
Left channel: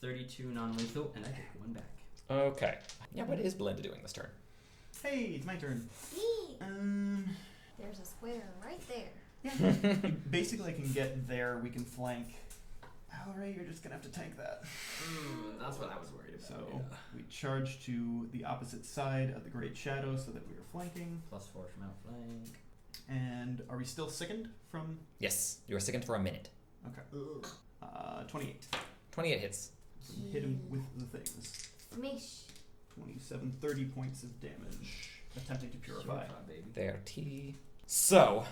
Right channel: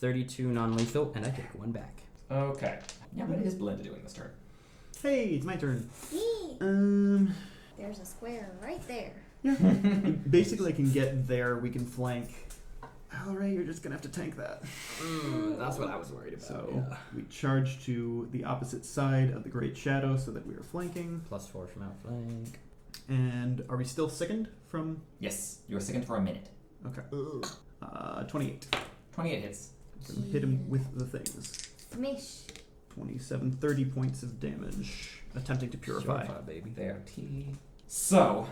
32 non-lethal, and I take 1 back. Okay. Yeah, what is Belinda doing this turn? Hey, it's my turn. Yee. There's a square right there. Yeah. Basically, I can get there. We can flank. Alright, you're just gonna have to tank that. That's what I was worried about. So we charge to the opposite side of the Great Shadow so that we are flanking. +4 from outflank. And are we still sickened from? Yes. You are sickened for a minute. Okay. 28. 28 hits. Gonna hit him with the things. Smish. 27, 30 points of damage. Attempting to purify. Baby. There, T. So,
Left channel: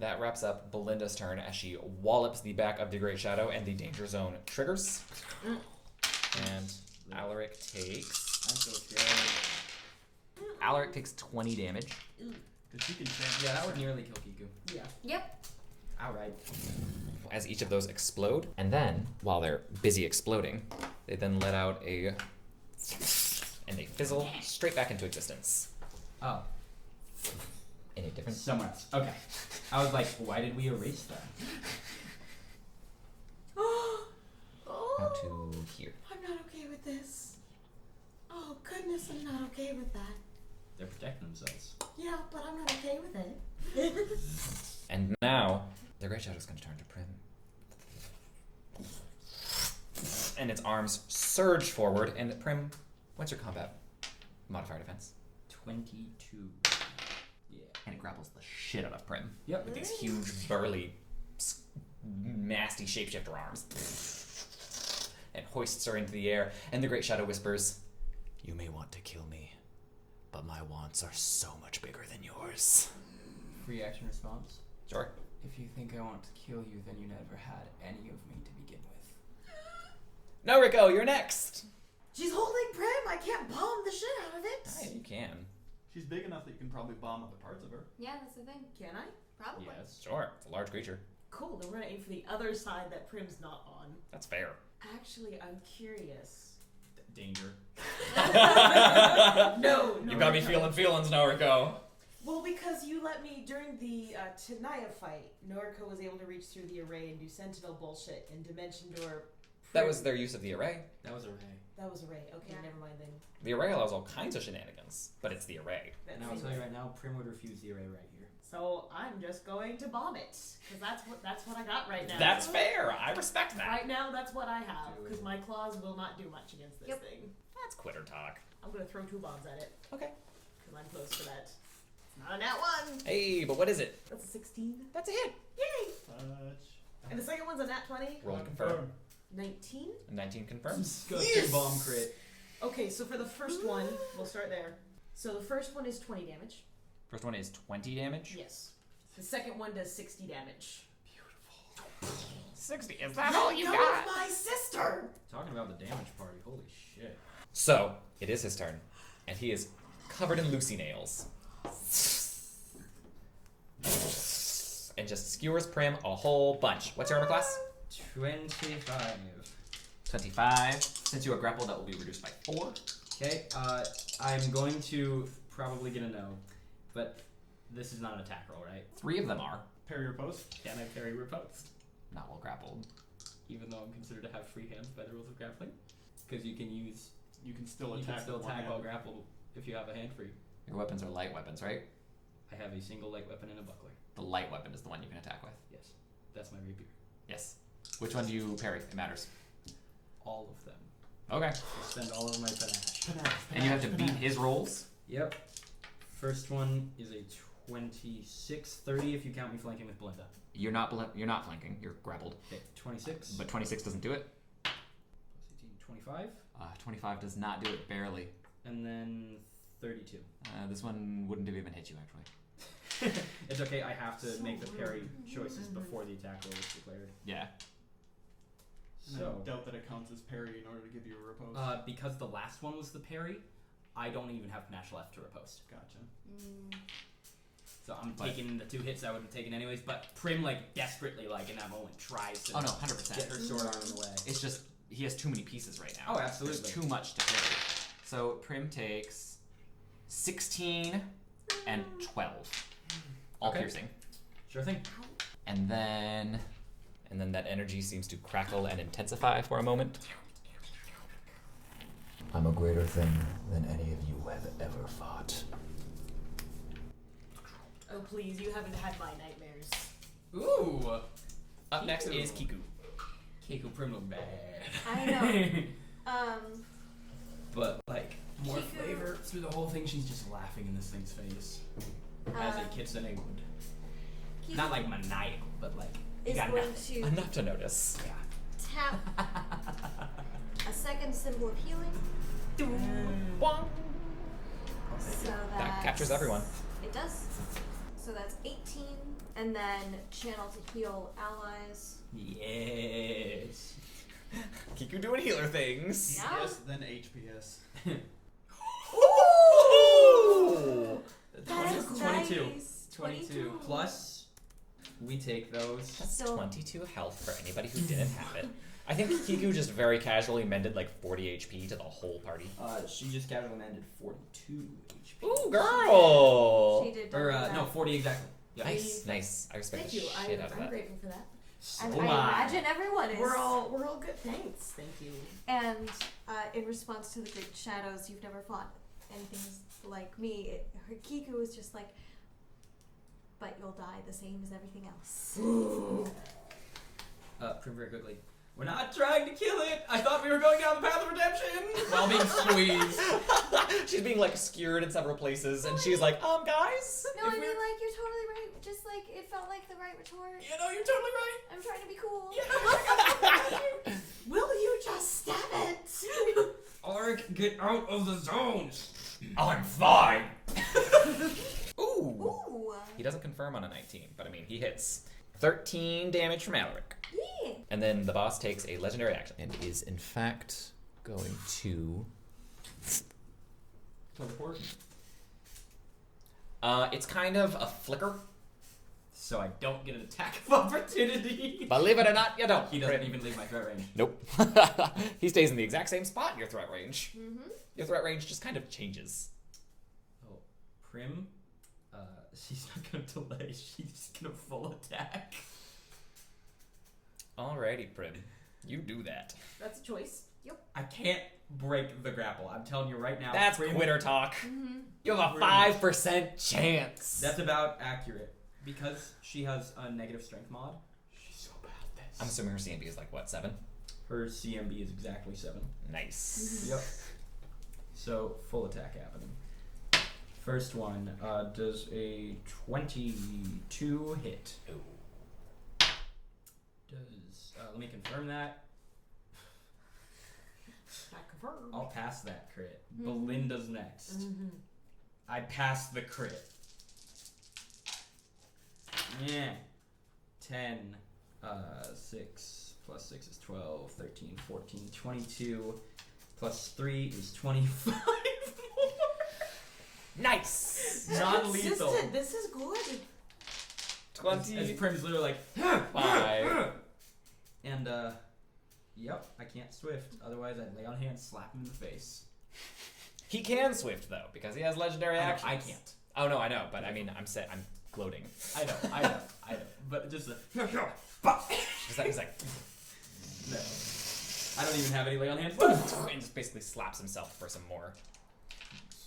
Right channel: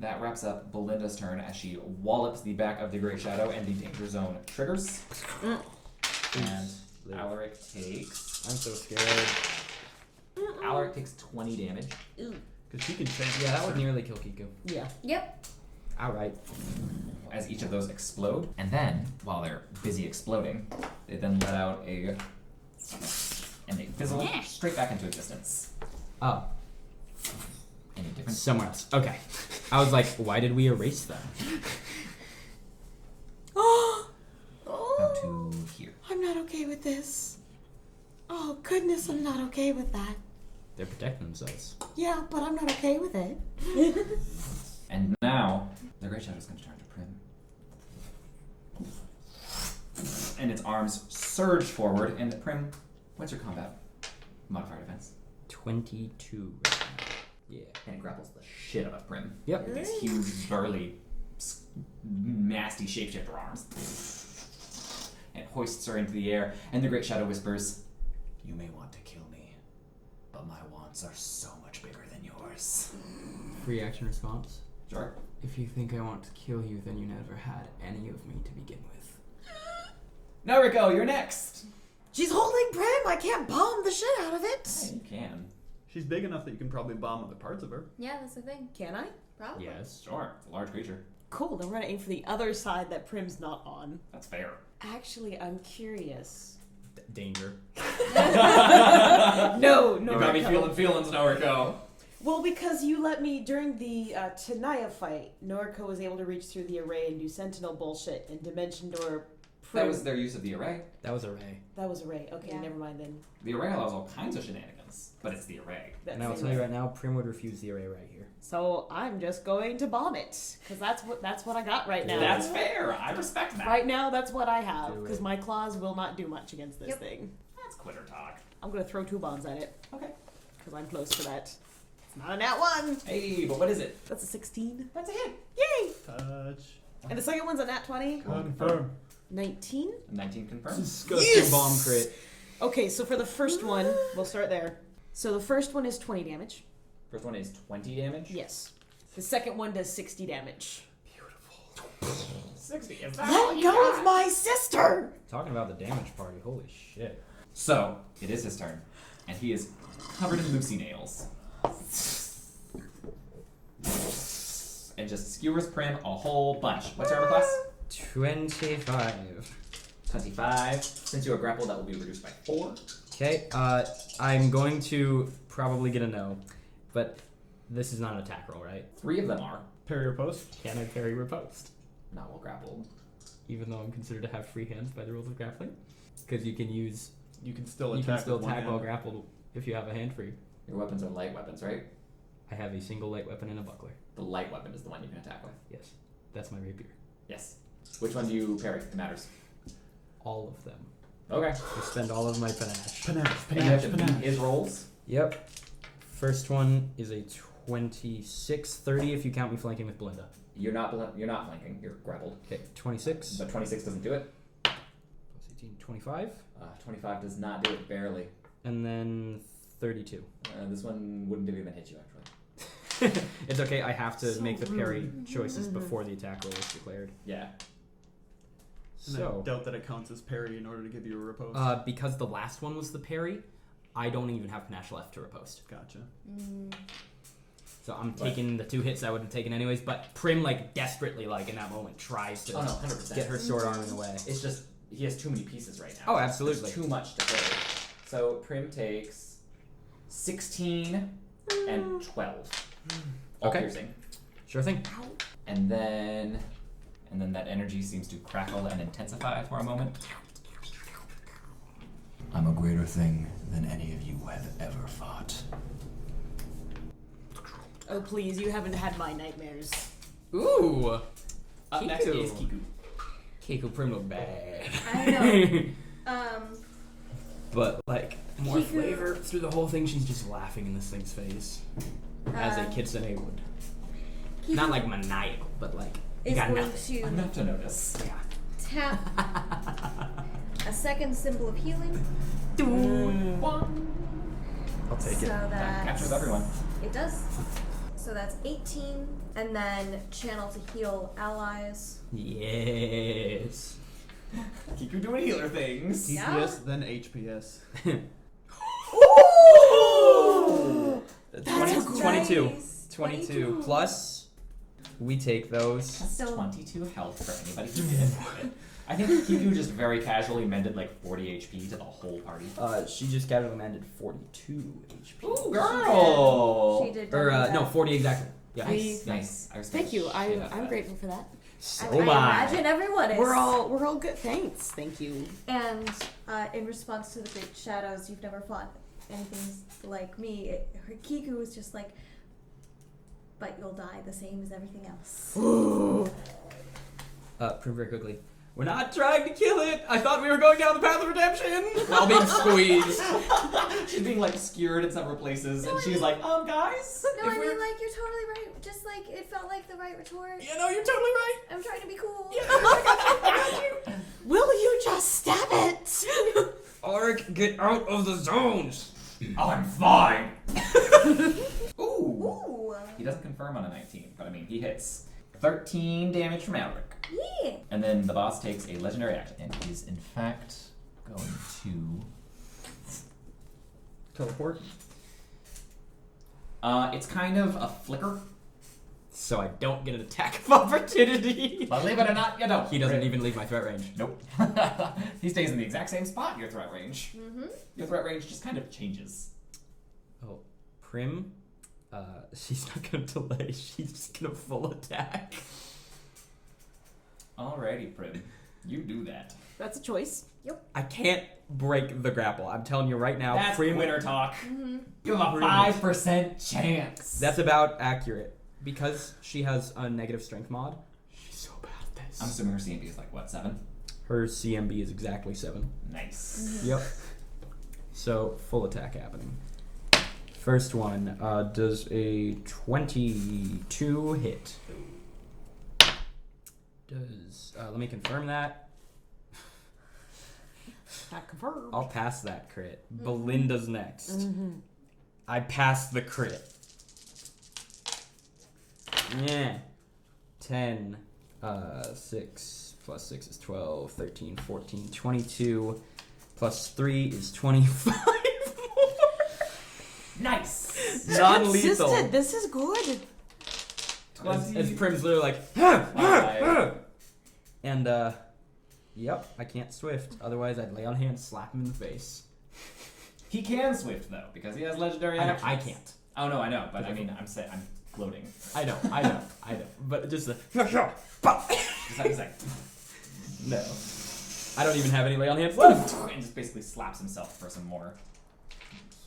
that wraps up Belinda's turn as she wallops the back of the Great Shadow and the danger zone triggers. And Alaric takes. I'm so scared. Alaric takes 20 damage. Because he can change. Yeah, that would nearly kill Kiku. Yeah. Yep. Alright. As each of those explode, and then, while they're busy exploding, they then let out and they fizzle straight back into existence. Oh. Any different? Somewhere else. Okay. I was like, why did we erase them? Out to here. I'm not okay with this. Oh, goodness, I'm not okay with that. They're protecting themselves. Yeah, but I'm not okay with it. And now, the Great Shadow's going to turn to Prim. And its arms surge forward, and Prim, what's your combat modifier defense? 22. Yeah. And it grapples the shit out of Prim. Yep. With these huge, burly, nasty shapeshifter arms. And hoists her into the air, and the Great Shadow whispers, "You may want to kill me, but my wants are so much bigger than yours." Free action response. Sure. If you think I want to kill you, then you never had any of me to begin with. No, Rico, you're next! She's holding Prim. I can't bomb the shit out of it. Yeah, you can. She's big enough that you can probably bomb other parts of her. Yeah, that's the thing. Can I? Probably. Yes. Sure. It's a large creature. Cool. Then we're gonna aim for the other side that Prim's not on. That's fair. Actually, I'm curious. Danger. No, You got me Rico. feeling feelings now, Rico. Well, because you let me, during the Tenaya fight, Noriko was able to reach through the array and do Sentinel bullshit, and Dimension Door... That was their use of the array. That was array. That was array. Okay, Yeah. never mind then. The array allows all kinds of shenanigans, but it's the array. That's And I will it. tell you right now, Prim would refuse the array right here. So I'm just going to bomb it, because that's what I got right now. That's fair. I respect that. Right now, that's what I have, Do because it. my claws will not do much against this Yep. thing. That's quitter talk. I'm going to throw 2 bombs at it, Okay. because I'm close to that. It's not a nat 1. Hey, but what is it? That's a 16. That's a hit. Yay! Touch. And the second one's a nat 20. Roll confirm. 19. 19 confirms. Go to bomb crit. Okay, so for the first one, we'll start there. So the first one is 20 damage. First one is 20 damage. Yes. The second one does 60 damage. 60. Is that all Let you go got? of my sister! Talking about the damage party, holy shit. So, it is his turn. And he is covered in Lucy nails. And just skewers Prim a whole bunch. What's your armor class? 25. 25. Since you are grappled, that will be reduced by 4. Okay, I'm going to probably get a no, but this is not an attack roll, right? 3 of them are. Parry or post? Can I parry riposte? Not well grappled. Even though I'm considered to have free hands by the rules of grappling? Because you can You can still you attack can still with one attack while hand. grappled if you have a hand free. Your weapons are light weapons, right? I have a single light weapon and a buckler. The light weapon is the one you can attack with. Yes, that's my rapier. Yes. Which one do you parry? It matters. All of them. Okay. I spend all of my panache. Panache, And you have panache, to beat panache. his rolls. Yep. First one is a 26, 30 if you count me flanking with Belinda. You're not flanking. You're grappled. Okay, 26. But 26 doesn't do it. Plus 18, 25. 25 does not do it barely. And then 32. This one wouldn't have even hit you, actually. It's okay, I have to make the parry choices before the attack roll is declared. Yeah. And I So, doubt that it counts as parry in order to give you a riposte. because the last one was the parry, I don't even have panache left to riposte. Gotcha. So I'm But- taking the 2 hits I would have taken anyways, but Prim, like, desperately, like, in that moment, tries to Oh no, 100%. get her sword arm in the way. It's just he has too many pieces right now. Oh, absolutely. There's too much to carry. So Prim takes 16 and 12. All Okay. piercing. Sure thing. And then that energy seems to crackle and intensify for a moment. I'm a greater thing than any of you have ever fought. Oh, please, you haven't had my nightmares. Ooh! Up next Kiku. is Kiku. Keiko Prim look bad. I know. But, like, more Kiku- flavor through the whole thing, she's just laughing in this thing's face. As a kitsune would. Kiku Not like maniacal, but like, you is got going nothing. to Enough to notice. Yeah. tap a second symbol of healing. I'll take So it. That that's- captures everyone. It does. So that's 18, and then channel to heal allies. Yes. Kiku doing healer things. Yeah. DPS, then HPS. That's 22. nice. 22 plus, we take those. That's So- 22 health for anybody who didn't have it. I think Kiku just very casually mended like 40 HP to the whole party. She just casually landed 42 HP. Ooh, girl! She did. Or, double no, that. 40 exactly. Yeah. Nice, nice. I respect Thank you. the shit out of I'm that. grateful for that. So I am I. imagine everyone is. We're all good. Thanks. Thank you. And in response to the Great Shadows, you've never fought anything like me. Kiku was just like, but you'll die the same as everything else. Prim very quickly. We're not trying to kill it. I thought we were going down the path of redemption. While being squeezed. She's being like skewered in several places, and she's like, guys. No, if I mean, we're- like, you're totally right. Just like, it felt like the right retort. You know, you're totally right. I'm trying to be cool. Will you just stab it? Auric, get out of the zones. I'm fine. Ooh. Ooh. He doesn't confirm on a 19, but I mean, he hits. 13 damage from Alric. Yeah. And then the boss takes a legendary action and is, in fact, going to... Teleport. It's kind of a flicker. So I don't get an attack of opportunity. Believe it or not, you don't. He doesn't even leave my threat range. Nope. He stays in the exact same spot in your threat range. Mm-hmm. Your threat range just kind of changes. Oh, Prim she's not gonna delay. She's just gonna full attack. Alrighty, Prim. You do that. That's a choice. I can't break the grapple. I'm telling you right now. That's Prim- winner talk. Mm-hmm. You have a 5% chance. That's about accurate. Because she has a negative strength mod, she's so bad at this. I'm assuming her CMB is like, what, 7? Her CMB is exactly 7. Nice. Yep. So, full attack happening. First one does a 22 hit. Does, let me confirm that. Not confirmed. I'll pass that crit. Belinda's next. I passed the crit. Yeah. 10, 6, plus 6 is 12, 13, 14, 22, plus 3 is 25 more. Nice. Non-lethal. Consistent. This is good. As Prim's literally like, 5. and yep, I can't swift. Otherwise, I'd lay on hands, slap him in the face. He can swift though because he has legendary I know, actions. I can't. Oh no, I know, but I mean, I'm gloating. I know. But just the He's like, no. I don't even have any lay on hands left. and just basically slaps himself for some more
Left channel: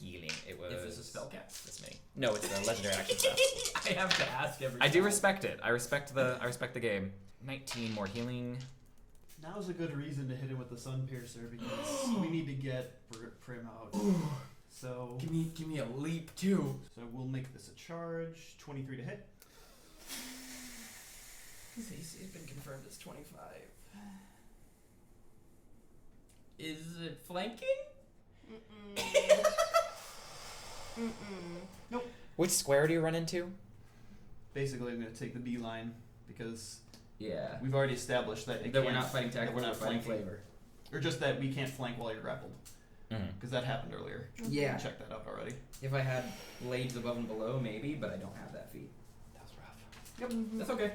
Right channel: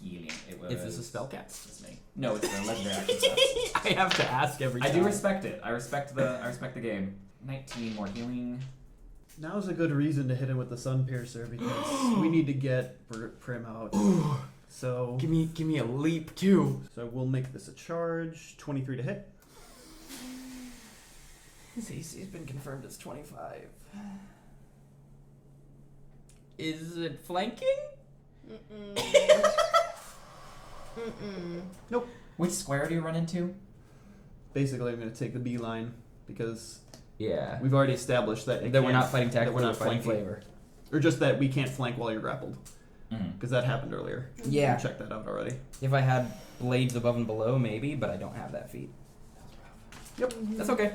healing. It was. Is this a spell cast? This many. No, it's a legendary action stuff. I have to ask every time. I do respect it. I respect the game. 19 more healing. Now's a good reason to hit him with the Sun Piercer because we need to get Prim out. So Give me a leap too. So we'll make this a charge. 23 to hit. His AC's been confirmed as 25. Is it flanking? Nope. Which square do you run into? Basically, I'm going to take the B line because Yeah. we've already established that That we're not fighting that tactical, we're not fighting flanking. flavor. Or just that we can't flank while you're grappled Mm-hmm. because that happened earlier. Yeah. We checked that out already. If I had blades above and below, maybe, but I don't have that feat. That was rough. Yep. That's okay.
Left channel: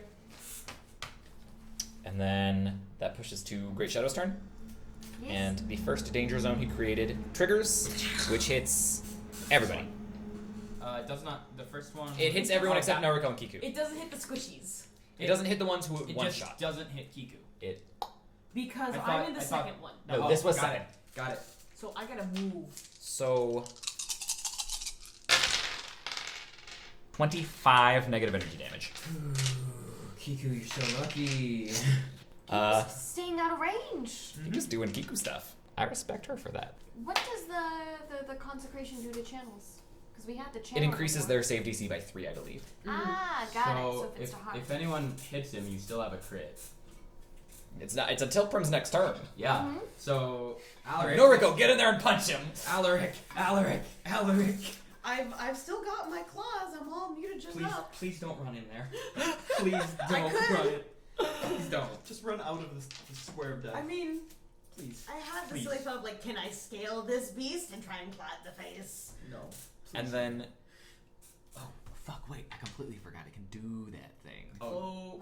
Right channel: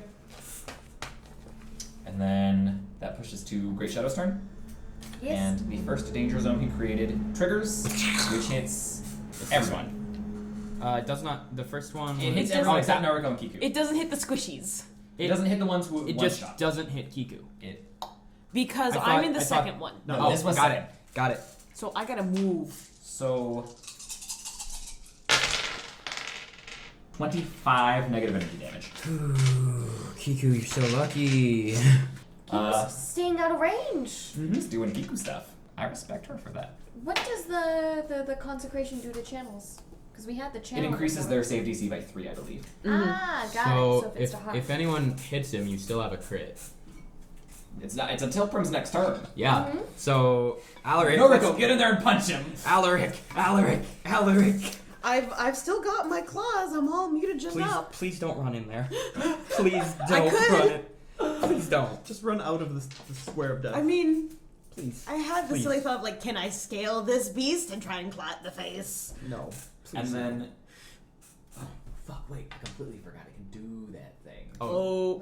And then that pushes to Great Shadow's turn. Yes. And the first danger zone he created triggers, which hits everyone. It does not. The first one. It hits It everyone doesn't- except Naruko and Kiku. It doesn't hit the squishies It doesn't hit the ones who It one just shot. doesn't hit Kiku. It. because I I'm thought- in the I thought- second one. No, Oh, this was got second. it. Got it. So I gotta move. So 25 negative energy damage. Kiku, you're so lucky. Keeps staying out of range. Just doing Kiku stuff. I respect her for that. What does the consecration do to channels? Because we had the channel. It increases before. their save DC by 3, I believe. Ah, got it. So So if it's to harm. if anyone hits him, you still have a crit. It's not. It's until Prim's next turn. Yeah. Mhm. So Alaric. Noriko, get in there and punch him. Alaric. I've still got my claws. I'm all mutagen Please, up. please don't run in there. Please I don't could. run it. Please don't. Just run out of the square of death. I mean, Please. I had the Please. silly thought of like, can I scale this beast and try and claw it in the face? No. And then. Oh fuck! Wait, I completely forgot I can do that thing. Oh,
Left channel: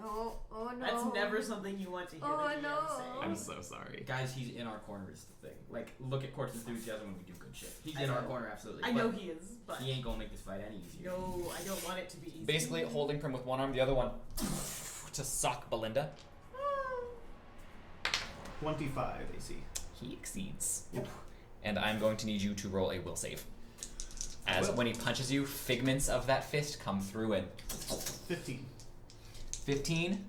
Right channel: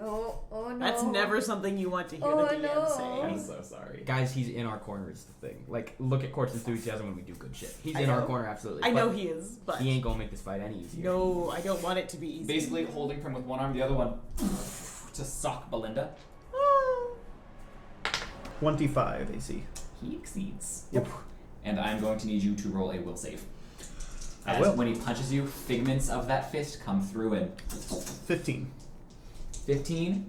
Oh no. that's never something you want to hear Oh, the DM no. say. I'm so sorry. Guys, he's in our corner is the thing. Like, look at Court's enthusiasm when we do good shit. He's I in our know. corner, absolutely. I but know he is, but he ain't gonna make this fight any easier. no, I don't want it to be easy. Basically, holding Prim with one arm, the other one to sock Belinda. 25 AC. He exceeds. Yep. And I'm going to need you to roll a will save. I As will. when he punches you, figments of that fist come through and 15. 15.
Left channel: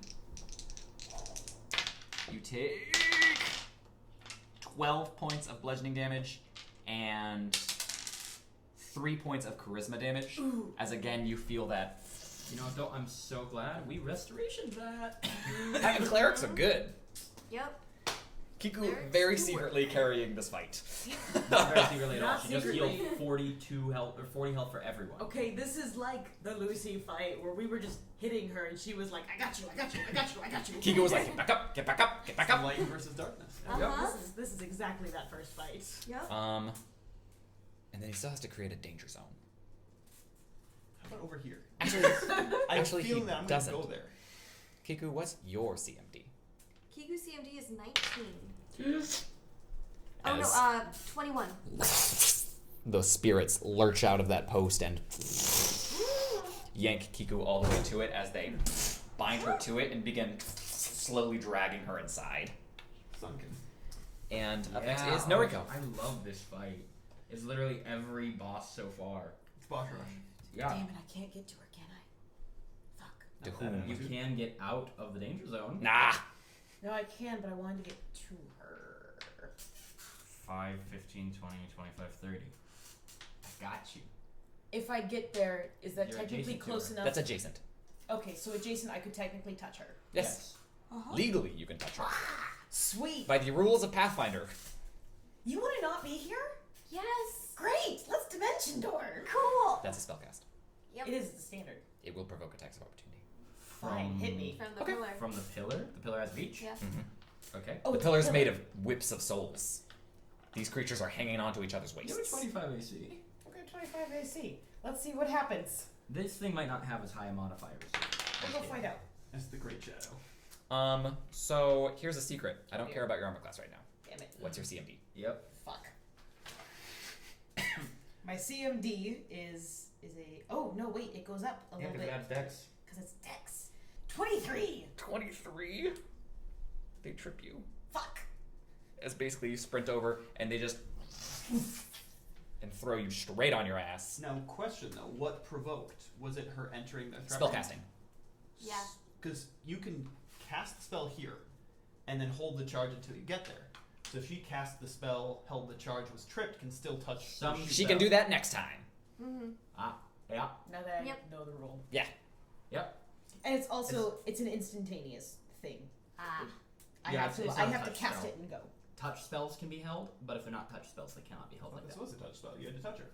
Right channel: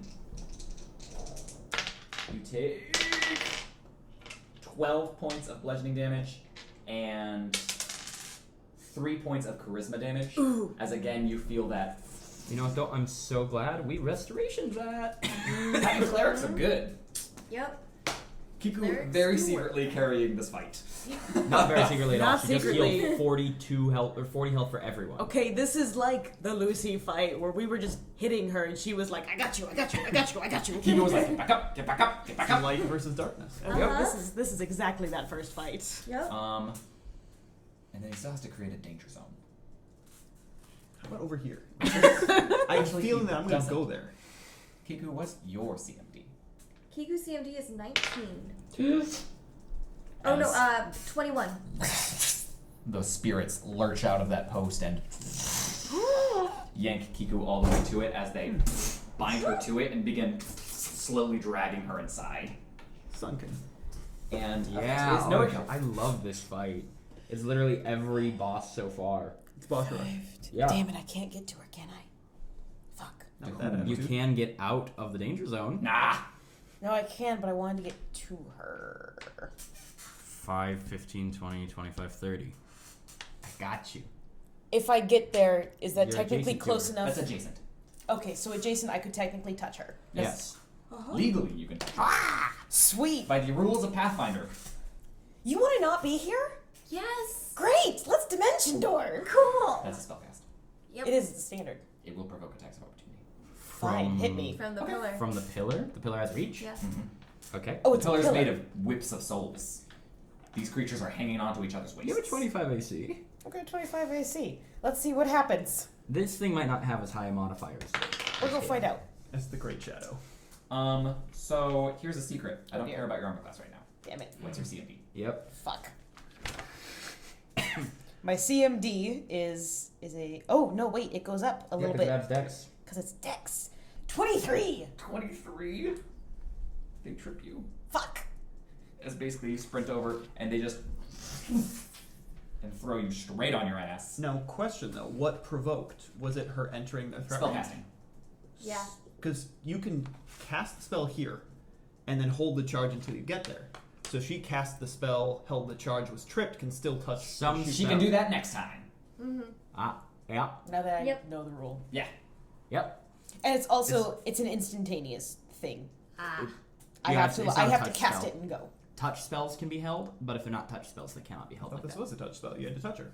You take 12 points of bludgeoning damage and 3 points of charisma damage. Ooh. As again, you feel that. You know, though, I'm so glad we restorationed that. Having clerics are good. Yep. Kiku Clerics very do secretly carrying this fight. Not very secretly at all. Not She just secretly. healed 42 health or 40 health for everyone. Okay, this is like the Lucy fight where we were just hitting her and she was like, I got you, I got you, I got you, I got you. Kiku was like, get back up, get back up, get back up. Light versus darkness. And Uh-huh. this is exactly that first fight. Yep. And then he still has to create a danger zone. How about over here? Actually, I'm feeling he that I'm going to doesn't. go there. Kiku, what's your CMD? Kiku CMD is 19. Oh no, As 21. the spirits lurch out of that post and yank Kiku all the way to it as they bind her to it and begin slowly dragging her inside. Sunken. And Yeah, is Noriko. I love this fight. It's literally every boss so far. It's boss rush. Yeah. Damn it, I can't get to her, can I? Fuck. Not that You attitude. can get out of the danger zone. Nah. No, I can, but I wanted to get to her. 5, 15, 20, 25, 30. I got you. If I get there, is that You're technically adjacent to close her. enough? That's adjacent. Okay, so adjacent, I could technically touch her. Yes. Uh-huh. Legally, you can touch her. Sweet. By the rules of Pathfinder. You want to not be here? Yes. Great. Let's dimension door. Cool. That's a spellcast. Yep. It is the standard. It will provoke attacks of opportunity. Fine, hit me. From the Okay. pillar. From the pillar? The pillar has reach? Yeah. Okay. Oh, The it's a pillar is pillar. made of whips of souls. These creatures are hanging onto each other's waists. You have a 25 AC. Okay, 25 AC. Let's see what happens. This thing might not have as high modifiers. We'll go find out. It's the Great Shadow. So here's a secret. I don't Okay. care about your armor class right now. Damn it. What's your CMD? Yep. Fuck. My CMD is a. Oh no! Wait, it goes up a little bit That's Dex. because it's Dex. 23. 23. They trip you. Fuck. As basically you sprint over and they just and throw you straight on your ass. Now, question though, what provoked? Was it her entering the threat range? Spellcasting. Yeah. Because you can cast the spell here, and then hold the charge until you get there. So she cast the spell, held the charge, was tripped, can still touch. Some- shoot She can out. do that next time. Mm-hmm. Yeah. Now that I Yep. know the rule. Yeah. Yep. And it's also it's an instantaneous thing. Ah. I Yeah, have it's to not I a have to touch cast spell. it and go. Touch spells can be held, but if they're not touch spells, they cannot be I held thought like this that. was a touch spell. You had to touch her.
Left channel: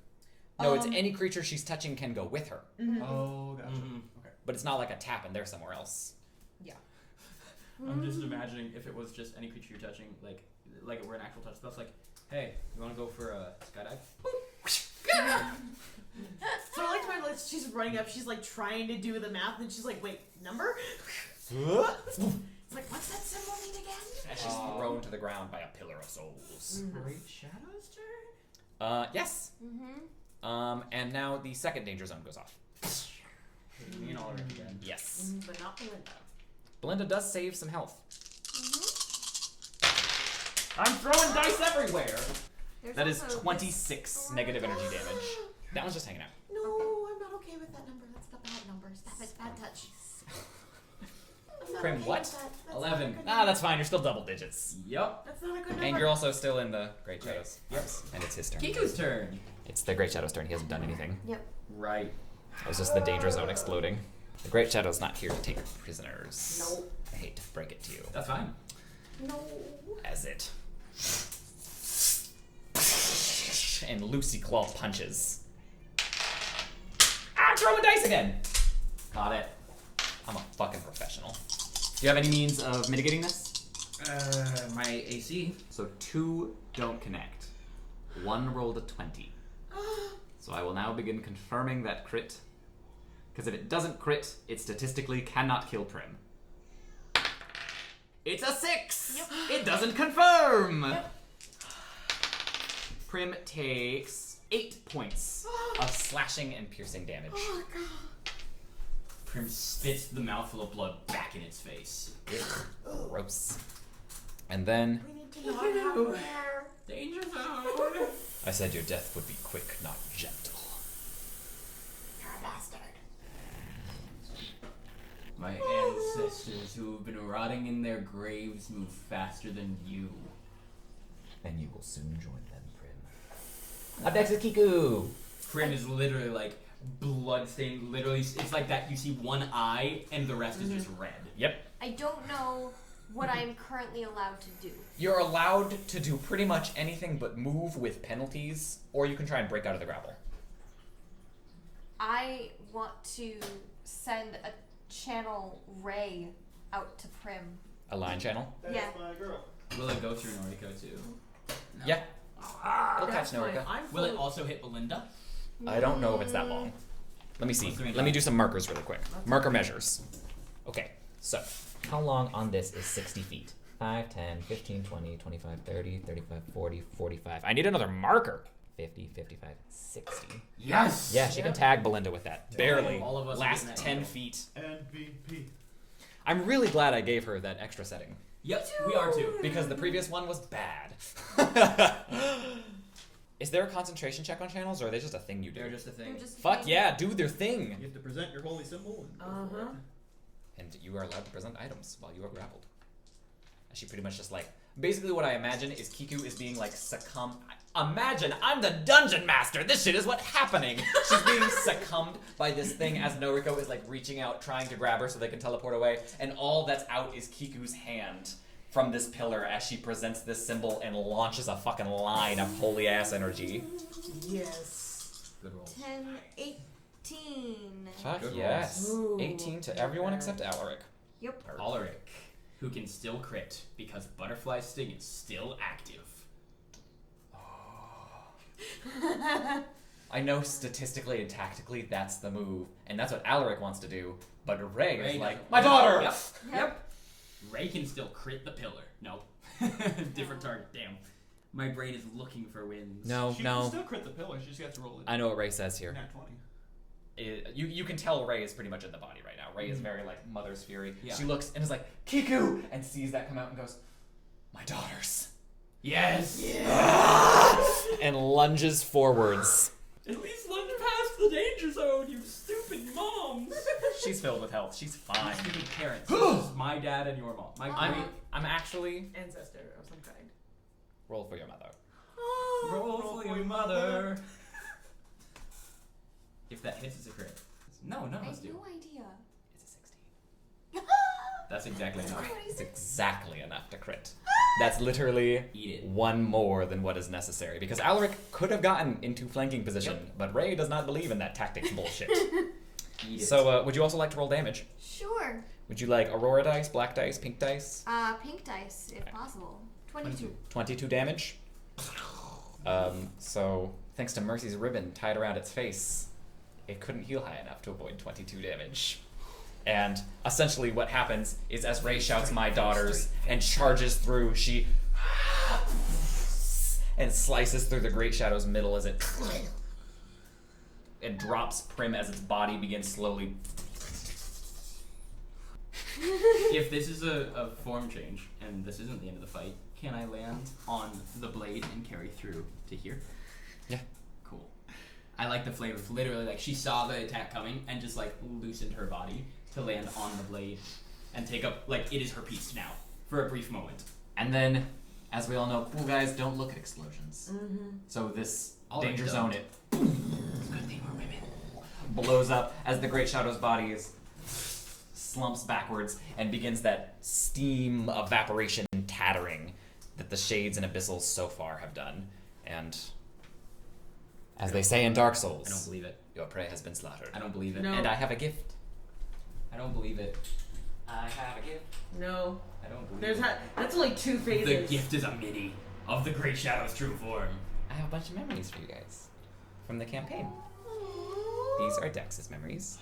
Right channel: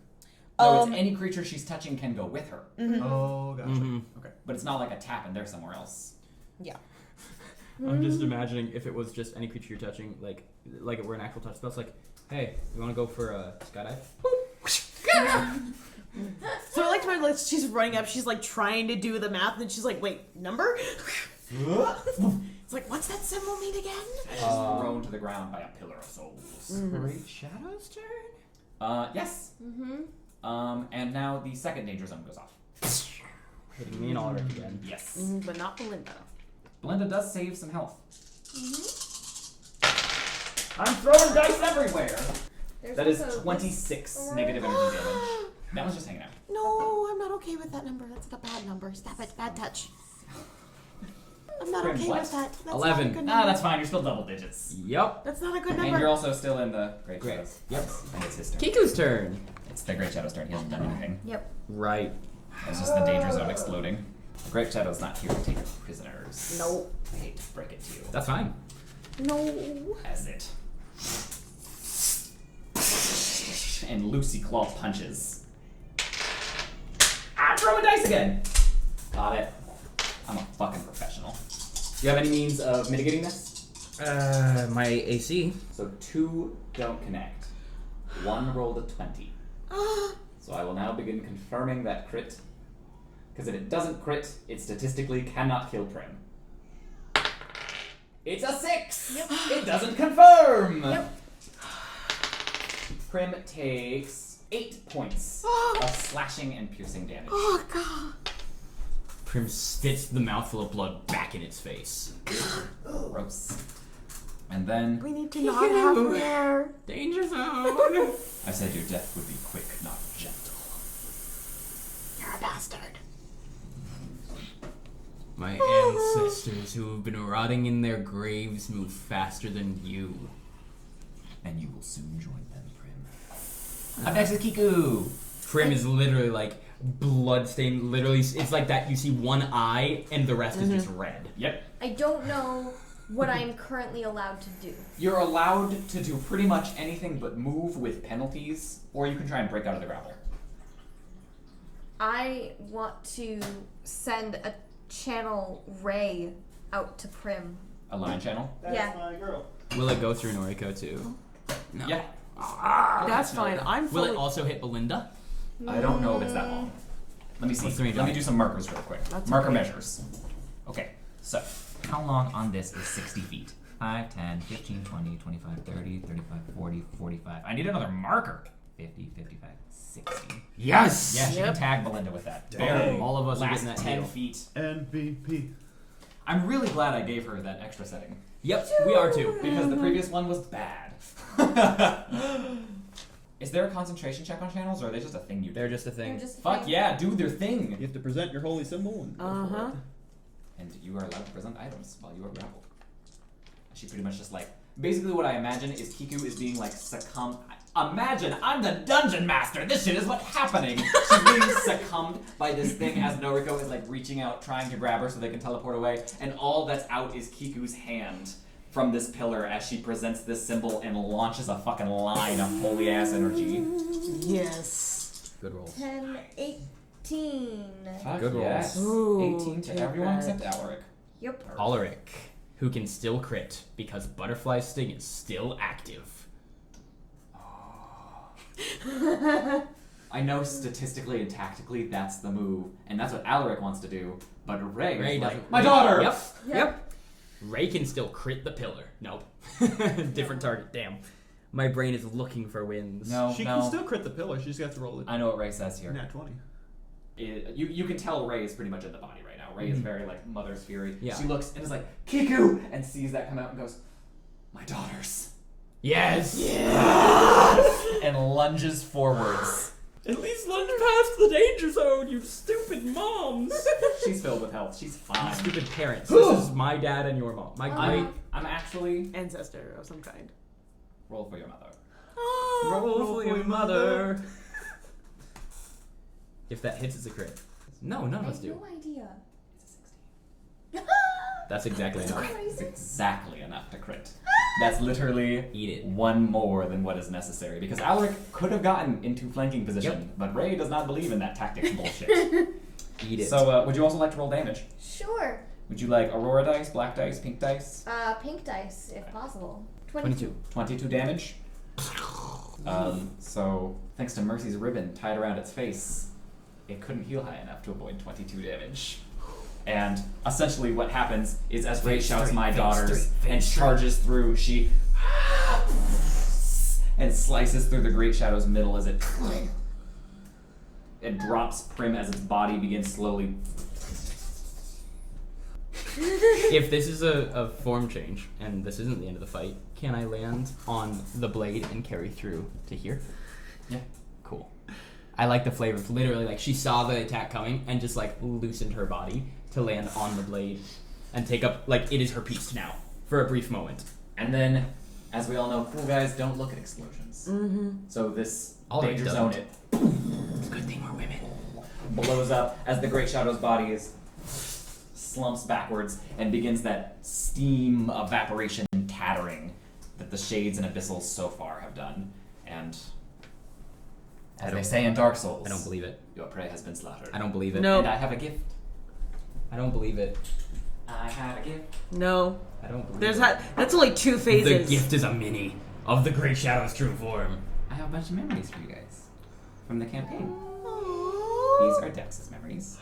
No, it's any creature she's touching can go with her. Mhm. Oh, gotcha. Mhm. Okay. But it's not like a tap and they're somewhere else. Yeah. I'm just imagining if it was just any creature you're touching, like it were an actual touch spell. It's like, hey, you want to go for a skydive? So I liked my list. She's running up. She's like trying to do the math, and she's like, "Wait, number?" It's like, what's that symbol mean again? And she's thrown to the ground by a pillar of souls. Great Shadow's turn? Yes. Mm-hmm. And now the second danger zone goes off. Hitting me in already then. Yes. But not Belinda. Belinda does save some health. Mm-hmm. I'm throwing dice everywhere. There's That is also 26 negative energy damage. That one's just hanging out. No, I'm not okay with that number. That's a bad number. Stop it. Bad touch. I'm not Prim, okay what? with that. That's 11. Not a good Ah, number. that's fine. You're still double digits. Yep. That's not a good And number. you're also still in the Great Great. Shadows. Yep. And it's his turn. Kiku's turn. It's the Great Shadow's turn. He hasn't done anything. Yep. Right. It was just the danger zone exploding. The Great Shadow's not here to take prisoners. No. I hate to break it to you. That's fine. No. As it. And Lucy Claw punches. Ah, throw a dice again! Got it. I'm a fucking professional. Do you have any means of mitigating this? My AC. So 2 don't connect. 1 rolled a 20. So I will now begin confirming that crit. Because if it doesn't crit, it statistically cannot kill Prim. It's a 6! Yep. It doesn't confirm! Yep. Prim takes 8 points of slashing and piercing damage. Oh god. Prim spits the mouthful of blood back in its face. Gross. And then We need to not have her there. Danger zone. I said your death would be quick, not gentle. You're a bastard. My ancestors who have been rotting in their graves move faster than you. And you will soon join them, Prim. Up next is Kiku. Prim is literally like bloodstained. Literally, it's like that. You see one eye, and the rest is just red. Yep. I don't know what I'm currently allowed to do. You're allowed to do pretty much anything but move with penalties, or you can try and break out of the grapple. I want to send a channel ray out to Prim. A line channel? That's Yeah. my girl. Will it go through Noriko too? No. Yeah. That's fine. I'm Will fully. it also hit Belinda? I don't know if it's that long. Let me see. What's the range Let me on do some markers really quick. That's Marker okay. measures. Okay, so how long on this is 60 feet? 5, 10, 15, 20, 25, 30, 35, 40, 45. I need another marker. 50, 55, 60. Yes! Yeah, she can tag Belinda with that. Barely. All of us are Last getting that 10 deal. feet. MVP. I'm really glad I gave her that extra setting. Yep, we are too. Because the previous one was bad. Is there a concentration check on channels, or are they just a thing you do? They're just a thing. They're just a Fuck thing. yeah, do their thing! You have to present your holy symbol and go for Uh-huh. it. And you are allowed to present items while you are grappled. And she pretty much just like, basically what I imagine is Kiku is being like succumbed. Imagine, I'm the dungeon master, this shit is what's happening! She's being succumbed by this thing as Noriko is like reaching out, trying to grab her so they can teleport away, and all that's out is Kiku's hand from this pillar as she presents this symbol and launches a fucking line of holy ass energy. Yes. Good roll. 10, 18. Fuck Good yes. Ooh, 18 to too everyone bad. except Alaric. Yep. Alaric, who can still crit because Butterfly Sting is still active. I know statistically and tactically that's the move, and that's what Alaric wants to do, but Ray is like, doesn't- my daughter! Yep. Yep. Ray can still crit the pillar. Nope. Different target. Damn. My brain is looking for wins. No, She can still crit the pillar. She just has to roll it. I know what Ray says here. Nat 20. You can tell Ray is pretty much in the body right now. Ray is very like mother's fury. Yeah. She looks and is like, Kiku! And sees that come out and goes, my daughters. Yes! And lunges forwards. At least lunge past the danger zone, you stupid moms! She's filled with health. She's fine. Stupid parents. This is my dad and your mom. My great I'm actually Ancestor of some kind. roll for your mother. roll for your mother. If that hits, it's a crit. No, none I of us have do. no idea. It's a 16. That's exactly enough. It's exactly enough to crit. That's literally Eat it. one more than what is necessary. Because Alaric could have gotten into flanking position, but Ray does not believe in that tactics bullshit. Eat it. So, would you also like to roll damage? Sure. Would you like Aurora dice, black dice, pink dice? Pink dice, if possible. 22. 22 damage. So, thanks to Mercy's ribbon tied around its face, it couldn't heal high enough to avoid 22 damage. And essentially what happens is as Ray shouts, my daughters, and charges through, she and slices through the Great Shadow's middle as it drops Prim as its body begins slowly. If this is a form change, and this isn't the end of the fight, can I land on the blade and carry through to here? Yeah. Cool. I like the flavor. Literally, like, she saw the attack coming and just, like, loosened her body to land on the blade and take up, like, it is her piece now for a brief moment. And then, as we all know, cool guys don't look at explosions. Mm-hmm. So this All danger right, zone, don't. it It's a good thing we're women. blows up as the Great Shadow's body is slumps backwards and begins that steam evaporation tattering that the Shades and Abyssals so far have done. And as they say in Dark Souls, I don't believe it. your prey has been slaughtered. I don't believe it. No. And I have a gift. I don't believe it. I have a gift. No. I don't believe There's it. that's only 2 phases. The gift is a mini of the Great Shadow's true form. I have a bunch of memories for you guys from the campaign. These are Dex's memories.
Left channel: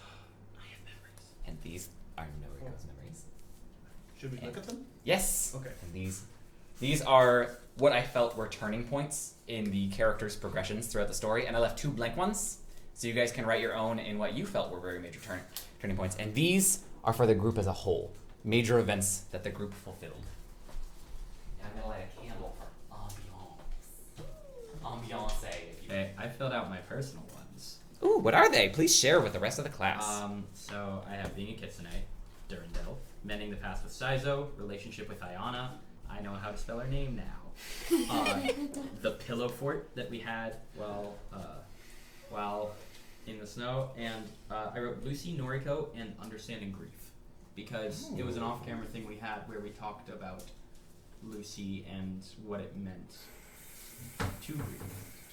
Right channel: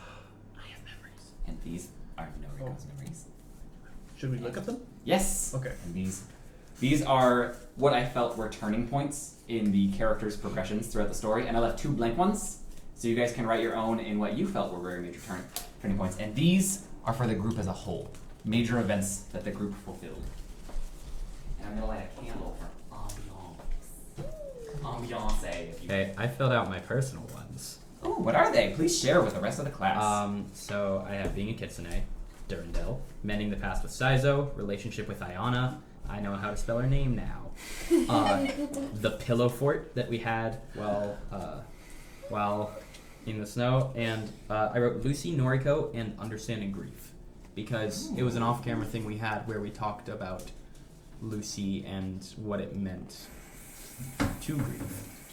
I have memories. And these are Noriko's memories. Should we look at them? Yes. Okay. And these are what I felt were turning points in the characters' progressions throughout the story, and I left 2 blank ones, so you guys can write your own in what you felt were very major turning points. And these are for the group as a whole, major events that the group fulfilled. And I'm gonna light a candle for ambiance, if you. Okay, I filled out my personal ones. Ooh, what are they? Please share with the rest of the class. So I have being a kitsune, Durandal, mending the past with Saizo, relationship with Ayana. I know how to spell her name now. The pillow fort that we had while in the snow, and I wrote Lucy, Noriko, and understanding grief, because it was an off-camera thing we had where we talked about Lucy and what it meant to grieve.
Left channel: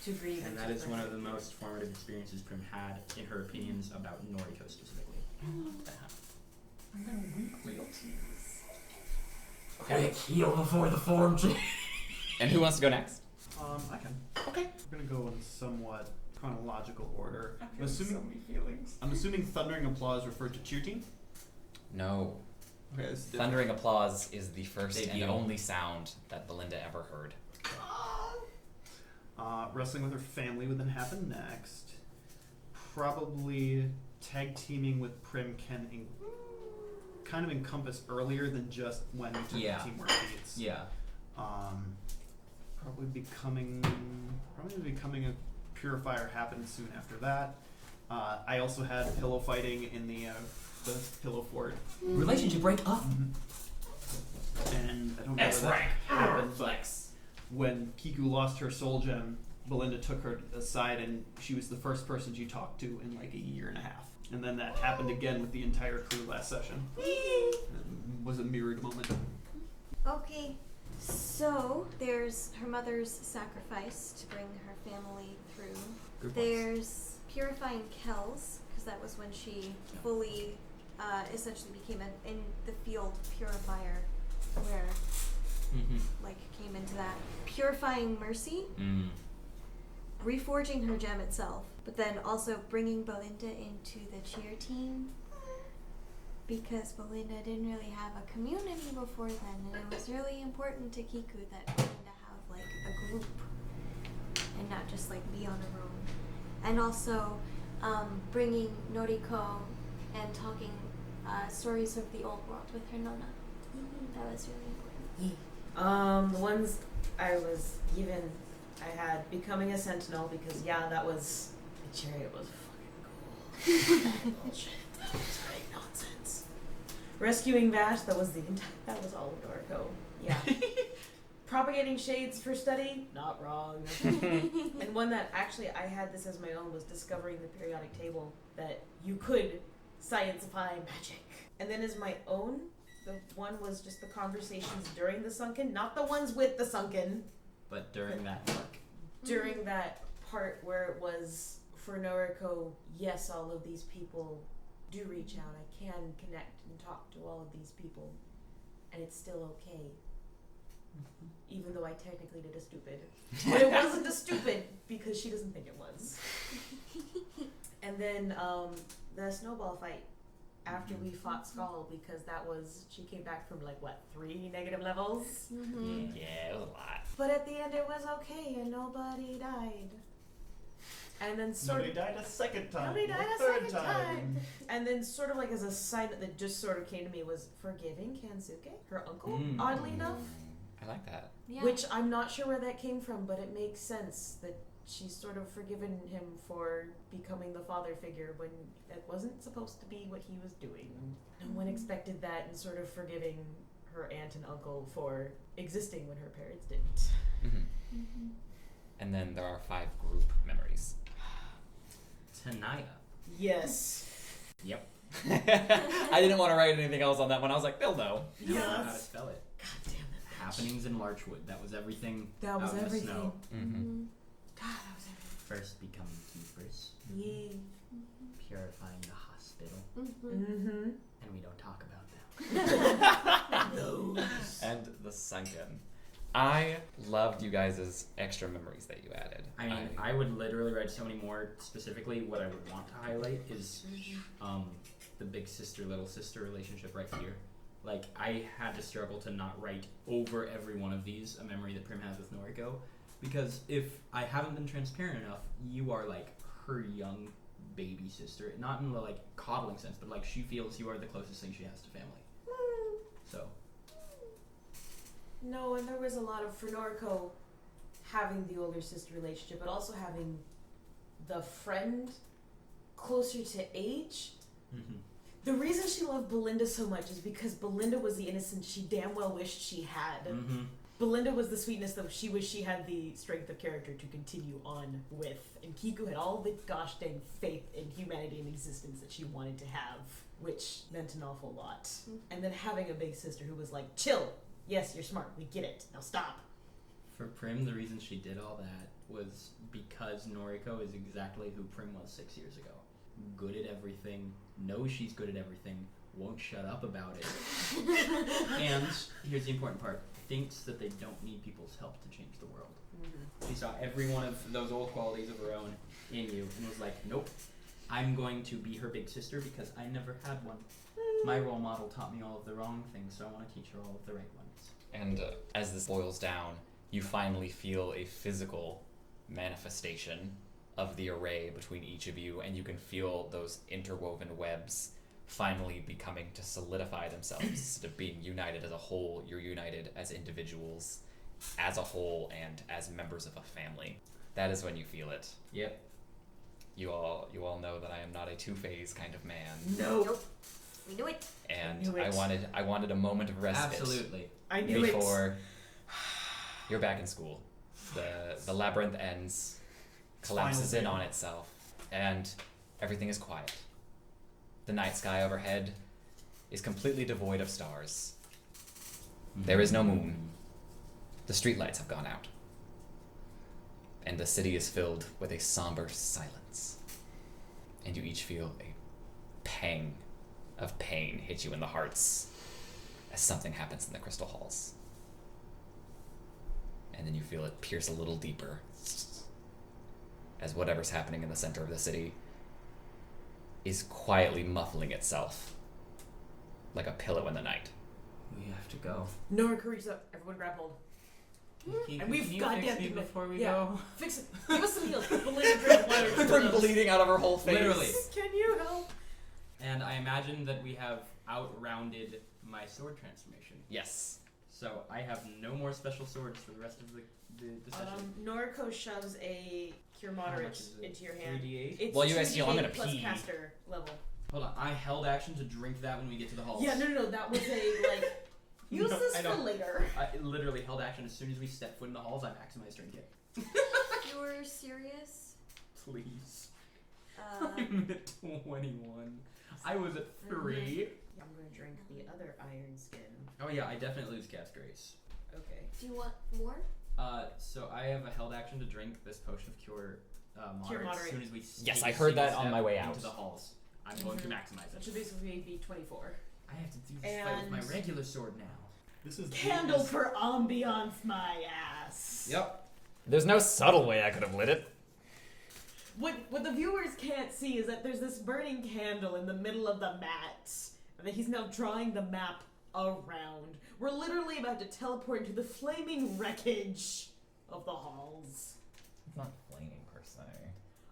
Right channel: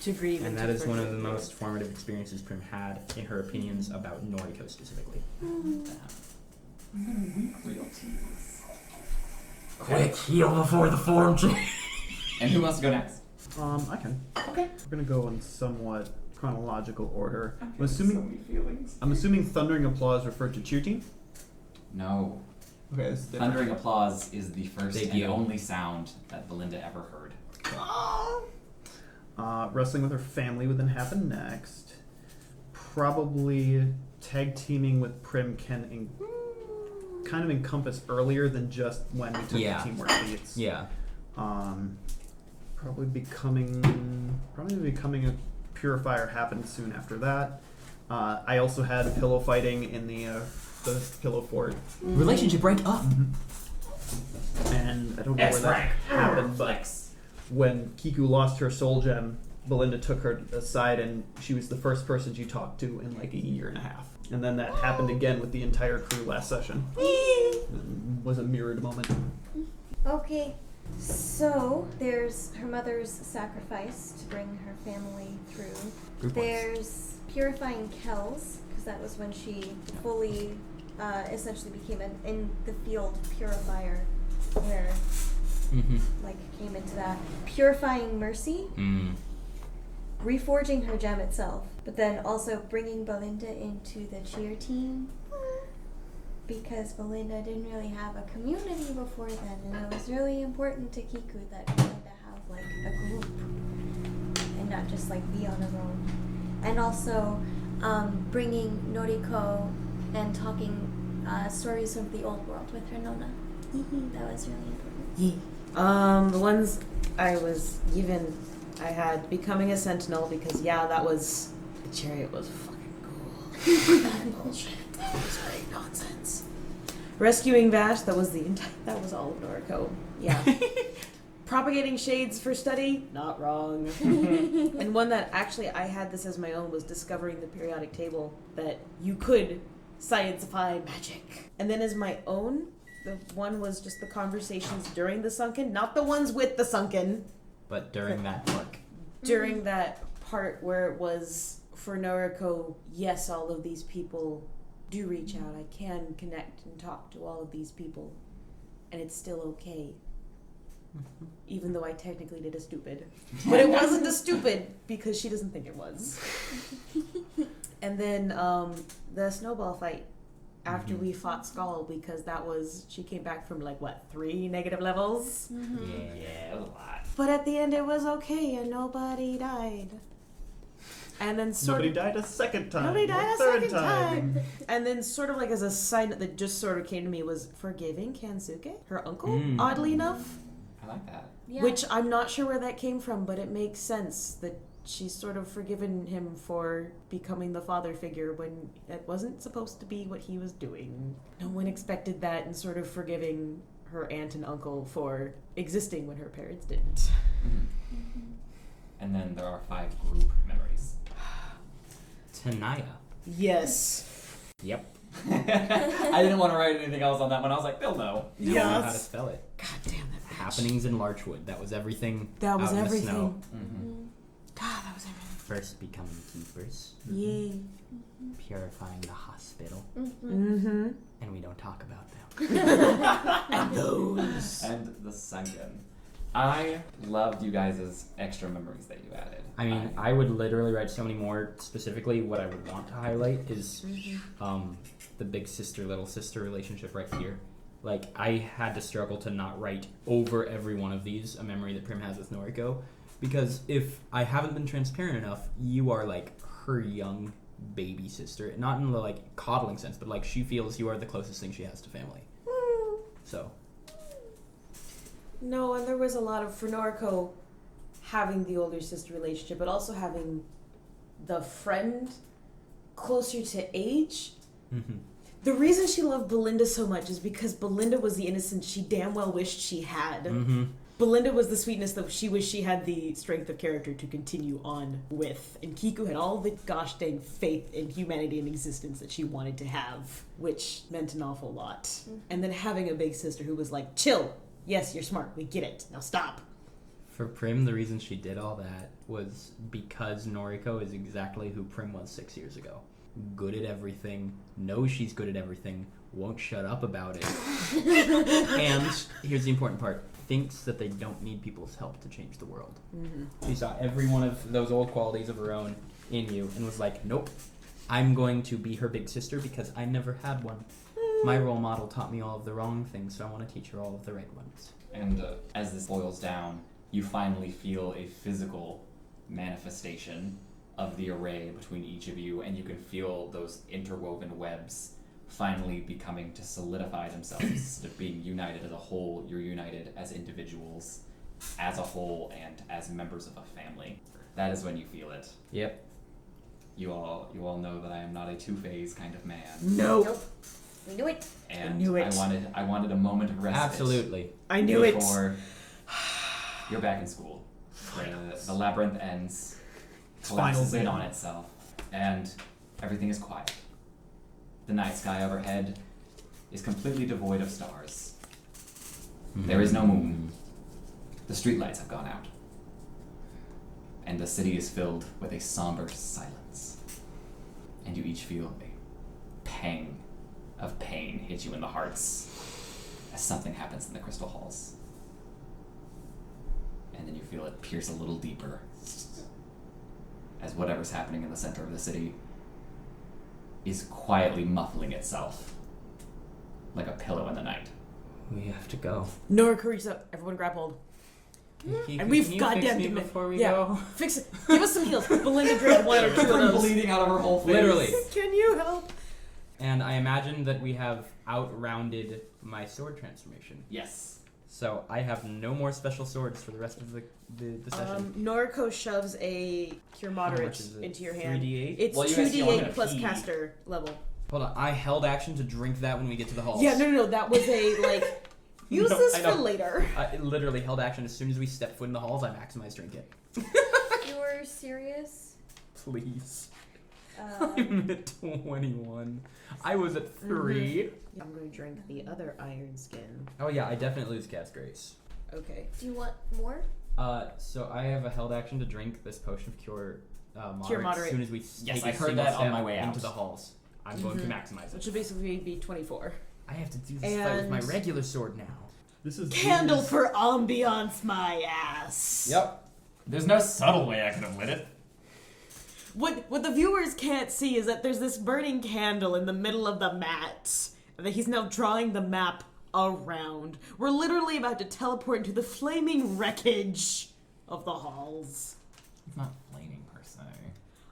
To grieve. And to that is one of the forgive. most formative experiences Prim had in her opinions about Noriko specifically. Quick, heal before the form change. And who wants to go next? I can. Okay. We're gonna go in somewhat chronological order. I'm assuming thundering applause referred to cheer team. No. Okay, this is different. Thundering applause is the first Thank and you. only sound that Belinda ever heard. Wrestling with her family would then happen next. Probably tag teaming with Prim can kind of encompass earlier than just when we took the teamwork feats. Yeah. Probably becoming a purifier happened soon after that. I also had pillow fighting in the pillow fort. Relationship break up. And I don't know where that happened, but when Kiku lost her soul gem, Belinda took her aside and she was the first person she talked to in like a year and a half. And then that happened again with the entire crew last session. It was a mirrored moment. Okay, so there's her mother's sacrifice to bring her family through. There's purifying Kells, because that was when she fully essentially became an in the field purifier, where like came into that. Purifying Mercy, reforging her gem itself, but then also bringing Belinda into the cheer team, because Belinda didn't really have a community before then, and it was really important to Kiku that Belinda have like a group and not just like be on her own. And also bringing Noriko and talking stories of the old world with her Nona. That was really important. The ones I was given, I had becoming a sentinel because that was the chariot was fucking cool. That bullshit. That was great nonsense. Rescuing Vash, that was all of Noriko. Yeah. Propagating shades for study, not wrong. And one that actually I had this as my own was discovering the periodic table, that you could science-ify magic. And then as my own, the one was just the conversations during the sunken, not the ones with the sunken. But during that part. During that part where it was for Noriko, yes, all of these people do reach out. I can connect and talk to all of these people. And it's still okay. Even though I technically did a stupid. But it wasn't a stupid because she doesn't think it was. And then the snowball fight after we fought Skull, because she came back from 3 negative levels? Yeah, it was a lot. But at the end it was okay and nobody died. And then Nobody died a second time. Nobody died a third second time. And then sort of as a sign that just sort of came to me was forgiving Kansuke, her uncle, oddly enough. I like that. Yeah. Which I'm not sure where that came from, but it makes sense that she's sort of forgiven him for becoming the father figure when it wasn't supposed to be what he was doing. No one expected that, and sort of forgiving her aunt and uncle for existing when her parents didn't. And then there are 5 group memories. Tanaya. Yes. Yep. I didn't want to write anything else on that one. I was like, they'll know. You don't know how to spell it. God damn that bitch. Happenings in Larchwood. That was everything. That was out in everything. the snow. God, that was everything. First becoming keepers. Yay. Purifying the hospital. And we don't talk about them. And those. And the sunken. I loved you guys' extra memories that you added. I mean, I would literally write so many more. Specifically, what I would want to highlight is the big sister, little sister relationship right here. I had to struggle to not write over every one of these a memory that Prim has with Noriko. Because if I haven't been transparent enough, you are her young baby sister. Not in the coddling sense, but she feels you are the closest thing she has to family. So. No, and there was a lot of, for Noriko, having the older sister relationship, but also having the friend closer to age. The reason she loved Belinda so much is because Belinda was the innocence she damn well wished she had. Belinda was the sweetness that she wished she had the strength of character to continue on with. And Kiku had all the gosh dang faith in humanity and existence that she wanted to have, which meant an awful lot. And then having a big sister who was like, chill. Yes, you're smart. We get it. Now stop. For Prim, the reason she did all that was because Noriko is exactly who Prim was 6 years ago. Good at everything, knows she's good at everything, won't shut up about it. And here's the important part. Thinks that they don't need people's help to change the world. She saw every one of those old qualities of her own in you and was like, nope, I'm going to be her big sister because I never had one. My role model taught me all of the wrong things, so I want to teach her all of the right ones. And as this boils down, you finally feel a physical manifestation of the array between each of you, and you can feel those interwoven webs finally becoming to solidify themselves. Instead of being united as a whole, you're united as individuals, as a whole, and as members of a family. That is when you feel it. Yep. You all know that I am not a two-phase kind of man. Nope. We knew it. And knew it. I wanted a moment of respite. Absolutely. I knew it. Before you're back in school. The labyrinth ends, collapses in on itself, and everything is quiet. The night sky overhead is completely devoid of stars. There is no moon. The streetlights have gone out. And the city is filled with a somber silence. And you each feel a pang of pain hit you in the hearts as something happens in the crystal halls. And then you feel it pierce a little deeper as whatever's happening in the center of the city is quietly muffling itself like a pillow in the night. We have to go. Nora reaches up. Everyone grab hold. And we've can you goddamn fix me do it. before we Yeah. go. Fix it. Give us some heals. Belinda drank one or two of those. Bleeding out of her whole face. Literally. Can you help? And I imagine that we have outrounded my sword transformation. Yes. So I have no more special swords for the rest of the session. Noriko shoves a Cure How Moderate much is it? into your hand. 3d8? It's Well, you guys feel I'm 2d8 gonna plus pee. caster level. Hold on, I held action to drink that when we get to the halls. Yeah, no. That was a, use No, this I for know. later. I literally held action as soon as we stepped foot in the halls. I maximized drink it. You're serious? Please. I'm at 21. I was at 3. I'm going to drink the other iron skin. Oh yeah, I definitely lose cast grace. Okay. Do you want more? So I have a held action to drink this potion of cure moderate, Cure Moderate. as soon as we Yes, take I a heard single that on step my way out. into the halls. I'm going to maximize Which it. would basically be 24. I have to do this fight with my And- regular sword now. This is Candle for ambiance, my ass. Yep. There's no subtle way I could have lit it. What the viewers can't see is that there's this burning candle in the middle of the mat, and that he's now drawing the map around. We're literally about to teleport into the flaming wreckage of the halls. It's not flaming per se.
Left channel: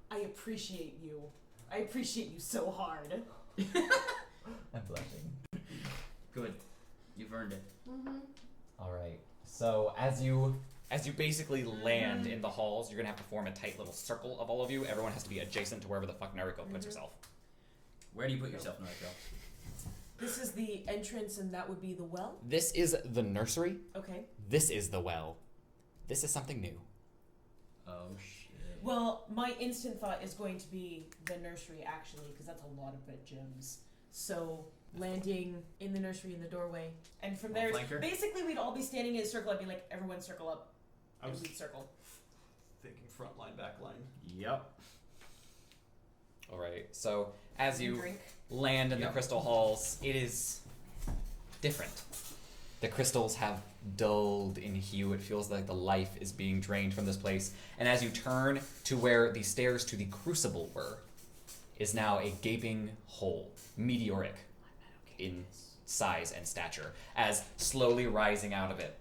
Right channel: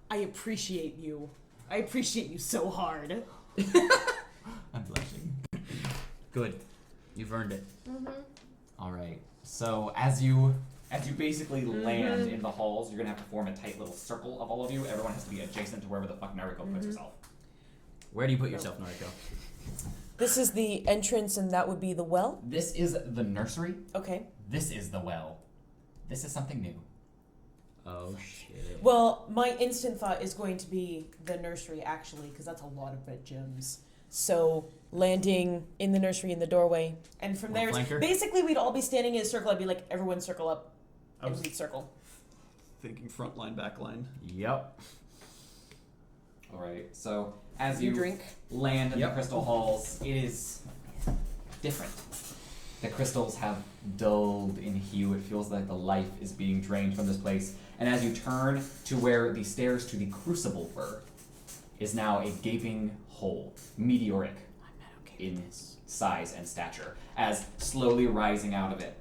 I appreciate you. I appreciate you so hard. I'm blushing. Good. You've earned it. Mm-hmm. Alright. So as you basically land in the halls, you're gonna have to form a tight little circle of all of you. Everyone has to be adjacent to wherever the fuck Nariko puts herself. Where do you put yourself, Noriko? This is the entrance, and that would be the well? This is the nursery. Okay. This is the well. This is something new. Oh shit. Well, my instant thought is going to be the nursery, actually, because that's a lot of red gems. So, landing in the nursery in the doorway, and from there, flanker? basically we'd all be standing in a circle. I'd be like, everyone circle up. I was We'd circle. thinking front line, back line. Yep. Alright, so as you drink. land in the Yep. crystal halls, it is different. The crystals have dulled in hue. It feels like the life is being drained from this place. And as you turn to where the stairs to the crucible were, is now a gaping hole, meteoric in size and stature, as slowly rising out of it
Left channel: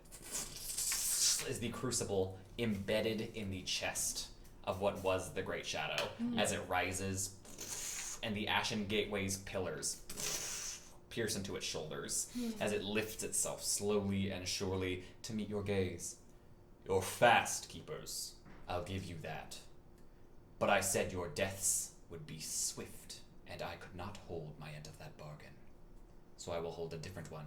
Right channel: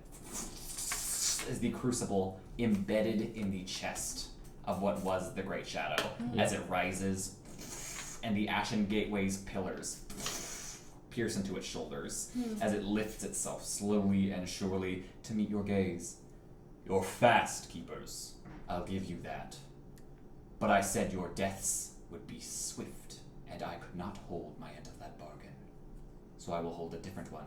is the crucible embedded in the chest of what was the Great Shadow. As it rises, and the ashen gateway's pillars pierce into its shoulders as it lifts itself slowly and surely to meet your gaze. You're fast, keepers. I'll give you that. But I said your deaths would be swift, and I could not hold my end of that bargain. So I will hold a different one.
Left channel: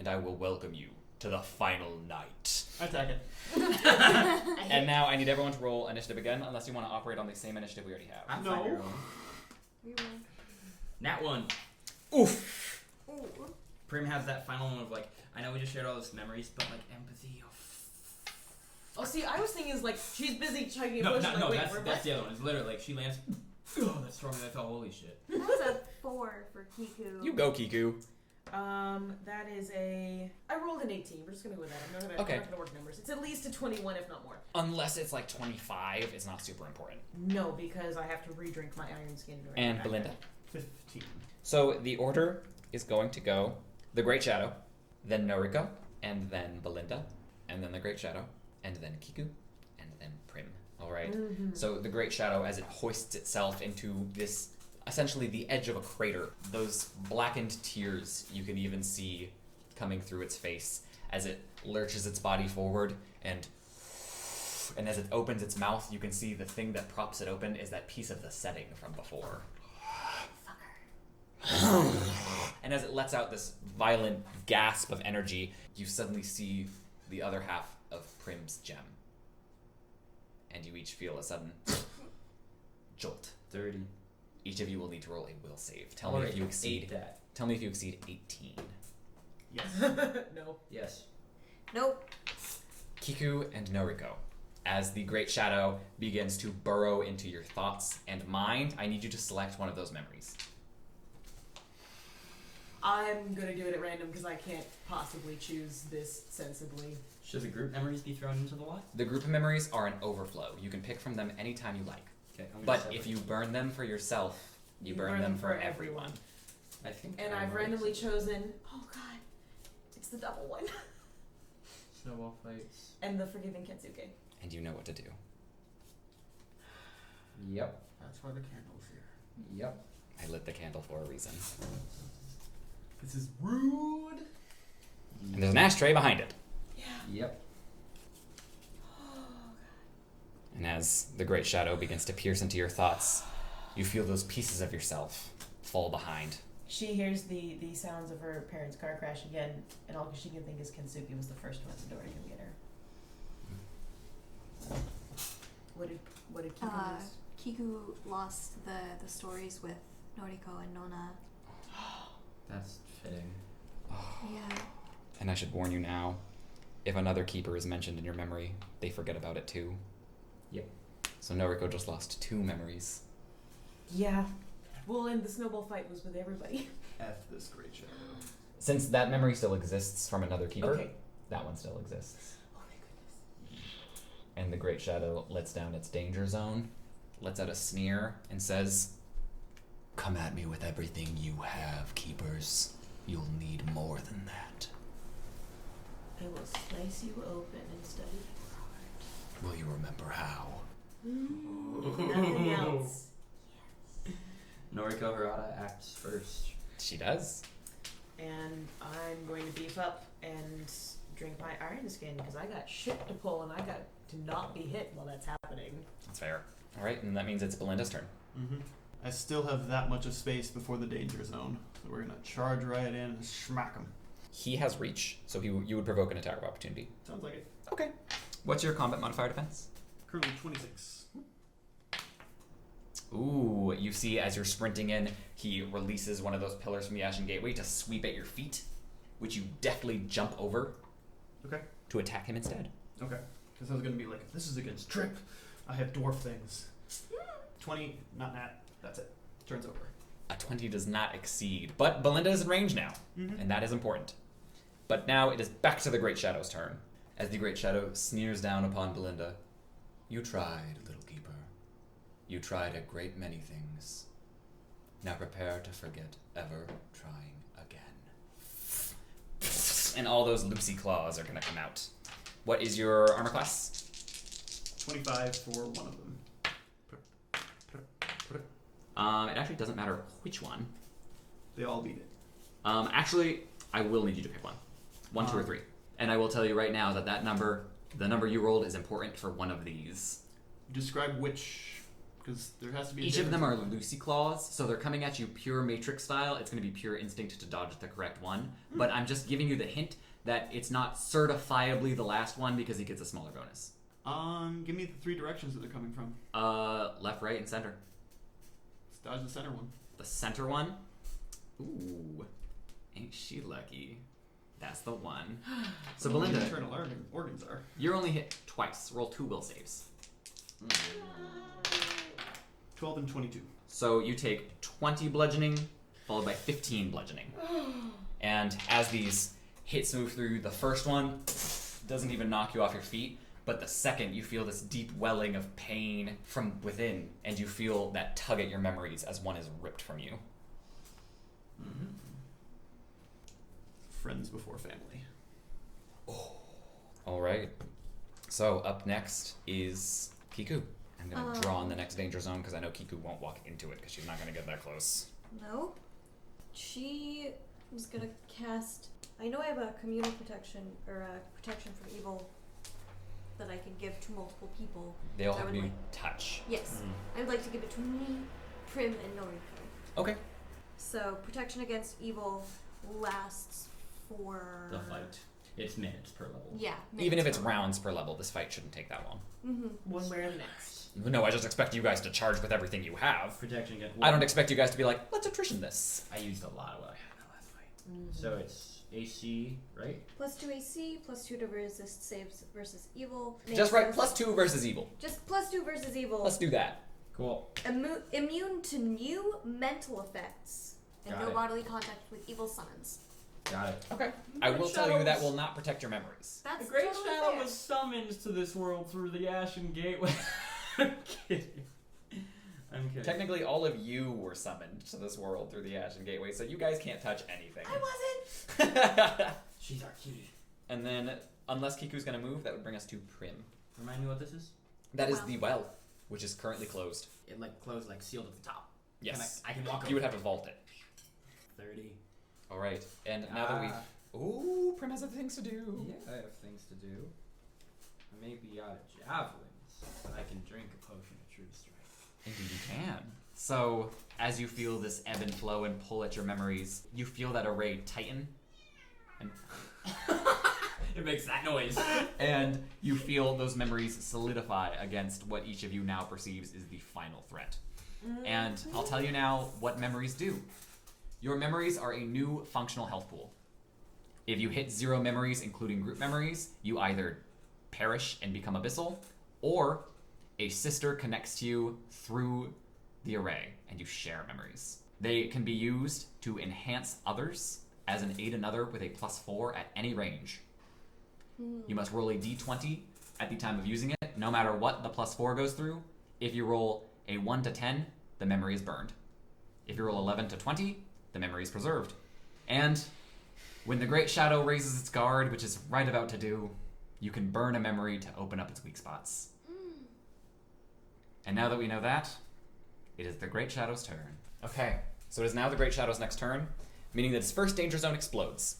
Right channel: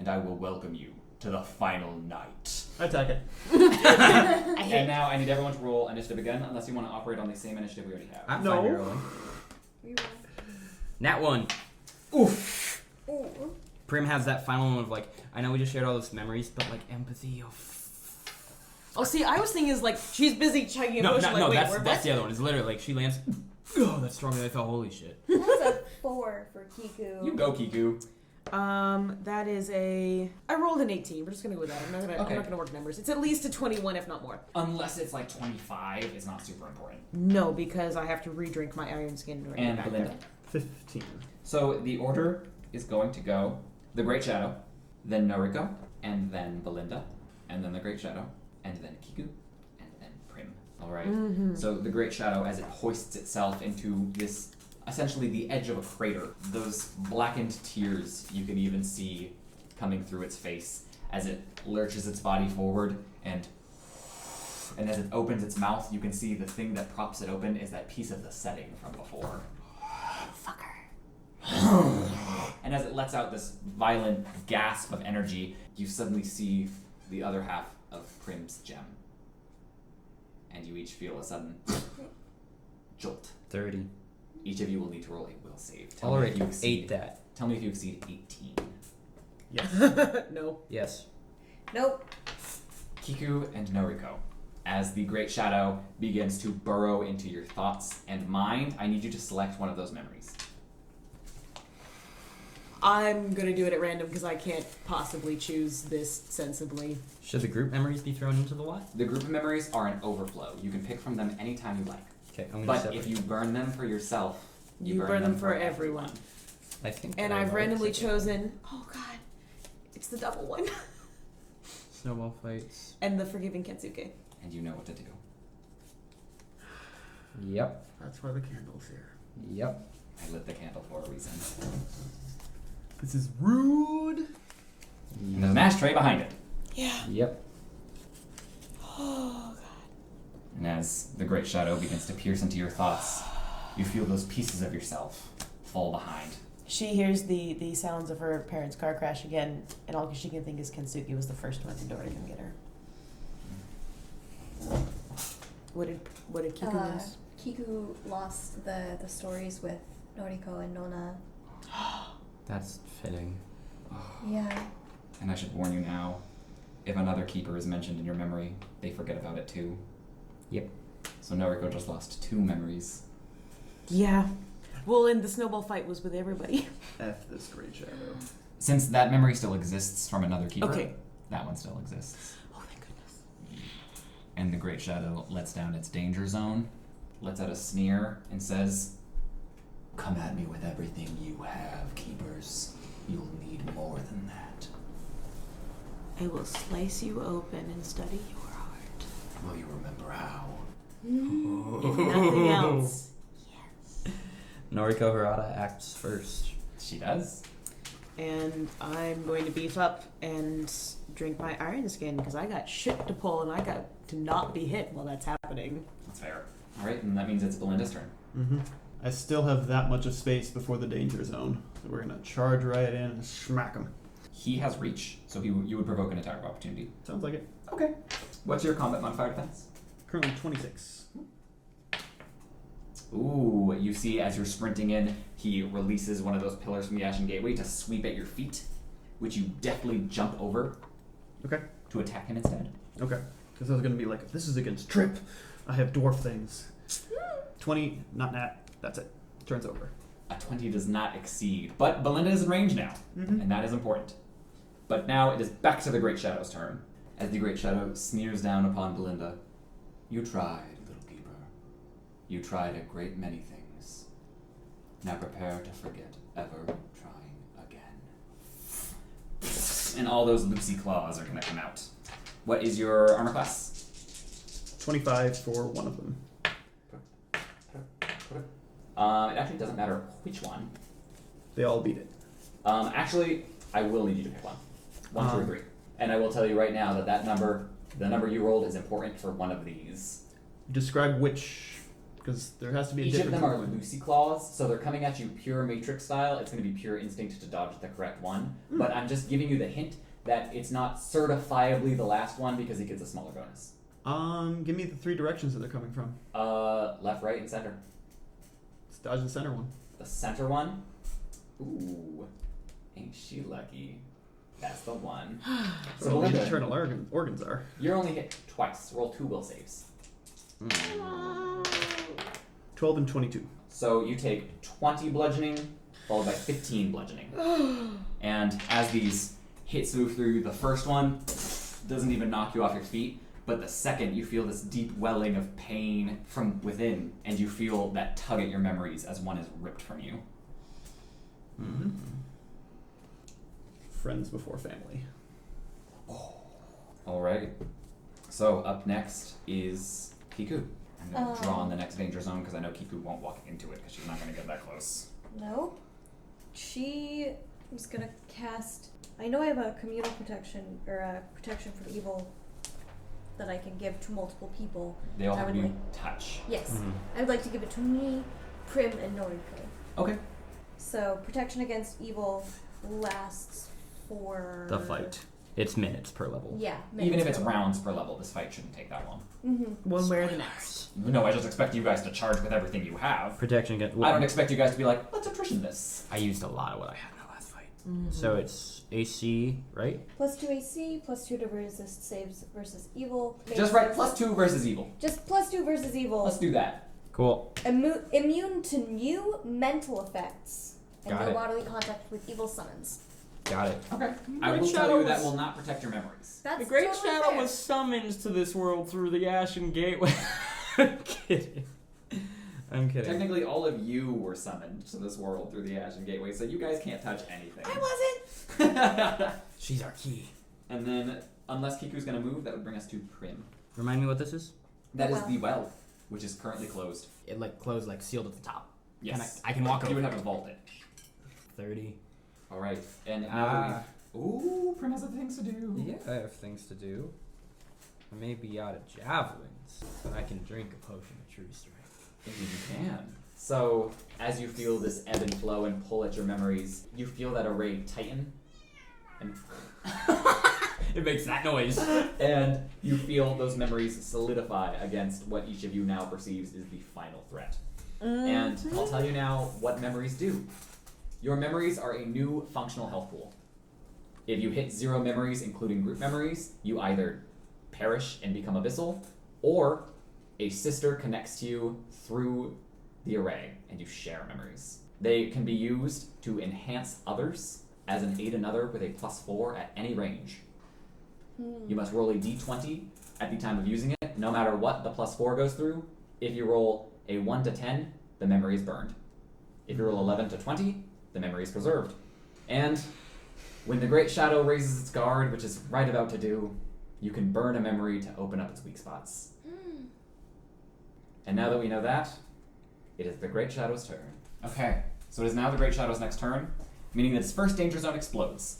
And I will welcome you to the final night. I attack it. And now I need everyone to roll initiative again, unless you want to operate on the same initiative we already have. I'm No. fine rolling. Reroll. Nat 1. Oof! Ooh. Prim has that final one of like, I know we just shared all those memories, but like empathy. Oh, see, I was thinking is like she's busy chugging a No, potion. Like, wait, that's we're the other one. It's literally like she lands. Oh, that's stronger than I thought. Holy shit. That was a 4 for Kiku. You go, Kiku. That is a. I rolled an 18. We're just gonna go with that. I'm Okay. not gonna work numbers. It's at least a 21, if not more. Unless it's like 25, it's not super important. No, because I have to re-drink my iron skin. Right And back Belinda. there. 15. So the order is going to go the Great Shadow, then Noriko, and then Belinda, and then the Great Shadow, and then Kiku, and then Prim. All right. So the Great Shadow, as it hoists itself into this, essentially the edge of a crater, those blackened tears you can even see coming through its face as it lurches its body forward, and as it opens its mouth, you can see the thing that props it open is that piece of the setting from before. And as it lets out this violent gasp of energy, you suddenly see the other half of Prim's gem. And you each feel a sudden jolt. 30. Each of you will need to roll a will save. Tell me if you exceed that. Tell me if you exceed 18. Yes. No. Yes. Nope. Kiku and Noriko, as the Great Shadow begins to burrow into your thoughts and mind, I need you to select one of those memories. I'm gonna do it at random because I can't possibly choose this sensibly. Should the group memories be thrown into the what? The group memories are an overflow. You can pick from them anytime you like. Okay, I'm gonna But separate. if you burn them for yourself, You burn them for everyone. I think. And that I I've might randomly separate. chosen. Oh God, it's the double one. Snowball fights. And the forgiving Kensuke. and you know what to do. Yep. That's why the candle's here. Yep. I lit the candle for a reason. This is rude. And there's an ashtray behind it. Yeah. Yep. Oh And as the Great Shadow begins to pierce into your thoughts, you feel those pieces of yourself fall behind. She hears the sounds of her parents' car crash again, and all she can think is Kensuke was the first one at the door to come get her. What did Kiku lose? Kiku lost the stories with Noriko and Nona. That's fitting. Yeah. And I should warn you now, if another keeper is mentioned in your memory, they forget about it too. Yep. So Noriko just lost 2 memories. Yeah. Well, and the snowball fight was with everybody. F this Great Shadow. Since that memory still exists from another keeper, Okay. that one still exists. Oh, thank goodness. And the Great Shadow lets down its danger zone, lets out a sneer, and says, "Come at me with everything you have, keepers. You'll need more than that. I will slice you open and study your heart. Will you remember how?" If nothing else. Noriko Harada acts first. She does. And I'm going to beef up and drink my iron skin because I got shit to pull and I got to not be hit while that's happening. That's fair. Alright, and that means it's Belinda's turn. Mm-hmm. I still have that much of space before the danger zone, so we're gonna charge right in and smack him. He has reach, so you would provoke an attack of opportunity. Sounds like it. Okay. What's your combat modifier defense? Currently 26. Ooh, you see as you're sprinting in, he releases one of those pillars from the Ashen Gateway to sweep at your feet, which you deftly jump over. Okay. To attack him instead. Okay. Because I was gonna be like, if this is against Trip, I have dwarf things. 20, not nat. That's it. Turns over. A 20 does not exceed, but Belinda is in range now, and that is important. But now it is back to the Great Shadow's turn. As the Great Shadow sneers down upon Belinda, "You tried, little keeper. You tried a great many things. Now prepare to forget ever trying again." And all those loosey claws are going to come out. What is your armor class? 25 for one of them. It actually doesn't matter which one. They all beat it. Actually, I will need you to pick one. 1, 2, or 3. And I will tell you right now that the number you rolled is important for one of these. Describe which, because there has to be a Each of difference. them are Lucy claws, so they're coming at you pure Matrix style. It's going to be pure instinct to dodge the correct one. But I'm just giving you the hint that it's not certifiably the last one because it gets a smaller bonus. Give me the 3 directions that they're coming from. Left, right, and center. Let's dodge the center one. The center one? Ooh, ain't she lucky? That's the one. So What Belinda, internal organs are. you're only hit twice. Roll 2 will saves. 12 and 22. So you take 20 bludgeoning, followed by 15 bludgeoning. And as these hits move through, the first one doesn't even knock you off your feet, but the second you feel this deep welling of pain from within, and you feel that tug at your memories as one is ripped from you. Friends before family. Alright. So up next is Kiku. I'm going to draw on the next danger zone because I know Kiku won't walk into it because she's not going to get that close. Nope. She is gonna cast. I know I have a communal protection or a protection from evil that I can give to multiple people. They all I have to would be like- touch. Yes, I would like to give it to me, Prim, and Noriko. Okay. So protection against evil lasts for The fight. It's minutes per level. Yeah. Even if minutes it's per rounds per level, this fight shouldn't take that long. One way or the next. No, I just expect you guys to charge with everything you have. Protection against. I don't expect you guys to be like, let's attrition this. I used a lot of what I had in the last fight. So it's AC, right? +2 AC, +2 to resist saves versus evil. Just right, +2 versus evil. Just +2 versus evil. Let's do that. Cool. Immune to new mental effects and Got no it. bodily contact with evil summons. Got it. Okay. I will Great tell you that shadows. will not protect your memories. That's The Great totally Shadow fair. was summoned to this world through the Ashen Gateway. I'm kidding. I'm kidding. Technically, all of you were summoned to this world through the Ashen Gateway, so you guys can't touch anything. I wasn't. She's our key. And then, unless Kiku's gonna move, that would bring us to Prim. Remind me what this is? That is Well. the well, which is currently closed. It like closed, like sealed at the top. Yes. I can walk over. You would have to vault it. 30. All right. And now that we've... Ooh, Prim has other things to do. Yeah, I have things to do. I may be out of javelins, but I can drink a potion of true strength. If you can. So, as you feel this ebb and flow and pull at your memories, you feel that array tighten. And It makes that noise. and you feel those memories solidify against what each of you now perceives is the final threat. And I'll tell you now what memories do. Your memories are a new functional health pool. If you hit 0 memories, including group memories, you either perish and become abyssal, or a sister connects to you through the array and you share memories. They can be used to enhance others as an aid another with a +4 at any range. You must roll a d20 at the time of using it, no matter what the +4 goes through. If you roll a 1 to 10, the memory is burned. If you roll 11 to 20, the memory is preserved. And when the Great Shadow raises its guard, which is right about to do, you can burn a memory to open up its weak spots. And now that we know that, it is the Great Shadow's turn. Okay, so it is now the Great Shadow's next turn, meaning that its first danger zone explodes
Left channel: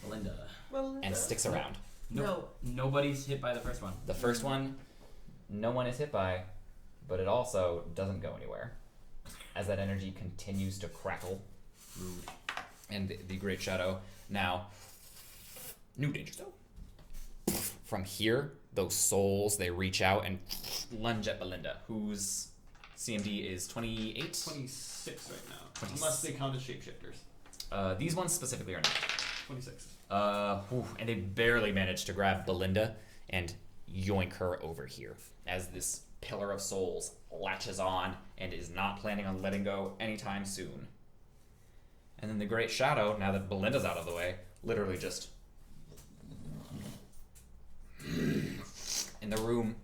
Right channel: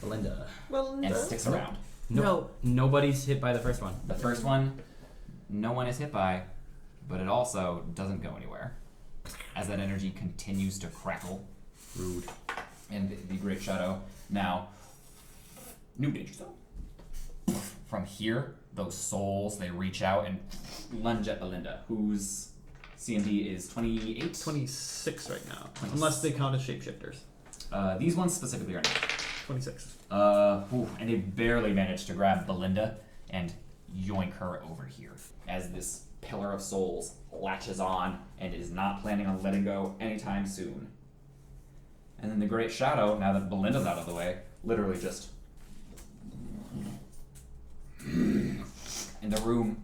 Belinda. and sticks around. No. Nobody's hit by the first one. The first one, no one is hit by, but it also doesn't go anywhere, as that energy continues to crackle. Rude. And the Great Shadow now, new danger zone. From here, those souls, they reach out and lunge at Belinda, whose CMD is 28? 26 right now, unless they count as shapeshifters. These ones specifically are not. 26. And they barely manage to grab Belinda and yoink her over here as this pillar of souls latches on and is not planning on letting go anytime soon. And then the Great Shadow, now that Belinda's out of the way, literally just... In the room,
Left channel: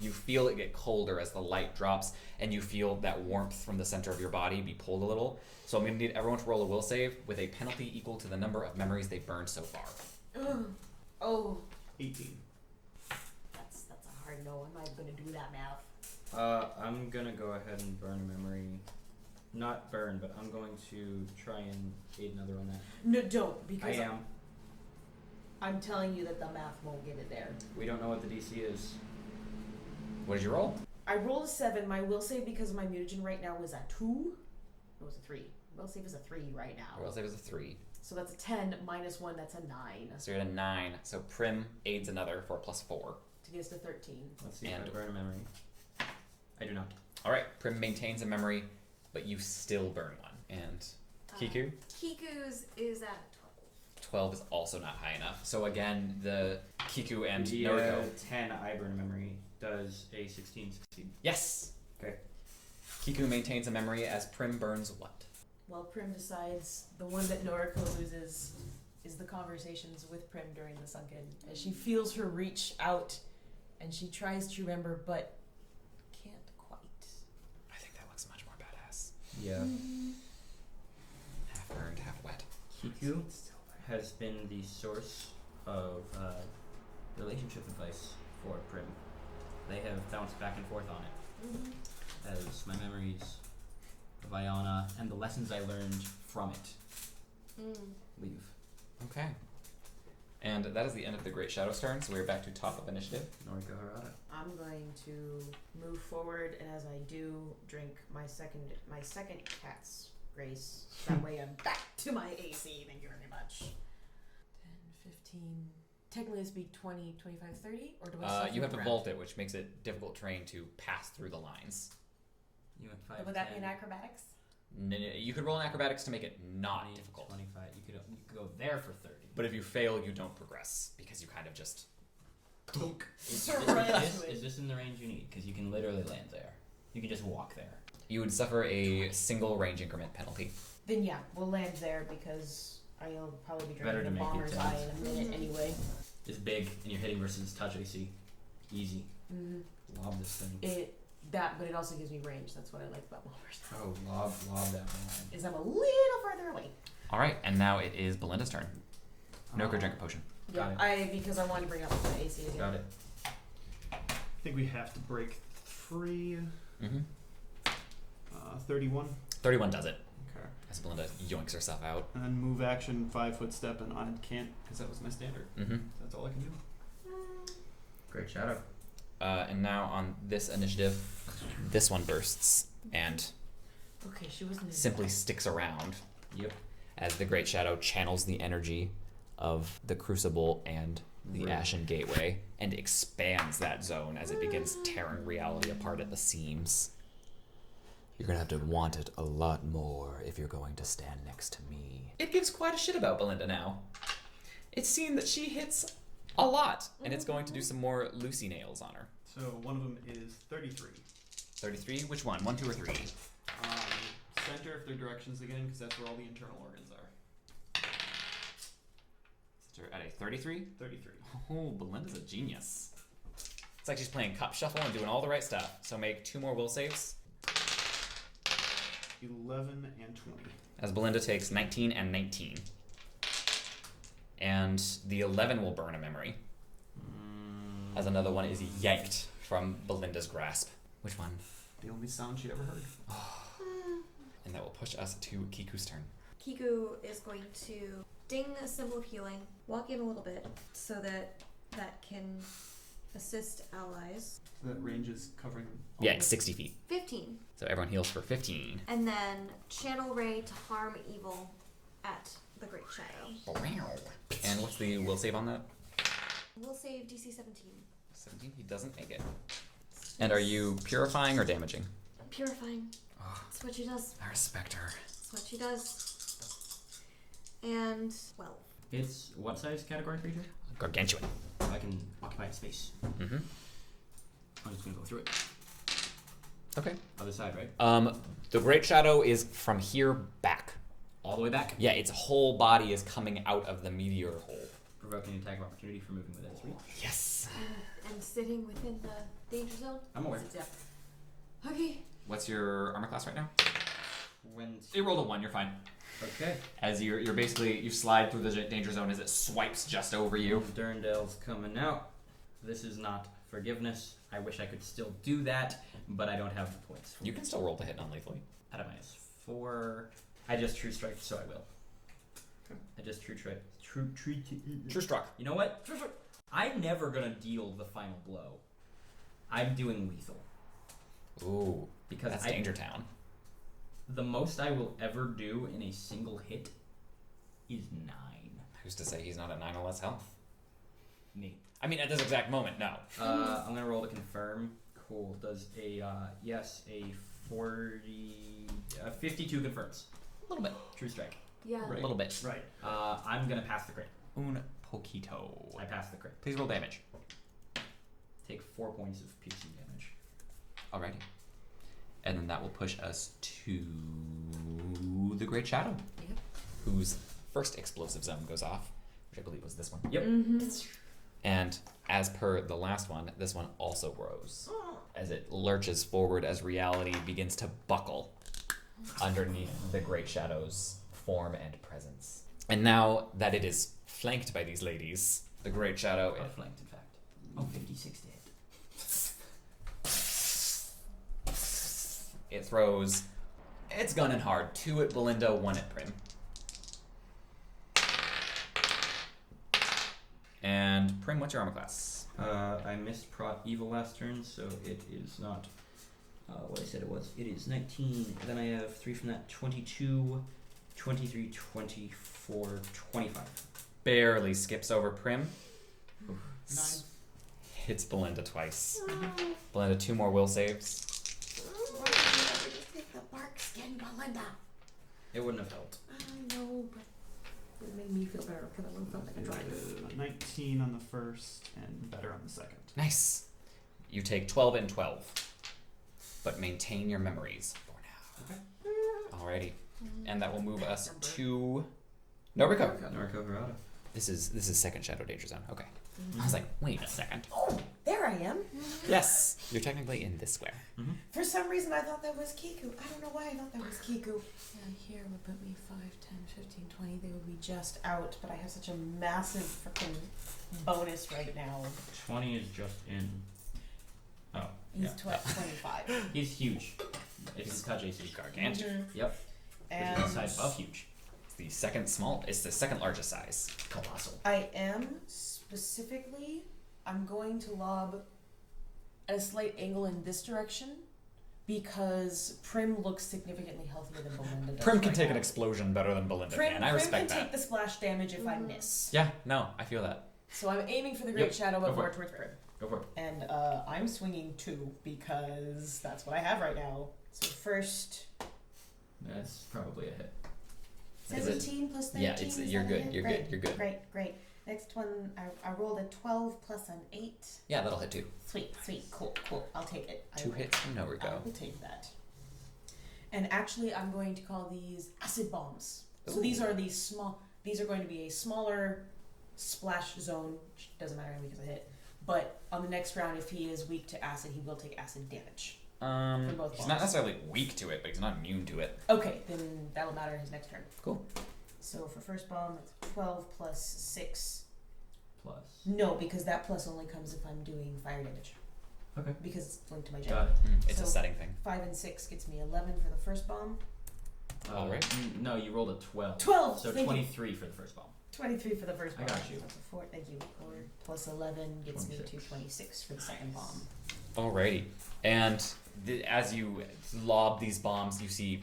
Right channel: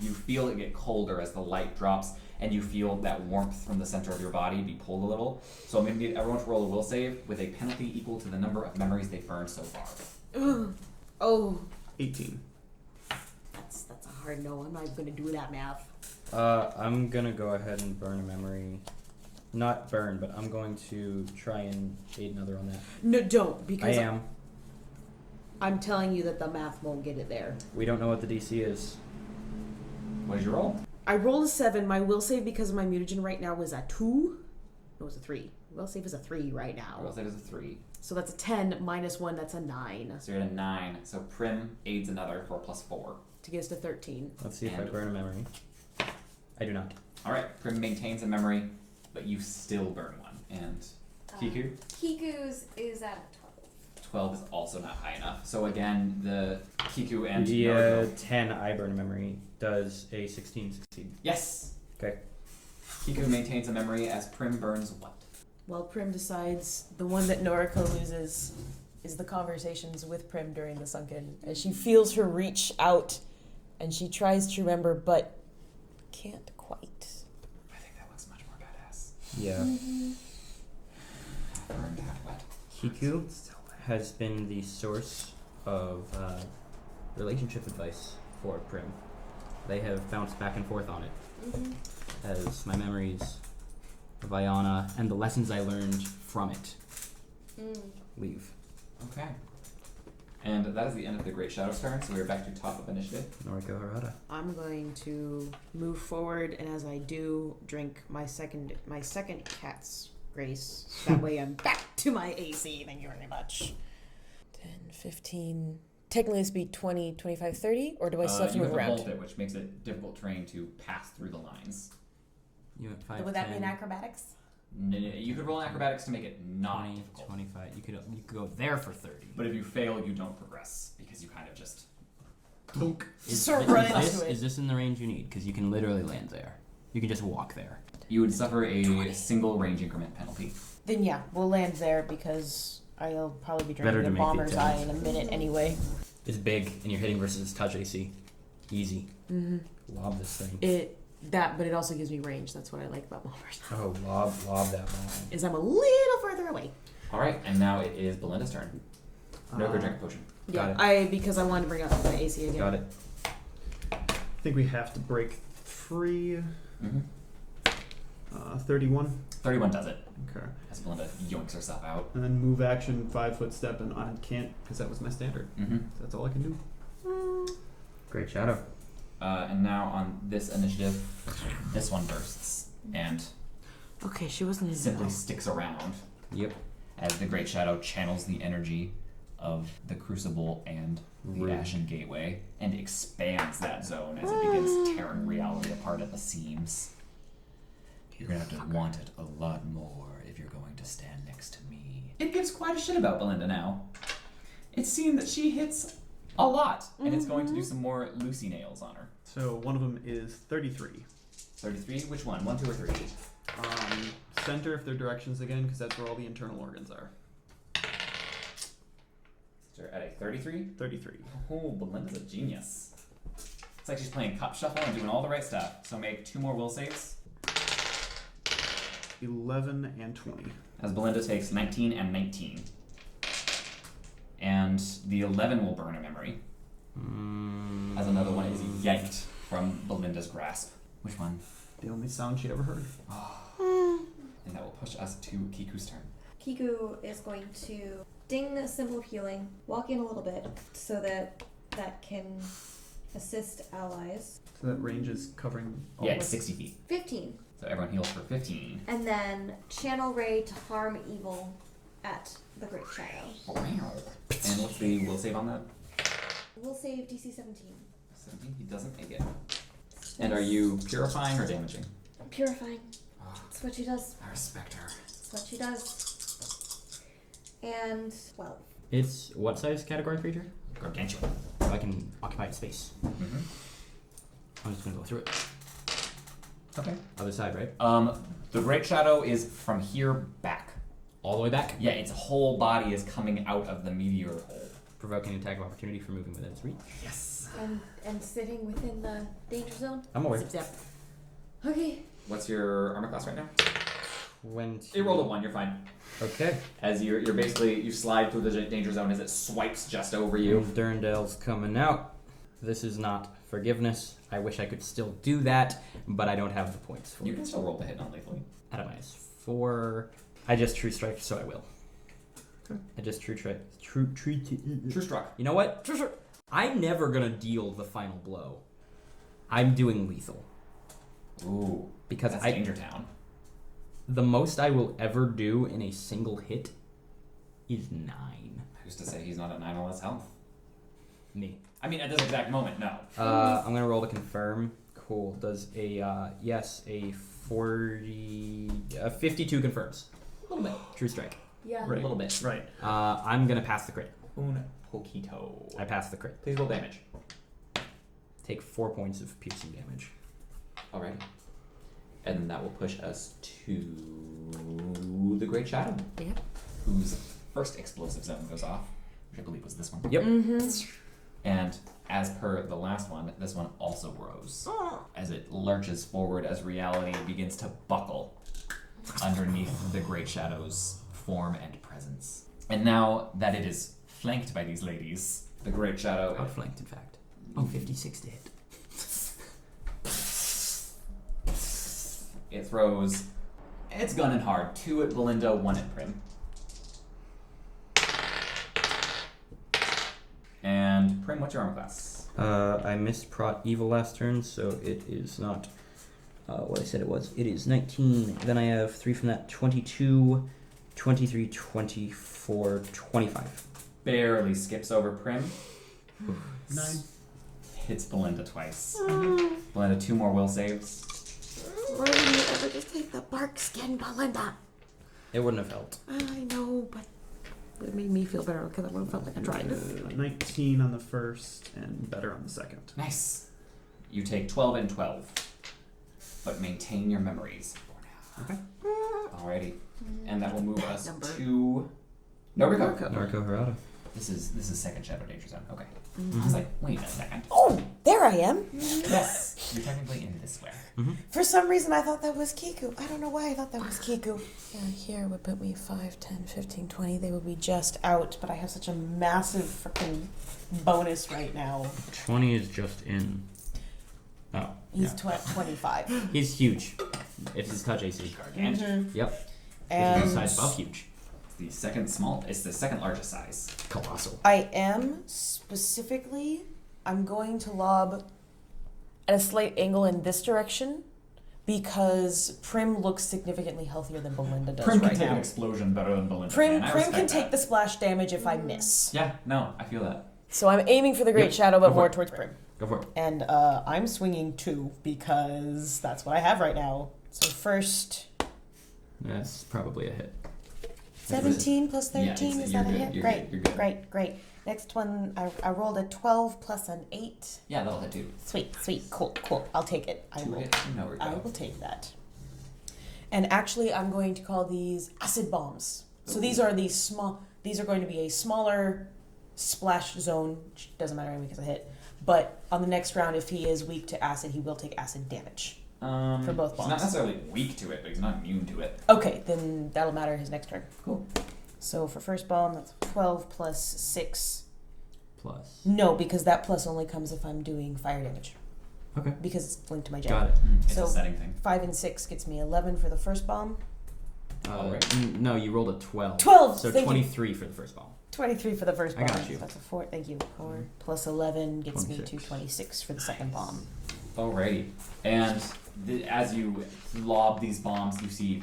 you feel it get colder as the light drops, and you feel that warmth from the center of your body be pulled a little. So I'm going to need everyone to roll a will save with a penalty equal to the number of memories they've burned so far. Oh, 18. that's a hard no. I'm not gonna do that math. I'm gonna go ahead and burn a memory. Not burn, but I'm going to try and aid another on that. No, don't, because I am. I'm telling you that the math won't get it there. We don't know what the DC is. What did you roll? I rolled a 7. My will save because of my mutagen right now is a 2. No, it's a 3. Will save is a 3 right now. Will save is a 3. So that's a 10 minus 1. That's a 9 So you're at a 9. So Prim aids another for a +4. to get us to 13. Let's see if I And- burn a memory. I do not. Alright, Prim maintains a memory, but you still burn one. And Kiku? Kiku's is at 12 is also not high enough. So again, the Kiku and The Naruto. 10 I burn a memory does a 16 succeed. Yes! Okay. Kiku maintains a memory as Prim burns what? Well, Prim decides the one that Noriko loses is the conversations with Prim during the sunken. As she feels her reach out and she tries to remember but can't quite. I think that looks much more badass. Yeah. Half burned, half wet. Kiku has been the source of relationship advice for Prim. They have bounced back and forth on it. Mm-hmm. As my memories of Iona and the lessons I learned from it leave. Okay. And that is the end of the Great Shadow's turn, so we are back to top of initiative. Noriko Harada. I'm going to move forward, and as I do, drink my second cat's grace. That way I'm back to my AC. Thank you very much. 10, 15. Technically, this would be 20, 25, 30, or do I still have to You have move to around? vault it, which makes it difficult terrain to pass through the lines. You went 5, Would that be 10, an acrobatics? You could roll an acrobatics to make it not 20, difficult. 25. You could go there for 30. But if you fail, you don't progress, because you kind of just... Is this in the range you need? Because you can literally land there. You can just walk there. You would suffer a single range increment penalty. Then yeah, we'll land there because I'll probably be Better drinking to a make it bomber's down. eye in a minute anyway. It's big, and you're hitting versus touch AC. Easy. Mm-hmm. Lob this thing. But it also gives me range. That's what I like about bombers. Oh, lob that bomb. Is I'm a little further away. Alright, and now it is Belinda's turn. No, go drink a potion. Got Yeah, it. because I wanted to bring up the AC again. Got it. I think we have to break free. Mm-hmm. 31. 31 does it, Okay. as Belinda yoinks herself out. And then move action, 5-foot step, and I can't because that was my standard. Mm-hmm. That's all I can do. Great shadow. And now on this initiative, this one bursts and Okay, she wasn't in simply the sticks around Yep. as the Great Shadow channels the energy of the Crucible and the Ashen Gateway and expands that zone as it begins tearing reality apart at the seams. You're gonna have to want it a lot more if you're going to stand next to me. It gives quite a shit about Belinda now. It's seen that she hits a lot, and it's going to do some more Lucy nails on her. So one of them is 33. 33? Which one? 1, 2, or 3? Center if they're directions again, because that's where all the internal organs are. At a 33? 33. Oh, Belinda's a genius. It's like she's playing cup shuffle and doing all the right stuff. So make 2 more will saves. 11 and 20. As Belinda takes 19 and 19. And the 11 will burn a memory. As another one is yanked from Belinda's grasp. Which one? The only sound she ever heard. And that will push us to Kiku's turn. Kiku is going to ding a symbol of healing, walk in a little bit so that can assist allies. So that range is covering all Yeah, of it's us? 60 feet. 15. So everyone heals for 15. And then channel ray to harm evil at the Great Shadow. And what's the will save on that? We'll save DC 17. 17? He doesn't make it. And are you purifying or damaging? Purifying. Oh, That's what she does. I respect her. That's what she does. And 12. It's what size category creature? Gargantuan. So I can occupy its space. Mm-hmm. I'm just gonna go through it. Okay. Other side, right? The Great Shadow is from here back. All the way back. Yeah, its whole body is coming out of the meteor hole. Provoking attack of opportunity for moving within its reach. Yes. And sitting within the danger zone. I'm aware. Zip zap. Okay. What's your armor class right now? 20. You rolled a 1, you're fine. Okay. As you're basically, you slide through the danger zone as it swipes just over you. Durndale's coming out. This is not forgiveness. I wish I could still do that, but I don't have the points for You it. can still roll to hit non-lethally. At a -4. I just true strike, so I will. Okay. I just true strike. True struck. You know what? I'm never gonna deal the final blow. I'm doing lethal. Ooh, Because that's I Danger Town. the most I will ever do in a single hit is 9. Who's to say he's not at 9 or less health? Me. I mean, at this exact moment, no. I'm gonna roll to confirm. Cool. Does a yes, a 52 confirms. A little bit. True strike. Yeah. A little bit. Right. I'm gonna pass the crit. Un poquito. I pass the crit. Please roll damage. Take 4 points of piercing damage. Alrighty. And then that will push us to the Great Shadow. Yeah. Whose first explosive zone goes off, which I believe was this one. Yep. And as per the last one, this one also grows as it lurches forward as reality begins to buckle underneath the Great Shadow's form and presence. And now that it is flanked by these ladies, the Great Shadow... Outflanked, in fact. Oh, 56 to hit. It throws its gun in hard. 2 at Belinda, 1 at Prim. And Prim, what's your armor class? I missed Prot Evil last turn, so it is not what I said it was. It is 19. Then I have 3 from that. 22, 23, 24, 25. Barely skips over Prim. 9. Hits Belinda twice. Belinda, 2 more will saves. Why didn't you ever just take the bark skin, Belinda? It wouldn't have helped. I know, but it made me feel better because I would have felt like I tried. 19 on the first and better on the second. Nice. You take 12 and 12, but maintain your memories for now. Okay. Alrighty. And that will move us to Noriko. Noriko Harada. This is second Shadow Danger Zone. Okay. I was like, wait a second. Oh, there I am. Yes. You're technically in this square. For some reason, I thought that was Kiku. I don't know why I thought that was Kiku. Yeah, here would put me 5, 10, 15, 20. They would be just out, but I have such a massive freaking bonus right now. 20 is just in. Oh. He's yeah. 25. He's huge. It's his touch AC. Gargantuan. Yep. And Which is size above huge. It's the second largest size. Colossal. I am specifically, I'm going to lob at a slight angle in this direction because Prim looks significantly healthier than Belinda does Prim can right take now. an explosion better than Belinda Prim can. I can respect take that. the splash damage if I miss. Yeah, no, I feel that. So I'm aiming for the Great Yep, Shadow, go but for more it. towards Prim. Go for it. And I'm swinging 2 because that's what I have right now. So first, That's probably a hit. 17 plus 13 Yeah, is you're that a good, hit? you're Great, good, you're good. great. Next one, I rolled a 12 plus an 8. Yeah, that'll hit too. Sweet, cool. I'll take it. I 2 will. hits, no I regret. will take that. And actually, I'm going to call these acid bombs. So Ooh. these are going to be a smaller splash zone. Which doesn't matter because I hit. But on the next round, if he is weak to acid, he will take acid damage. For both He's bombs. not necessarily weak to it, but he's not immune to it. Okay, then that'll matter his next turn. Cool. So for first bomb, that's 12 plus 6. Plus. No, because that plus only comes if I'm doing fire damage. Okay. Because it's linked to my jab. Got it. It's So- a setting thing. 5 and 6 gets me 11 for the first bomb. No, you rolled a 12. 12! So Thank you. 23 for the first ball. 23 for the first I bomb. got you. So that's a 4. Thank you. 4 plus 11 gets me 26. to 26 for the second bomb. Alrighty. And as you lob these bombs, you see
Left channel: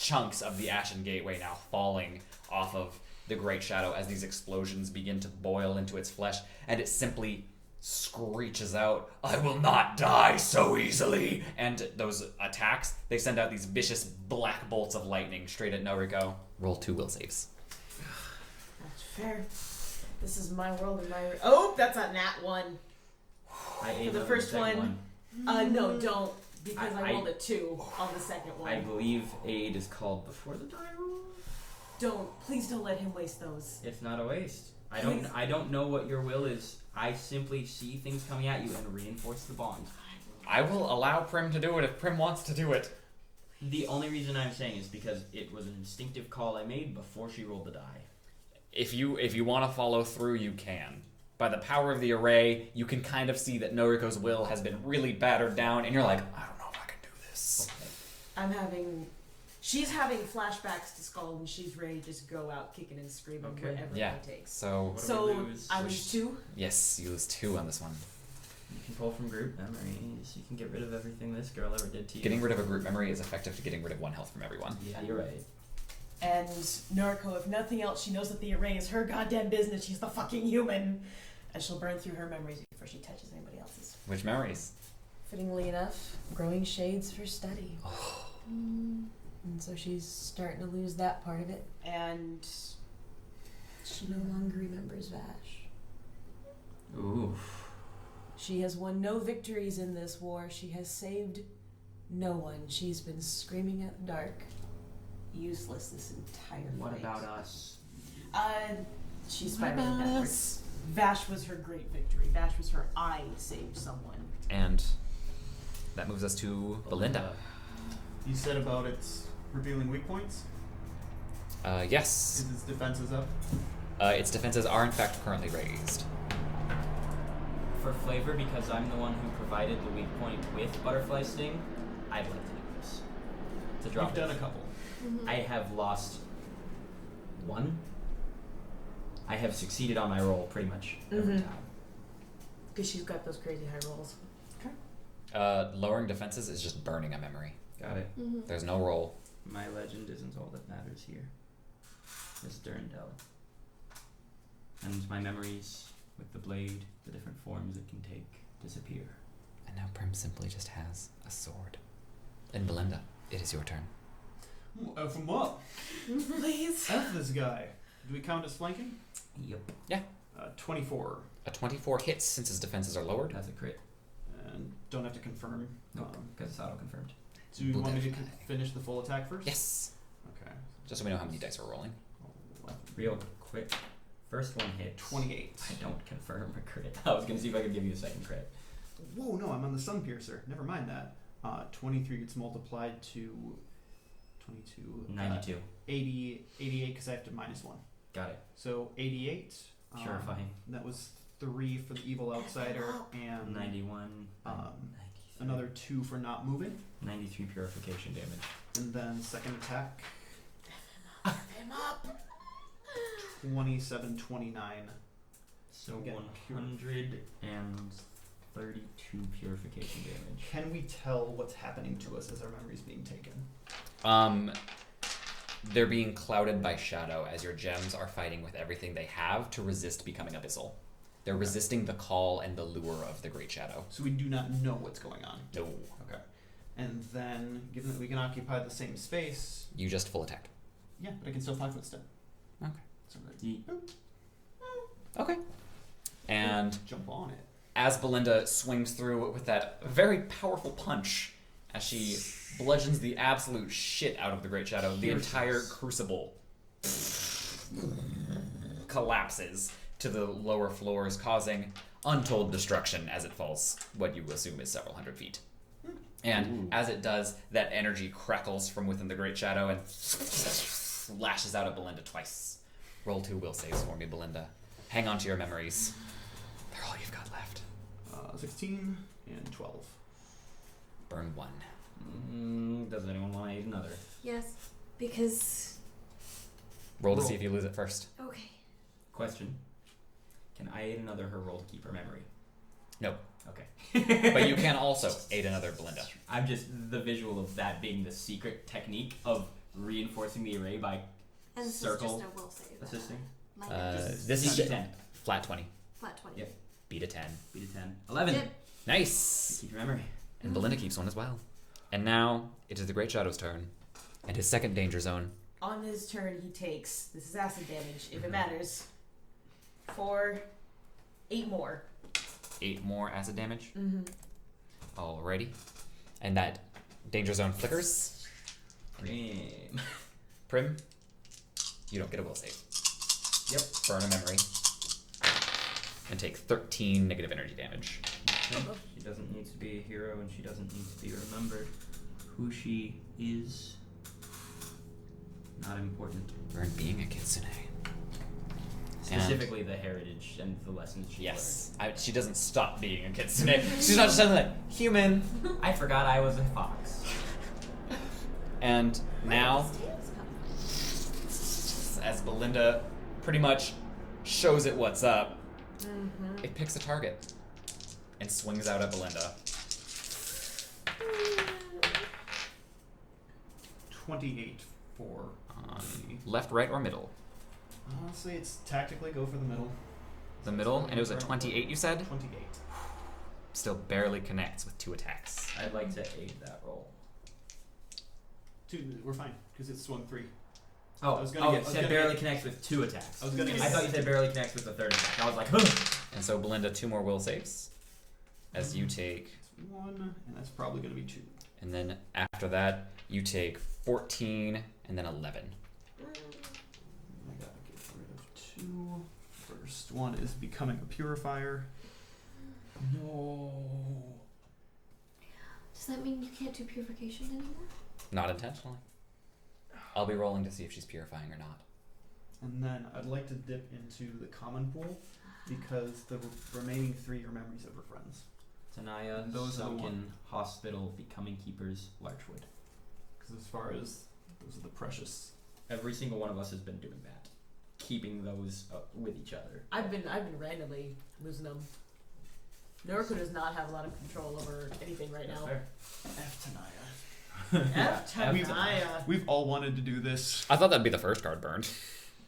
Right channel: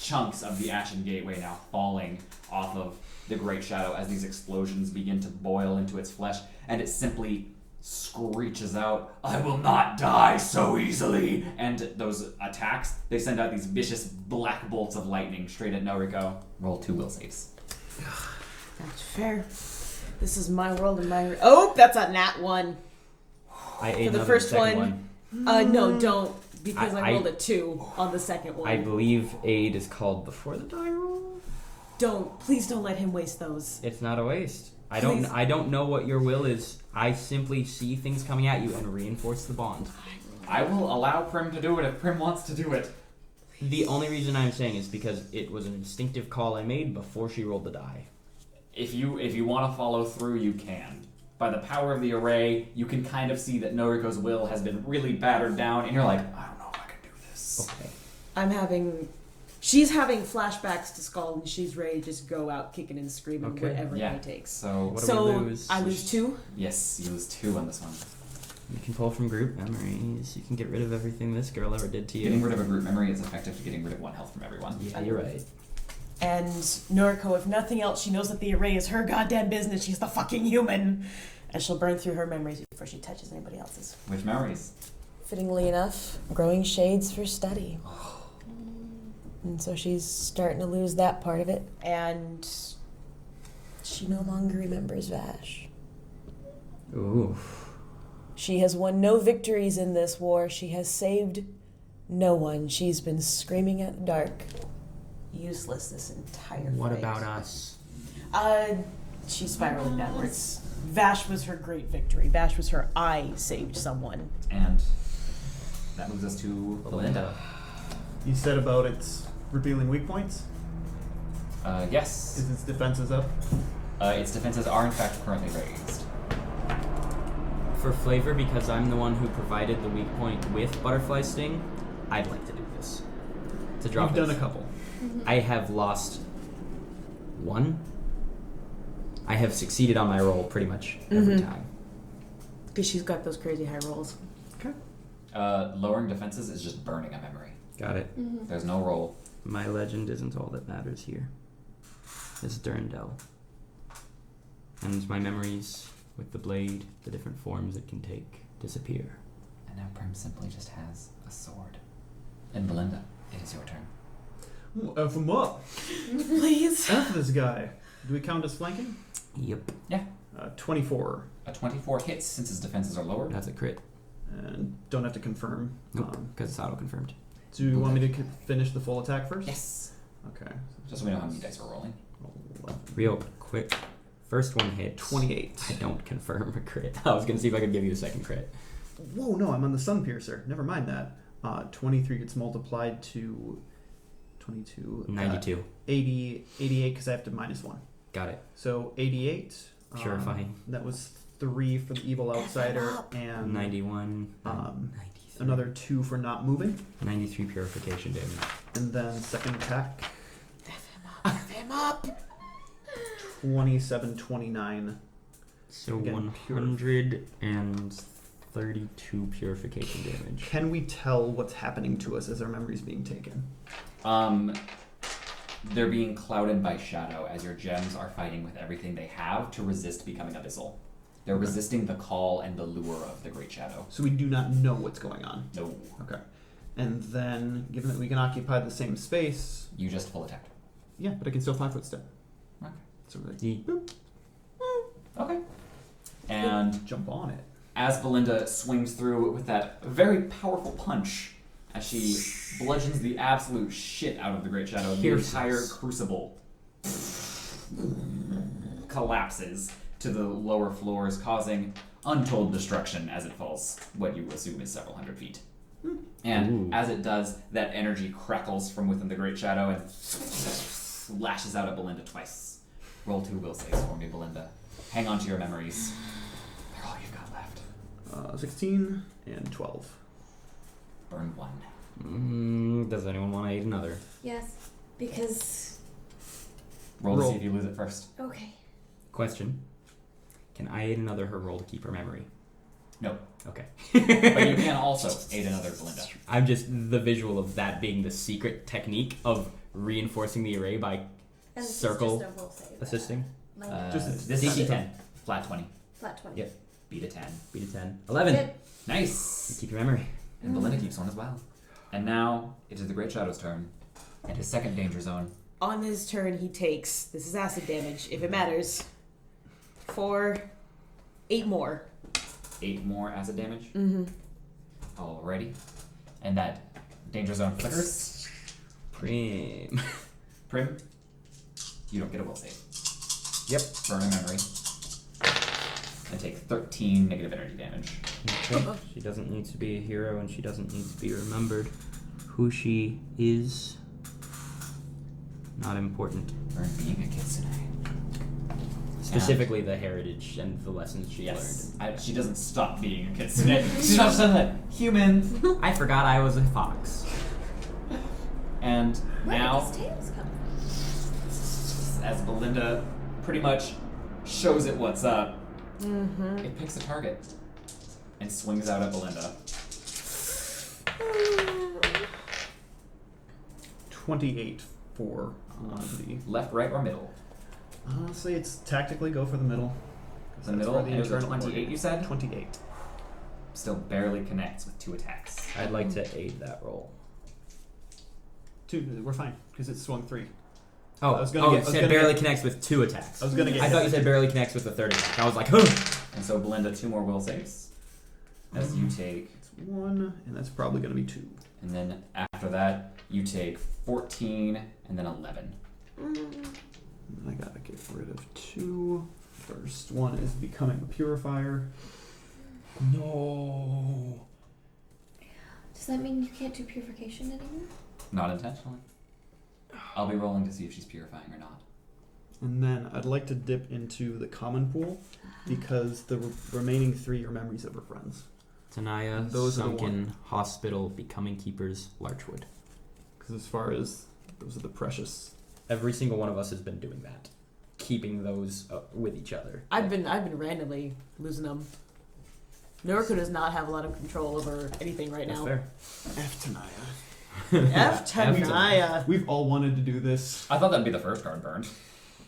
chunks of the Ashen Gateway now falling off of the Great Shadow as these explosions begin to boil into its flesh, and it simply screeches out, "I will not die so easily!" And those attacks, they send out these vicious black bolts of lightning straight at Noriko. Roll 2 will saves. That's fair. This is my world and my... Oh, that's a nat 1. I ate For the another first second one. No, don't. Because I I- rolled a 2 on the second one. I believe aid is called before the die roll. Please don't let him waste those. It's not a waste. I Please. don't know what your will is. I simply see things coming at you and reinforce the bond. I will allow Prim to do it if Prim wants to do it. The only reason I'm saying is because it was an instinctive call I made before she rolled the die. If you want to follow through, you can. By the power of the array, you can kind of see that Noriko's will has been really battered down, and you're like, I don't know if I can do this. Okay. She's having flashbacks to Skull, and she's ready to just go out kicking and screaming Okay. whatever Yeah. he takes. So, What do So we lose? I lose 2. yes, you lose 2 on this one. You can pull from group memories. You can get rid of everything this girl ever did to you. Getting rid of a group memory is effective to getting rid of 1 health from everyone. Yeah, you're right. And Noriko, if nothing else, she knows that the array is her goddamn business. She's the fucking human. And she'll burn through her memories before she touches anybody else's. Which memories? Fittingly enough, growing shades for study. And so she's starting to lose that part of it. And she no longer remembers Vash. Ooh. She has won no victories in this war. She has saved no one. She's been screaming at the dark. Useless this entire What fight. about us? She's spiraling downwards. Vash was her great victory. Vash was her I saved someone. And that moves us to Belinda. You said about its revealing weak points? Yes. Is its defenses up? Its defenses are in fact currently raised. For flavor, because I'm the one who provided the weak point with Butterfly Sting, I'd like to do this. To drop You've done a this. couple. I have lost one. I have succeeded on my roll pretty much every time. Because she's got those crazy high rolls. Lowering defenses is just burning a memory. Got it. There's no roll. My legend isn't all that matters here. It's Durandal. And my memories with the blade, the different forms it can take, disappear. And now Prim simply just has a sword. And Belinda, it is your turn. F him up. Please. F this guy. Do we count as flanking? Yep. 24. A 24 hits since his defenses are lowered. That's a crit. And don't have to confirm. Nope, because it's auto-confirmed. Do you want me to finish the full attack first? Yes. Okay. Just so we know how many dice we're rolling. 11. Real quick. First one hits. 28. I don't confirm a crit. I was going to see if I could give you the second crit. Whoa, no, I'm on the Sun Piercer. Never mind that. 23 gets multiplied to 22. 92. 88 because I have to minus 1. Got it. So 88. Purifying. That was 3 for the Evil Outsider and 91. 93. another 2 for not moving. 93 purification damage. And then second attack, F him up. 27, 29. So Again, 132 purification damage. Can we tell what's happening to us as our memory's being taken? They're being clouded by shadow as your gems are fighting with everything they have to resist becoming abyssal. They're resisting the call and the lure of the Great Shadow. So we do not know what's going on. No. Okay. And then, given that we can occupy the same space, You just full attack. yeah, but I can still 5-foot step. Okay. So like, Okay. And jump on it. as Belinda swings through with that very powerful punch, as she bludgeons the absolute shit out of the Great Shadow, the entire crucible collapses to the lower floors, causing untold destruction as it falls what you assume is several hundred feet. And as it does, that energy crackles from within the Great Shadow and lashes out at Belinda twice. Roll 2 will saves for me, Belinda. Hang on to your memories. They're all you've got left. 16 and 12. Burn 1. Does anyone want to aid another? Yes, because Roll to Roll. see if you lose it first. okay. Question. Can I aid another her roll to keep her memory? No. Okay. But you can also aid another Belinda. I'm just the visual of that being the secret technique of reinforcing the array by And this circle is just a will save. assisting. My Just- This is a just- 10. Flat 20. flat 20. Yep. Beat a 10. Beat a 10. 11. Zip. Nice! Keep your memory. And Belinda keeps one as well. And now it is the Great Shadow's turn. And his second danger zone. On his turn, he takes, this is acid damage, if it matters, for 8 more. 8 more acid damage. Mm-hmm. Alrighty. And that danger zone flickers. Prim. Prim, you don't get a will save. Yep. Burn a memory. And take 13 negative energy damage. Okay. She doesn't need to be a hero and she doesn't need to be remembered. Who she is, not important. Burn being a kitsune. Specifically the heritage and the lessons she Yes. She doesn't stop being a kitsune. She's not just that human. learned. I forgot I was a fox. And Where now, did these tails come from? as Belinda pretty much shows it what's up, Mm-hmm. it picks a target and swings out at Belinda. 28 for the. Left, right, or middle? I'll say it's tactically go for the middle. The That's middle, where the and it was a internal 28 order- you said? 28. Still barely connects with 2 attacks. I'd like to aid that roll. 2, we're fine, because it swung 3. Oh, I was gonna oh, get- it I was said gonna barely get- connects with 2 attacks. I was gonna get. I thought you said barely connects with the third attack. I was like, huh. And so Belinda, 2 more will saves. As you take, 1, and that's probably going to be 2. and then after that, you take 14 and then 11. I gotta get rid of 2. First one is becoming a purifier. No. Does that mean you can't do purification anymore? Not intentionally. I'll be rolling to see if she's purifying or not. And then I'd like to dip into the common pool because the remaining 3 are memories of her friends. Tanaya, Those are the Sunken, Hospital, Becoming Keepers, Larchwood. Because as far as those are the precious. Every single one of us has been doing that, keeping those with each other. I've been randomly losing them. Noriko does not have a lot of control over anything right That's now. fair. F Tanaya. F Tanaya. We've all wanted to do this. I thought that'd be the first card burned.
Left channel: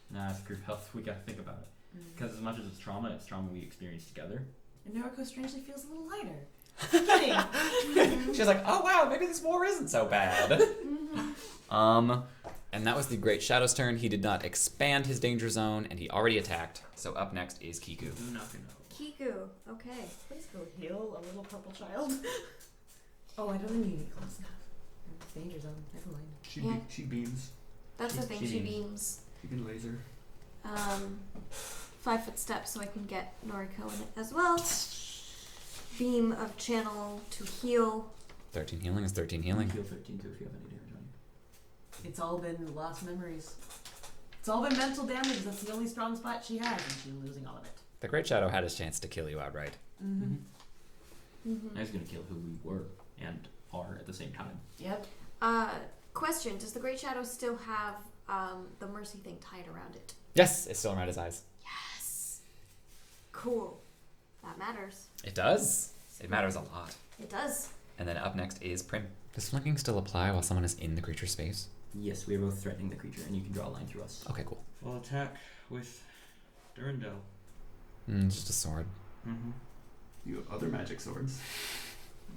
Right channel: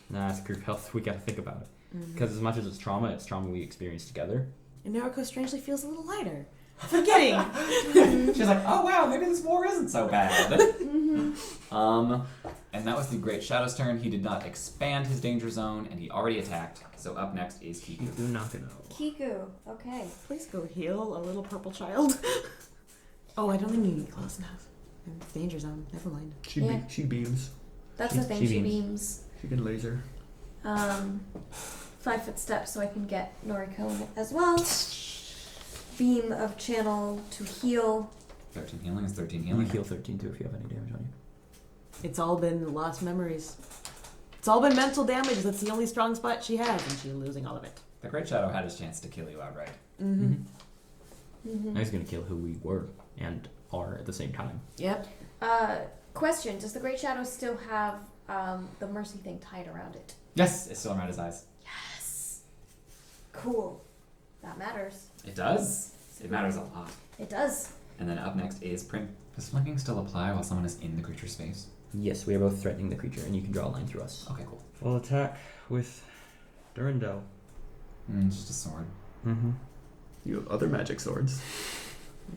Nah, it's group health. We gotta think about it. Because as much as it's trauma we experience together. And Noriko strangely feels a little lighter. Forgetting. She's like, oh wow, maybe this war isn't so bad. And that was the Great Shadow's turn. He did not expand his danger zone, and he already attacked. So up next is Kiku. Do not know. Kiku. Okay. Please go heal a little purple child. Oh, I don't think you get close enough. I'm in danger zone. Never mind. She beams. That's She- the thing. she She beams. beams. She can laser. 5-foot step so I can get Noriko in it as well. Beam of channel to heal. 13 healing is 13 Healing healing. heal 13 too if you have any damage on you. It's all been lost memories. It's all been mental damage. That's the only strong spot she has, and she's losing all of it. The Great Shadow had his chance to kill you outright. Mm-hmm. I was gonna kill who we were and are at the same time. Yep. Question: does the Great Shadow still have the mercy thing tied around it? Yes, it's still around his eyes. Yes. Cool. That matters. It does. It matters a lot. It does. And then up next is Prim. Does flanking still apply while someone is in the creature's space? Yes, we are both threatening the creature, and you can draw a line through us. Okay, cool. Full attack with Durandal. Just a sword. Mm-hmm. You have other magic swords.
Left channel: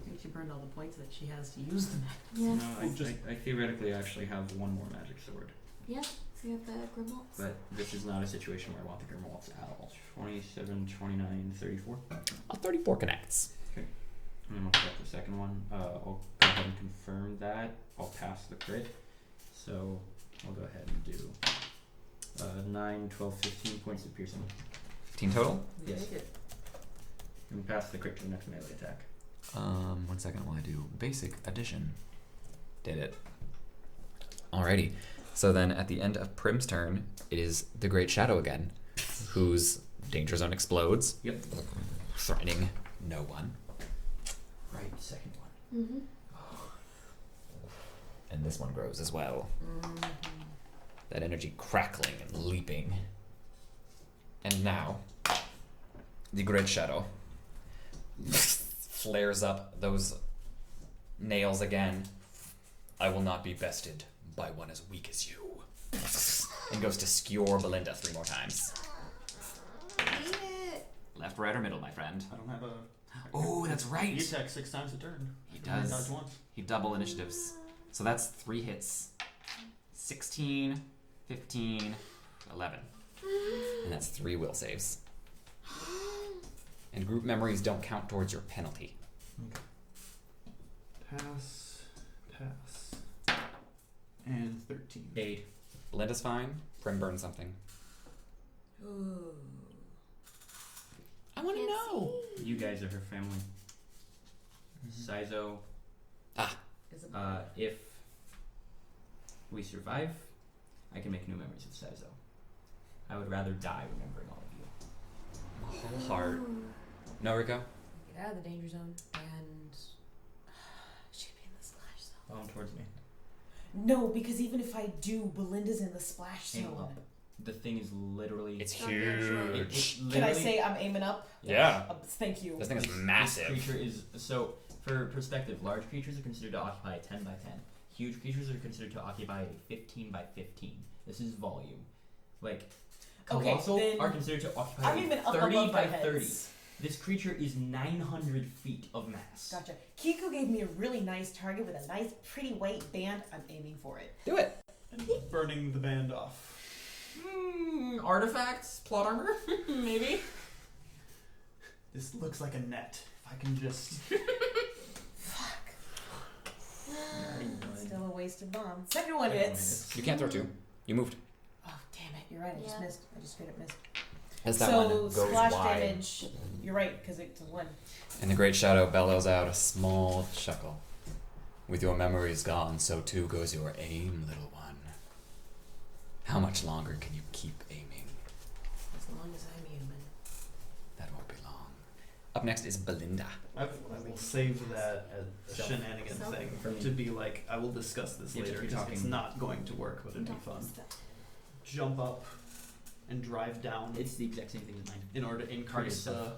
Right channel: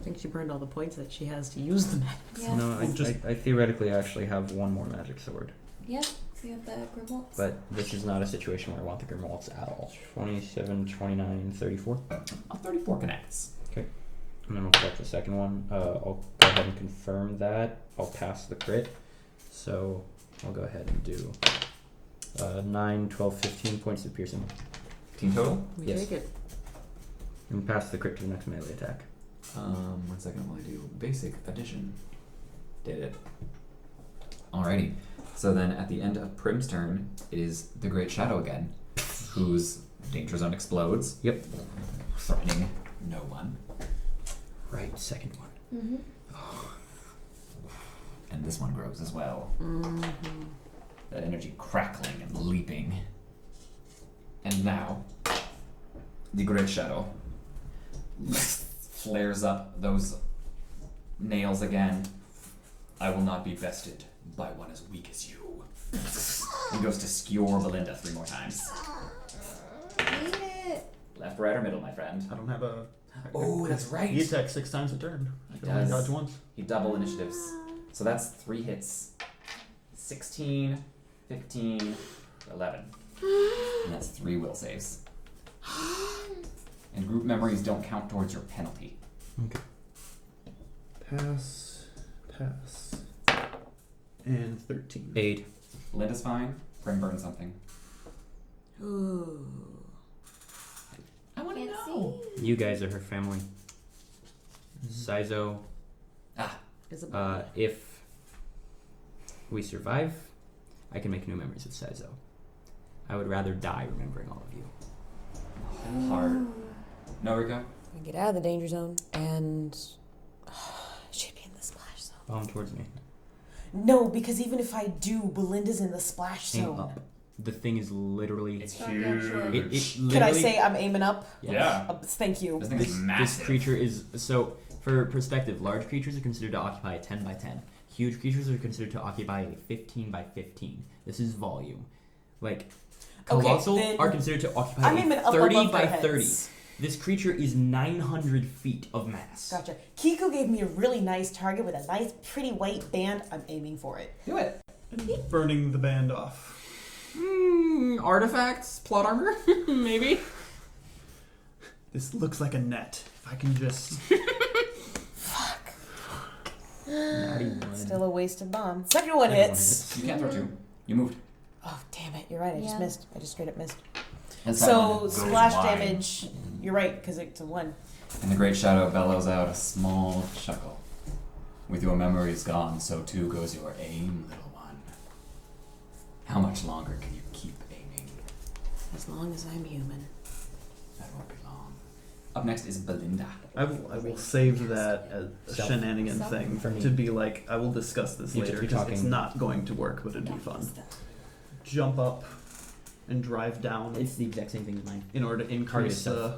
I think she burned all the points that she has to use them. Yeah. No, I theoretically actually have one more magic sword. Yeah. So you have the Grimwaltz. But this is not a situation where I want the Grimwaltz at all. 27, 29, 34. 34 connects. And then we'll check the second one. I'll go ahead and confirm that. I'll pass the crit. So I'll go ahead and do 9, 12, 15 points of piercing. 15 total? We Yes. take it. And pass the crit to the next melee attack. 1 second while I do basic addition. Did it. Alrighty. So then at the end of Prim's turn, it is the Great Shadow again, whose danger zone explodes. Yep. Threatening no one. Right, second one. Mm-hmm. And this one grows as well. That energy crackling and leaping. And now, the Great Shadow flares up those nails again. I will not be bested by one as weak as you. And goes to skewer Belinda 3 more times. Hate it. Left, right, or middle, my friend. I don't have a. Oh, that's right. He attacks 6 times a turn. I He can only does. dodge once. He double initiatives. So that's 3 hits. 16, 15, 11. And that's 3 will saves. And group memories don't count towards your penalty. Pass. And 13. 8. Belinda's fine. Prim burns something. Ooh. I want to Can't know. You guys are her family. Saizo, Is it if we survive, I can make new memories of Saizo. I would rather die remembering all of you. Hard. Noriko? Get out of the danger zone and she'd be in the splash zone. Palm towards me. No, because even if I do, Belinda's in the splash Aim zone. up. The thing is literally. It's Not yet, sure. It huge. Can I literally- say I'm aiming up? Yeah. Thank you. This thing is This massive. creature is so. For perspective, large creatures are considered to occupy a 10 by 10. Huge creatures are considered to occupy a 15 by 15. This is volume. Like Okay, colossal then are considered to occupy I'm aiming a up 30 above by their 30. heads. This creature is 900 feet of mass. Gotcha. Kiku gave me a really nice target with a nice, pretty white band. I'm aiming for it. Do it. And burning the band off. Artifacts, plot armor, maybe. This looks like a net. If I can just. Still a wasted bomb. Second one hits. You can't throw 2. You moved. Oh, damn it. You're right. I just Yeah. missed. I just straight up missed. And that So, one goes splash wide. damage. You're right, because it's a 1. And the Great Shadow bellows out a small chuckle. With your memories gone, so too goes your aim, little one. How much longer can you keep aiming? as long as I'm human? That won't be long. Up Up next is Belinda. I will save that as a Self. shenanigan Self. thing For me. to be like, I will discuss this You're later because it's talking- not going to work, but it'd be Don't fun. miss that. Jump up and drive down It's the exact same thing as mine. in order to increase yourself.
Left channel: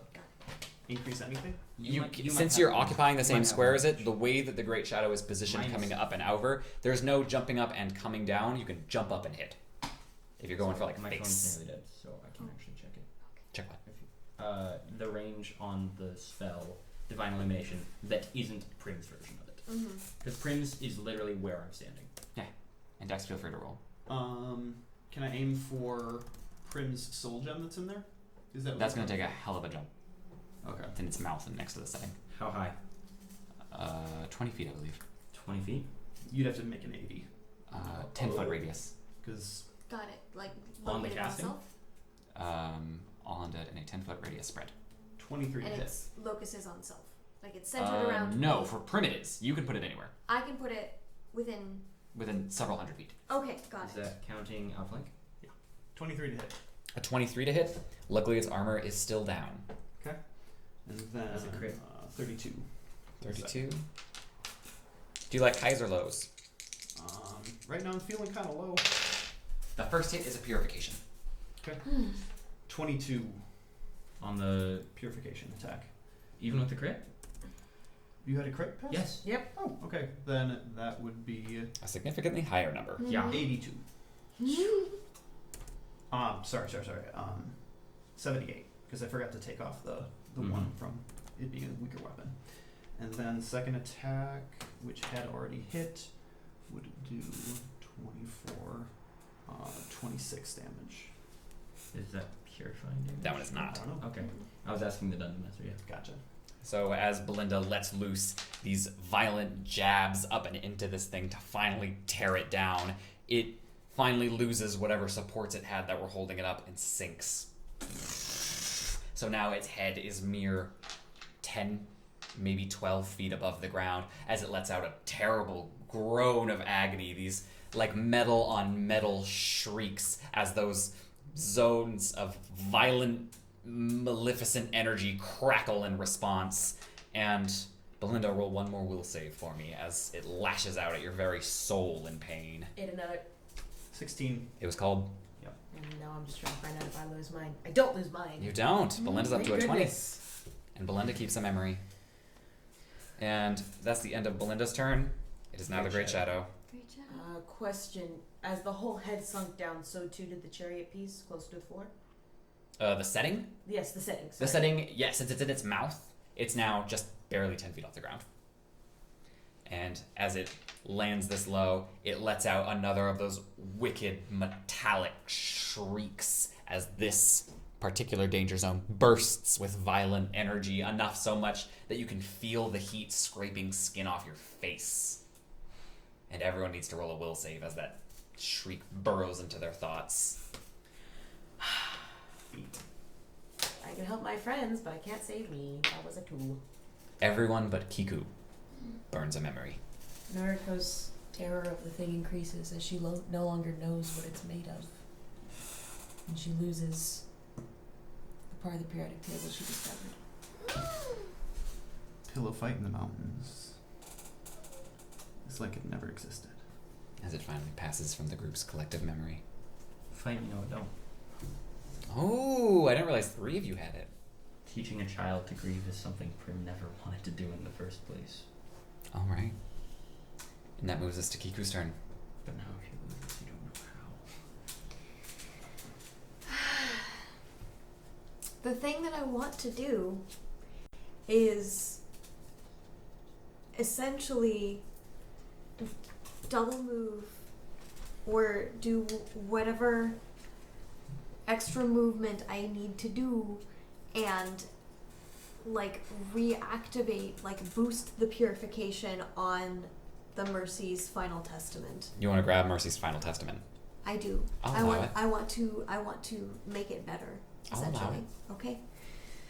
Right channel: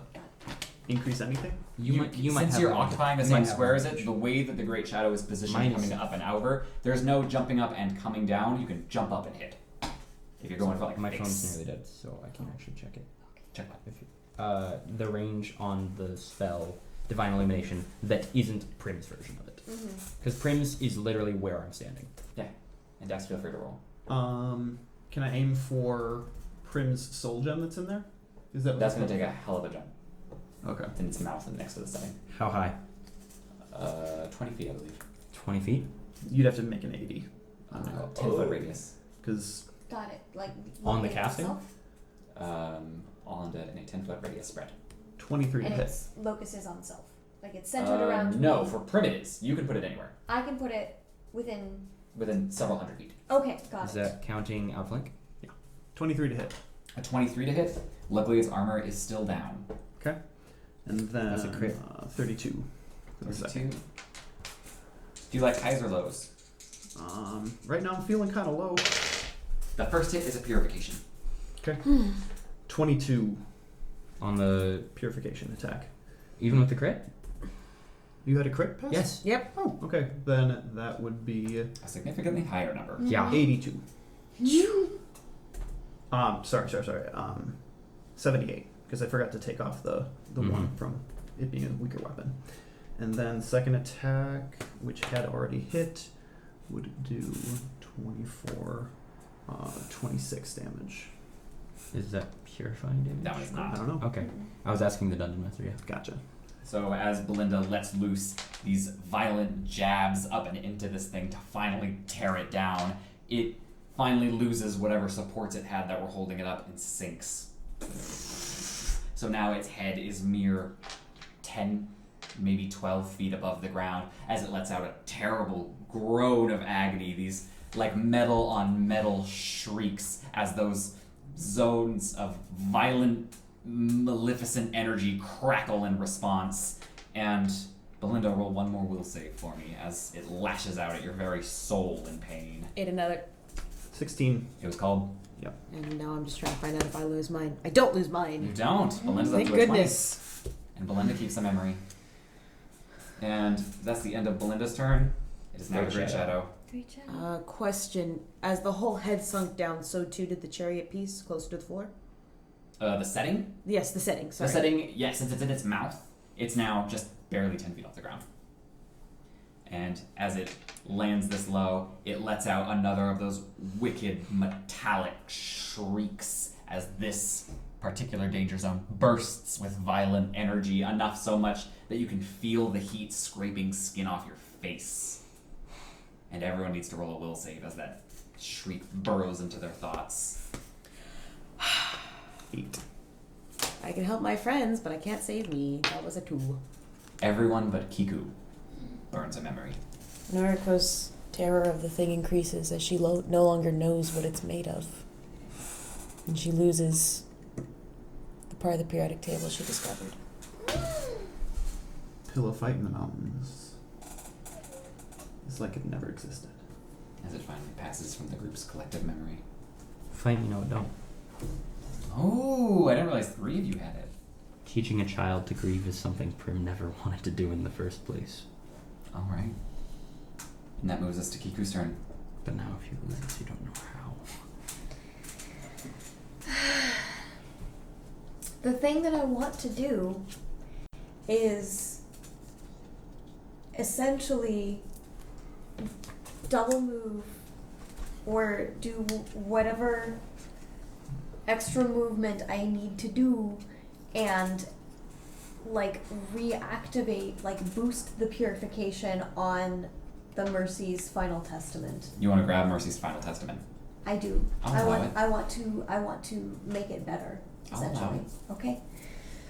increase anything. You might Since have you're one. occupying the You same might have square one. as it, the way that the Great Shadow is positioned Mine coming is- up and over, there's no jumping up and coming down. You can jump up and hit. If you're going for like My phone's face. nearly dead, so I can actually check it. Check what? The range on the spell Divine Illumination that isn't Prim's version of it. Mm-hmm. Because Prim's is literally where I'm standing. And Dex, feel free to roll. Can I aim for Prim's soul gem that's in there? Is that what That's it's going to take a called? hell of a jump. Okay. In its mouth and next to the setting. How high? 20 feet, I believe. 20 feet? You'd have to make an 80 10-foot radius. because Got it. Like On the located casting? itself? All undead in a 10-foot radius spread. 23 to And hit. its locus is on self. Like it's centered around No, me. for primitives, you can put it anywhere. I can put it within. Within several hundred feet. Okay, got Is it. that counting outflank? 23 to hit. A 23 to hit. Luckily, its armor is still down. And then That's a crit. 32. for the second. 32. Do you like highs or lows? Right now I'm feeling kind of low. The first hit is a purification. 22 On the. purification attack. Even with the crit? You had a crit pass? Yes. Yep. Oh, okay. Then that would be A significantly higher number. Yeah. 82. Sorry. 78 because I forgot to take off the one from it being a weaker weapon. And then second attack, which had already hit, would do 24, 26 damage. Is that purifying damage? That one is I not. don't know. Okay. I was asking the Dungeon Master, yeah. Gotcha. So as Belinda lets loose these violent jabs up and into this thing to finally tear it down, it finally loses whatever supports it had that were holding it up and sinks. So now its head is mere 10, maybe 12 feet above the ground as it lets out a terrible groan of agony, these like metal on metal shrieks as those zones of violent, maleficent energy crackle in response. And Belinda, roll one more will save for me as it lashes out at your very soul in pain. Ate another. 16. It was called... And now I'm just trying to find out if I lose mine. I don't lose mine. You don't. Belinda's up Thank to a 20. goodness. And Belinda keeps a memory. And that's the end of Belinda's turn. It is now the Great Shadow. Great job. Question. As the whole head sunk down, so too did the chariot piece closer to the floor? The setting? Yes, the setting. Sorry. The setting, yeah, since it's in its mouth, it's now just barely 10 feet off the ground. And as it lands this low, it lets out another of those wicked metallic shrieks as this particular danger zone bursts with violent energy, enough so much that you can feel the heat scraping skin off your face. And everyone needs to roll a will save as that shriek burrows into their thoughts. 8. I can help my friends, but I can't save me. That was a 2. Everyone but Kiku burns a memory. Noriko's terror of the thing increases as she no longer knows what it's made of. And she loses the part of the periodic table she discovered. Pillow fight in the mountains. It's like it never existed. As it finally passes from the group's collective memory. Fight me, no, it don't. Oh, I didn't realize 3 of you had it. Teaching a child to grieve is something Prim never wanted to do in the first place. All right. And that moves us to Kiku's turn. But now if you lose it, you don't know how. The thing that I want to do is essentially double move or do whatever extra movement I need to do and like reactivate, like boost the purification on the Mercy's Final Testament. You want to grab Mercy's Final Testament. I do. I'll I allow want it. I want to make it better, I'll allow essentially. Okay.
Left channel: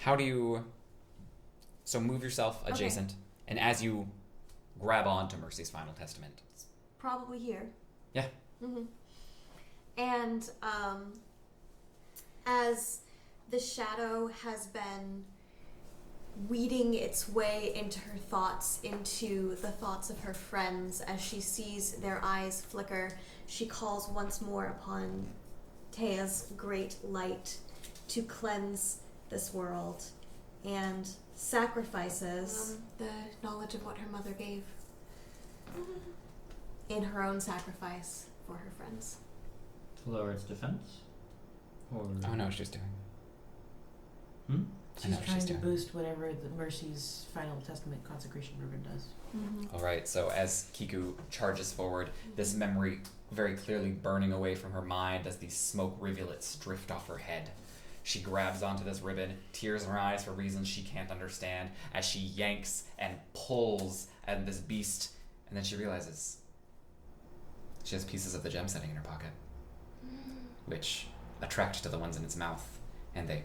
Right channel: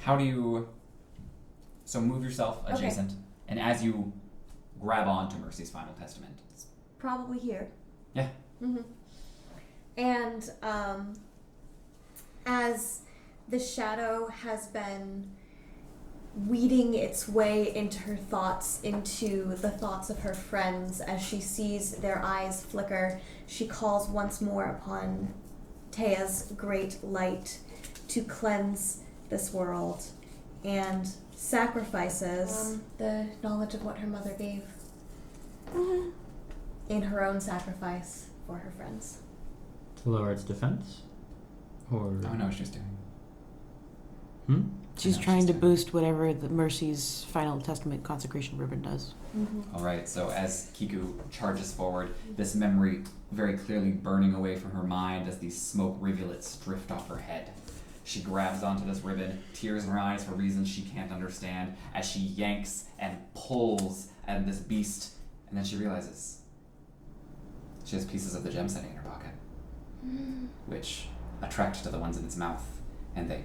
How do you... So move yourself adjacent, and as you grab onto Mercy's Final Testament... Probably here. Yeah. Mm-hmm. And as the shadow has been weeding its way into her thoughts, into the thoughts of her friends. As she sees their eyes flicker, she calls once more upon Tea's great light to cleanse this world, and sacrifices The knowledge of what her mother gave. in her own sacrifice for her friends. To lower its defense? Or Oh, I know what she's doing. Hmm? She's know trying she's to doing. boost whatever the Mercy's Final Testament consecration ribbon does. All right, so as Kiku charges forward, this memory very clearly burning away from her mind as these smoke rivulets drift off her head. She grabs onto this ribbon, tears in her eyes for reasons she can't understand, as she yanks and pulls at this beast, and then she realizes she has pieces of the gem sitting in her pocket, which attract to the ones in its mouth, and they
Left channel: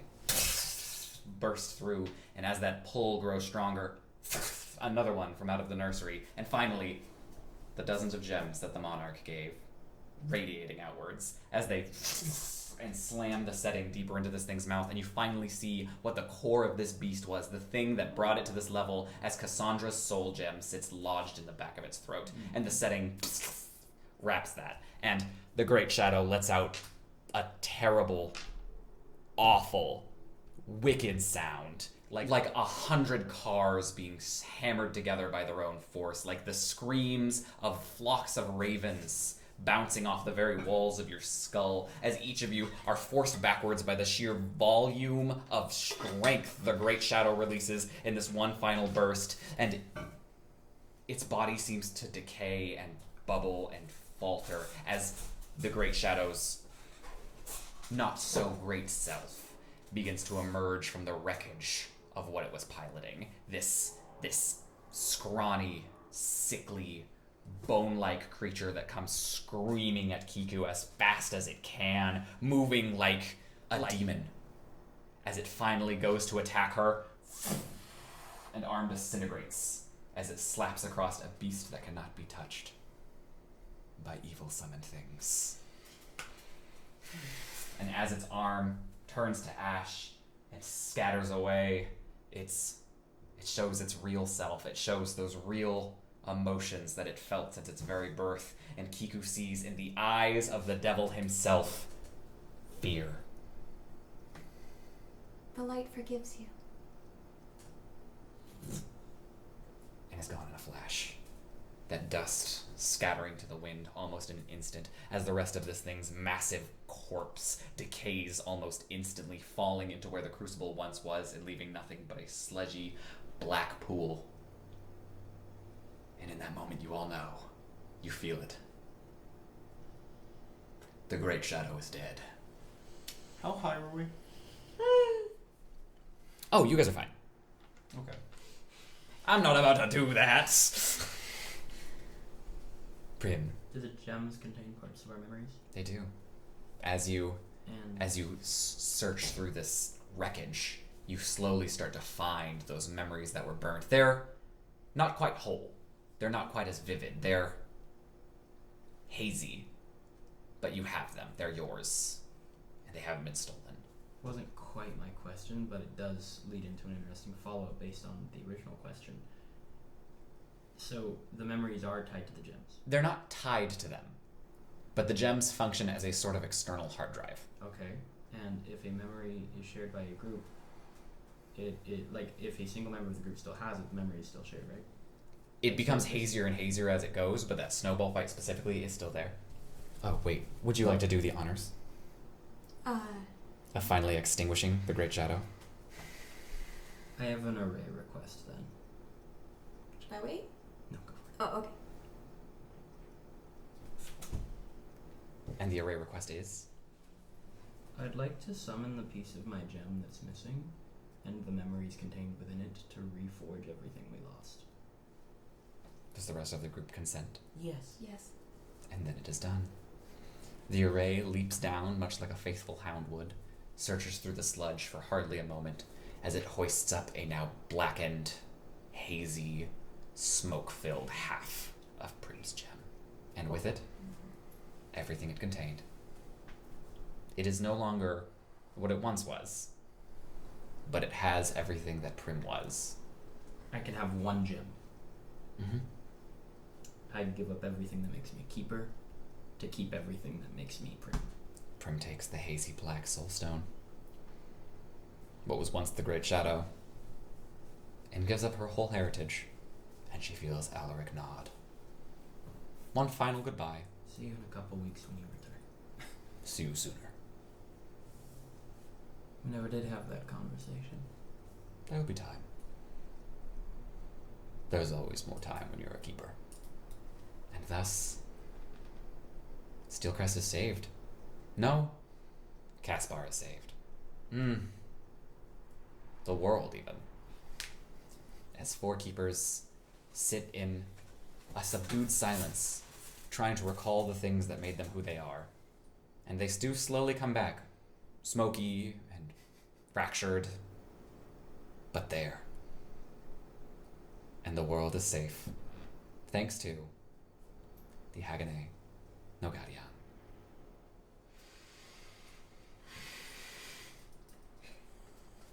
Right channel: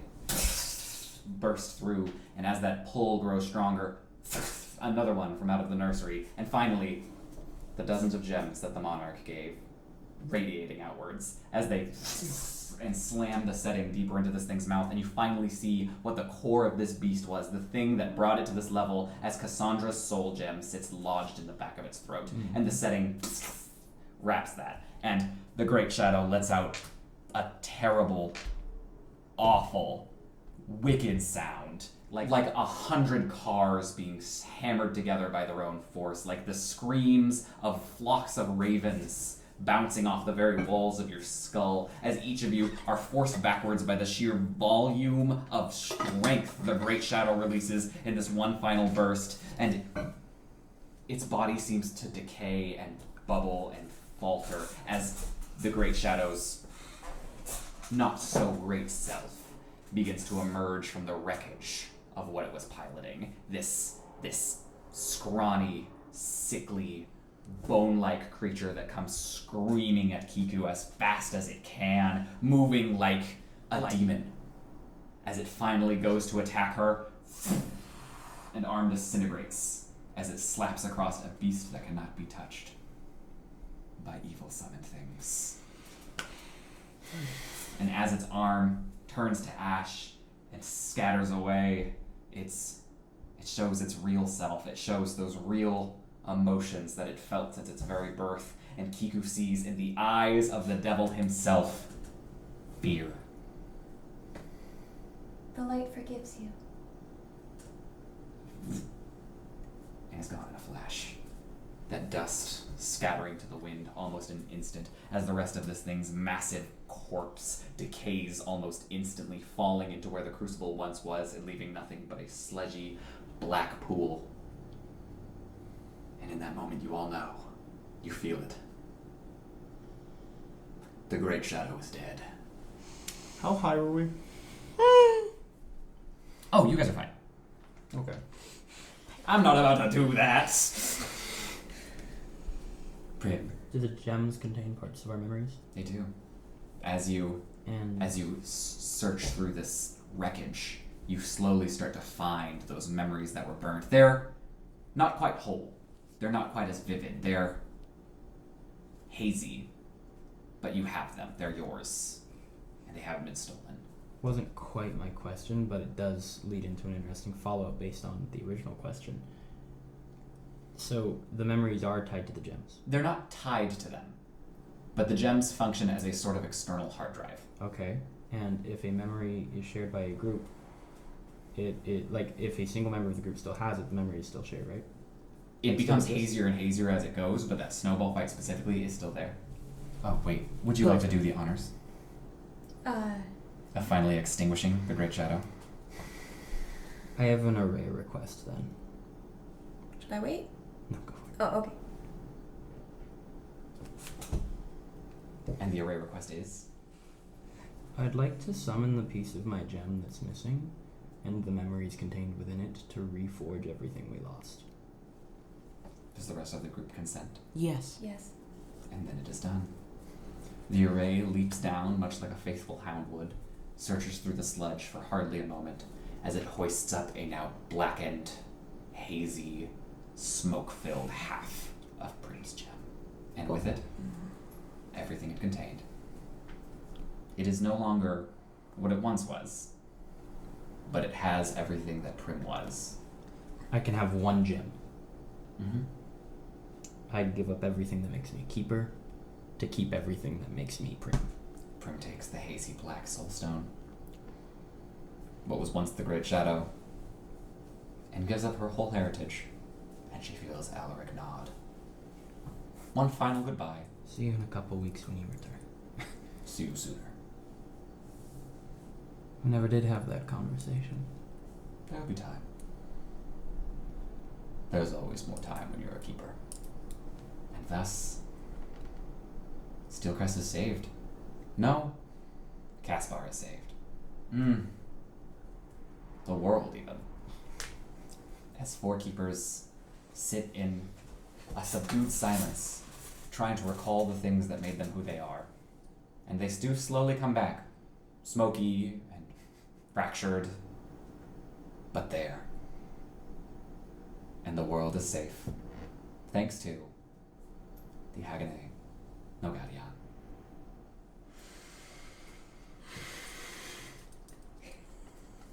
burst through, and as that pull grows stronger, another one from out of the nursery, and finally, the dozens of gems that the monarch gave, radiating outwards, as they and slam the setting deeper into this thing's mouth, and you finally see what the core of this beast was, the thing that brought it to this level, as Cassandra's soul gem sits lodged in the back of its throat, and the setting wraps that, and the Great Shadow lets out a terrible, awful, wicked sound, like 100 cars being hammered together by their own force, like the screams of flocks of ravens bouncing off the very walls of your skull, as each of you are forced backwards by the sheer volume of strength the Great Shadow releases in this one final burst, and its body seems to decay and bubble and falter as the Great Shadow's not so great self begins to emerge from the wreckage of what it was piloting. This scrawny, sickly, bone-like creature that comes screaming at Kiku as fast as it can, moving like a demon. As it finally goes to attack her, an arm disintegrates as it slaps across a beast that cannot be touched by evil summoned things. And as its arm turns to ash and scatters away, it shows its real self. It shows those real emotions that it felt since its very birth. And Kiku sees in the eyes of the devil himself fear. The light forgives you. And it's gone in a flash. That dust scattering to the wind almost in an instant as the rest of this thing's massive corpse decays almost instantly, falling into where the crucible once was and leaving nothing but a sludgy black pool. And in that moment, you all know, you feel it. The Great Shadow is dead. How high were we? Oh, you guys are fine. Okay. I'm not about to do that. Prim, do the gems contain parts of our memories? they do. As you And search through this wreckage, you slowly start to find those memories that were burned. They're not quite whole. They're not quite as vivid. They're hazy, but you have them. They're yours, and they haven't been stolen. wasn't quite my question, but it does lead into an interesting follow-up based on the original question. So the memories are tied to the gems. They're not tied to them, but the gems function as a sort of external hard drive. Okay. And if a memory is shared by a group, it like if a single member of the group still has it, the memory is still shared, right? It becomes hazier and hazier as it goes, but that snowball fight specifically is still there. Oh, wait. Would you like to do the honors of finally extinguishing the Great Shadow? I have an array request then. Should I wait? No, go for it. Oh, okay. And the array request is? I'd like to summon the piece of my gem that's missing and the memories contained within it to reforge everything we lost. Does the rest of the group consent? Yes. Yes. And then it is done. The array leaps down, much like a faithful hound would, searches through the sludge for hardly a moment, as it hoists up a now blackened, hazy, smoke-filled half of Prim's gem. And with it, everything it contained. It is no longer what it once was. but it has everything that Prim was. I can have one gem. Mm-hmm. I'd give up everything that makes me a keeper to keep everything that makes me Prim. Prim takes the hazy black soulstone, what was once the Great Shadow, and gives up her whole heritage, and she feels Alaric nod. One final goodbye. See you in a couple weeks when you return. See you sooner. We never did have that conversation. There'll be time. There's always more time when you're a keeper. And thus, Steelcrest is saved. No, Caspar is saved. The world, even. As 4 keepers sit in a subdued silence, trying to recall the things that made them who they are. And they do slowly come back, smoky and fractured, but there. And the world is safe, thanks to the Hagane no Gadian.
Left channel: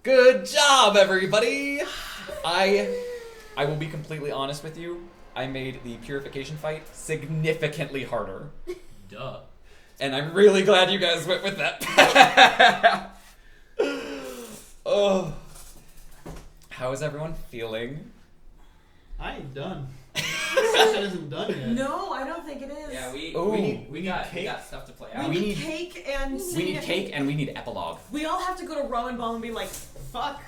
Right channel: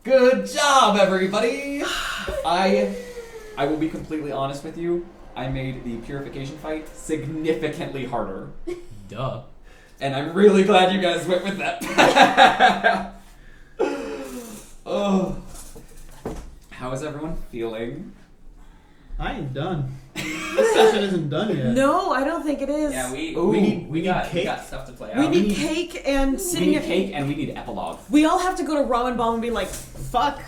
Good job, everybody! I will be completely honest with you. I made the purification fight significantly harder. Duh. And I'm really glad you guys went with that. Oh. How is everyone feeling? I ain't done. This session isn't done yet. No, I don't think it is. Yeah, we need got cake. stuff to play We out. need cake and We sitting need at cake and we need epilogue. We all have to go to Ramen Ball and be like, fuck.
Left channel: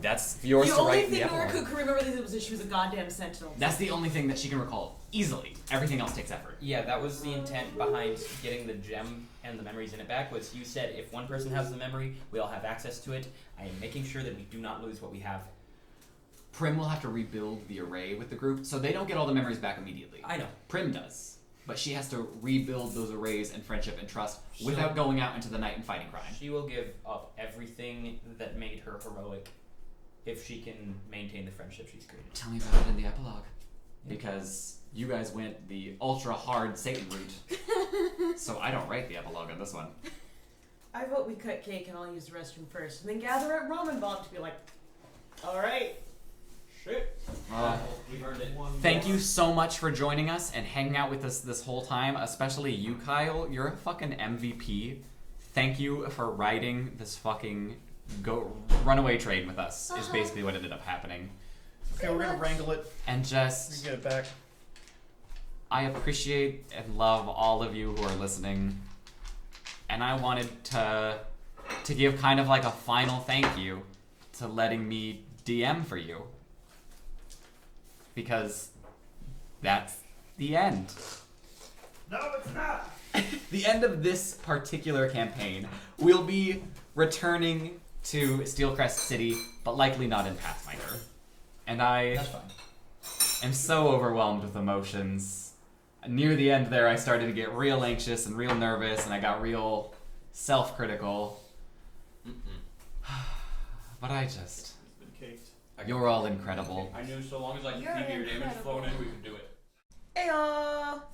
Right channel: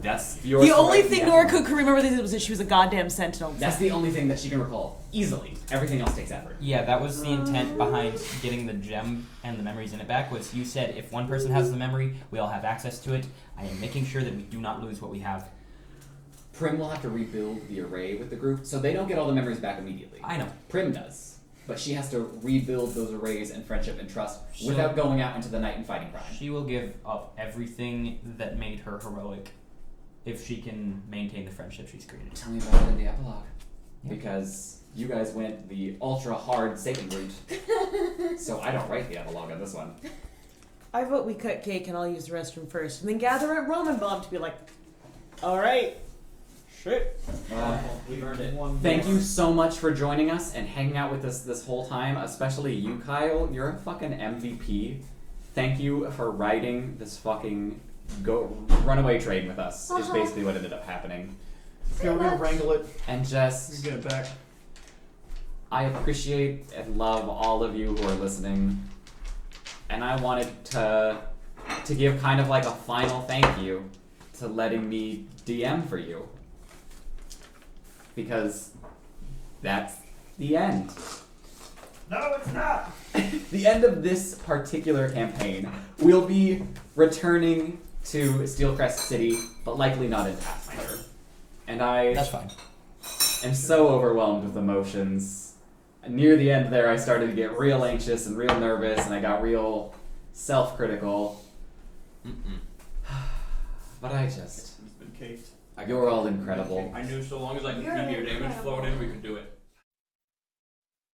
That's yours. The to only write thing the Nora epilogue. could remember was that she was a goddamn sentinel. That's the only thing that she can recall easily. Everything else takes effort. Yeah, that was the intent behind getting the gem and the memories in it back, was you said if one person has the memory, we all have access to it. I am making sure that we do not lose what we have. Prim will have to rebuild the array with the group, so they don't get all the memories back immediately. I know. Prim does. But she has to rebuild those arrays and friendship and trust Sure. without going out into the night and fighting crime. She will give up everything that made her heroic if she can maintain the friendship she's created. Tell me about it in the epilogue. Yeah. Because you guys went the ultra hard Satan route. So I don't write the epilogue on this one. I vote we cut cake and I'll use the restroom first, and then gather at Ramen Bomb to be like, alright, shit. We've earned it. Thank you so much for joining us and hanging out with us this whole time, especially you, Kyle. You're a fucking MVP. Thank you for riding this fucking runaway train with us, is basically what ended up happening. Okay, we're gonna wrangle it. And just, Get it back. I appreciate and love all of you who are listening. And I wanted to give kind of like a final thank you to letting me DM for you. Because that's the end. No, it's not. The end of this particular campaign. We'll be returning to Steelcrest City, but likely not in Pathfinder. And I That's fine. am so overwhelmed with emotions. Near the end there, I started to get real anxious and real nervous, and I got real self-critical. But I just... It's been caked. You're all incredible. I knew so long as I could You're keep your damage incredible. flowing in, we could do it. Hey,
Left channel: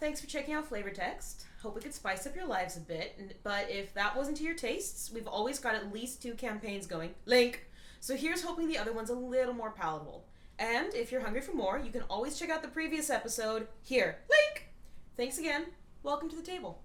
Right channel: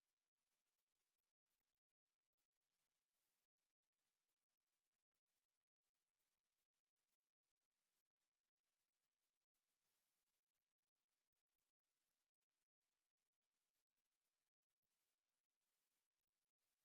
thanks for checking out FlavorText. Hope we could spice up your lives a bit, but if that wasn't to your tastes, we've always got at least 2 campaigns going. Link! So here's hoping the other one's a little more palatable. And if you're hungry for more, you can always check out the previous episode here. Link! Thanks again. Welcome to the table.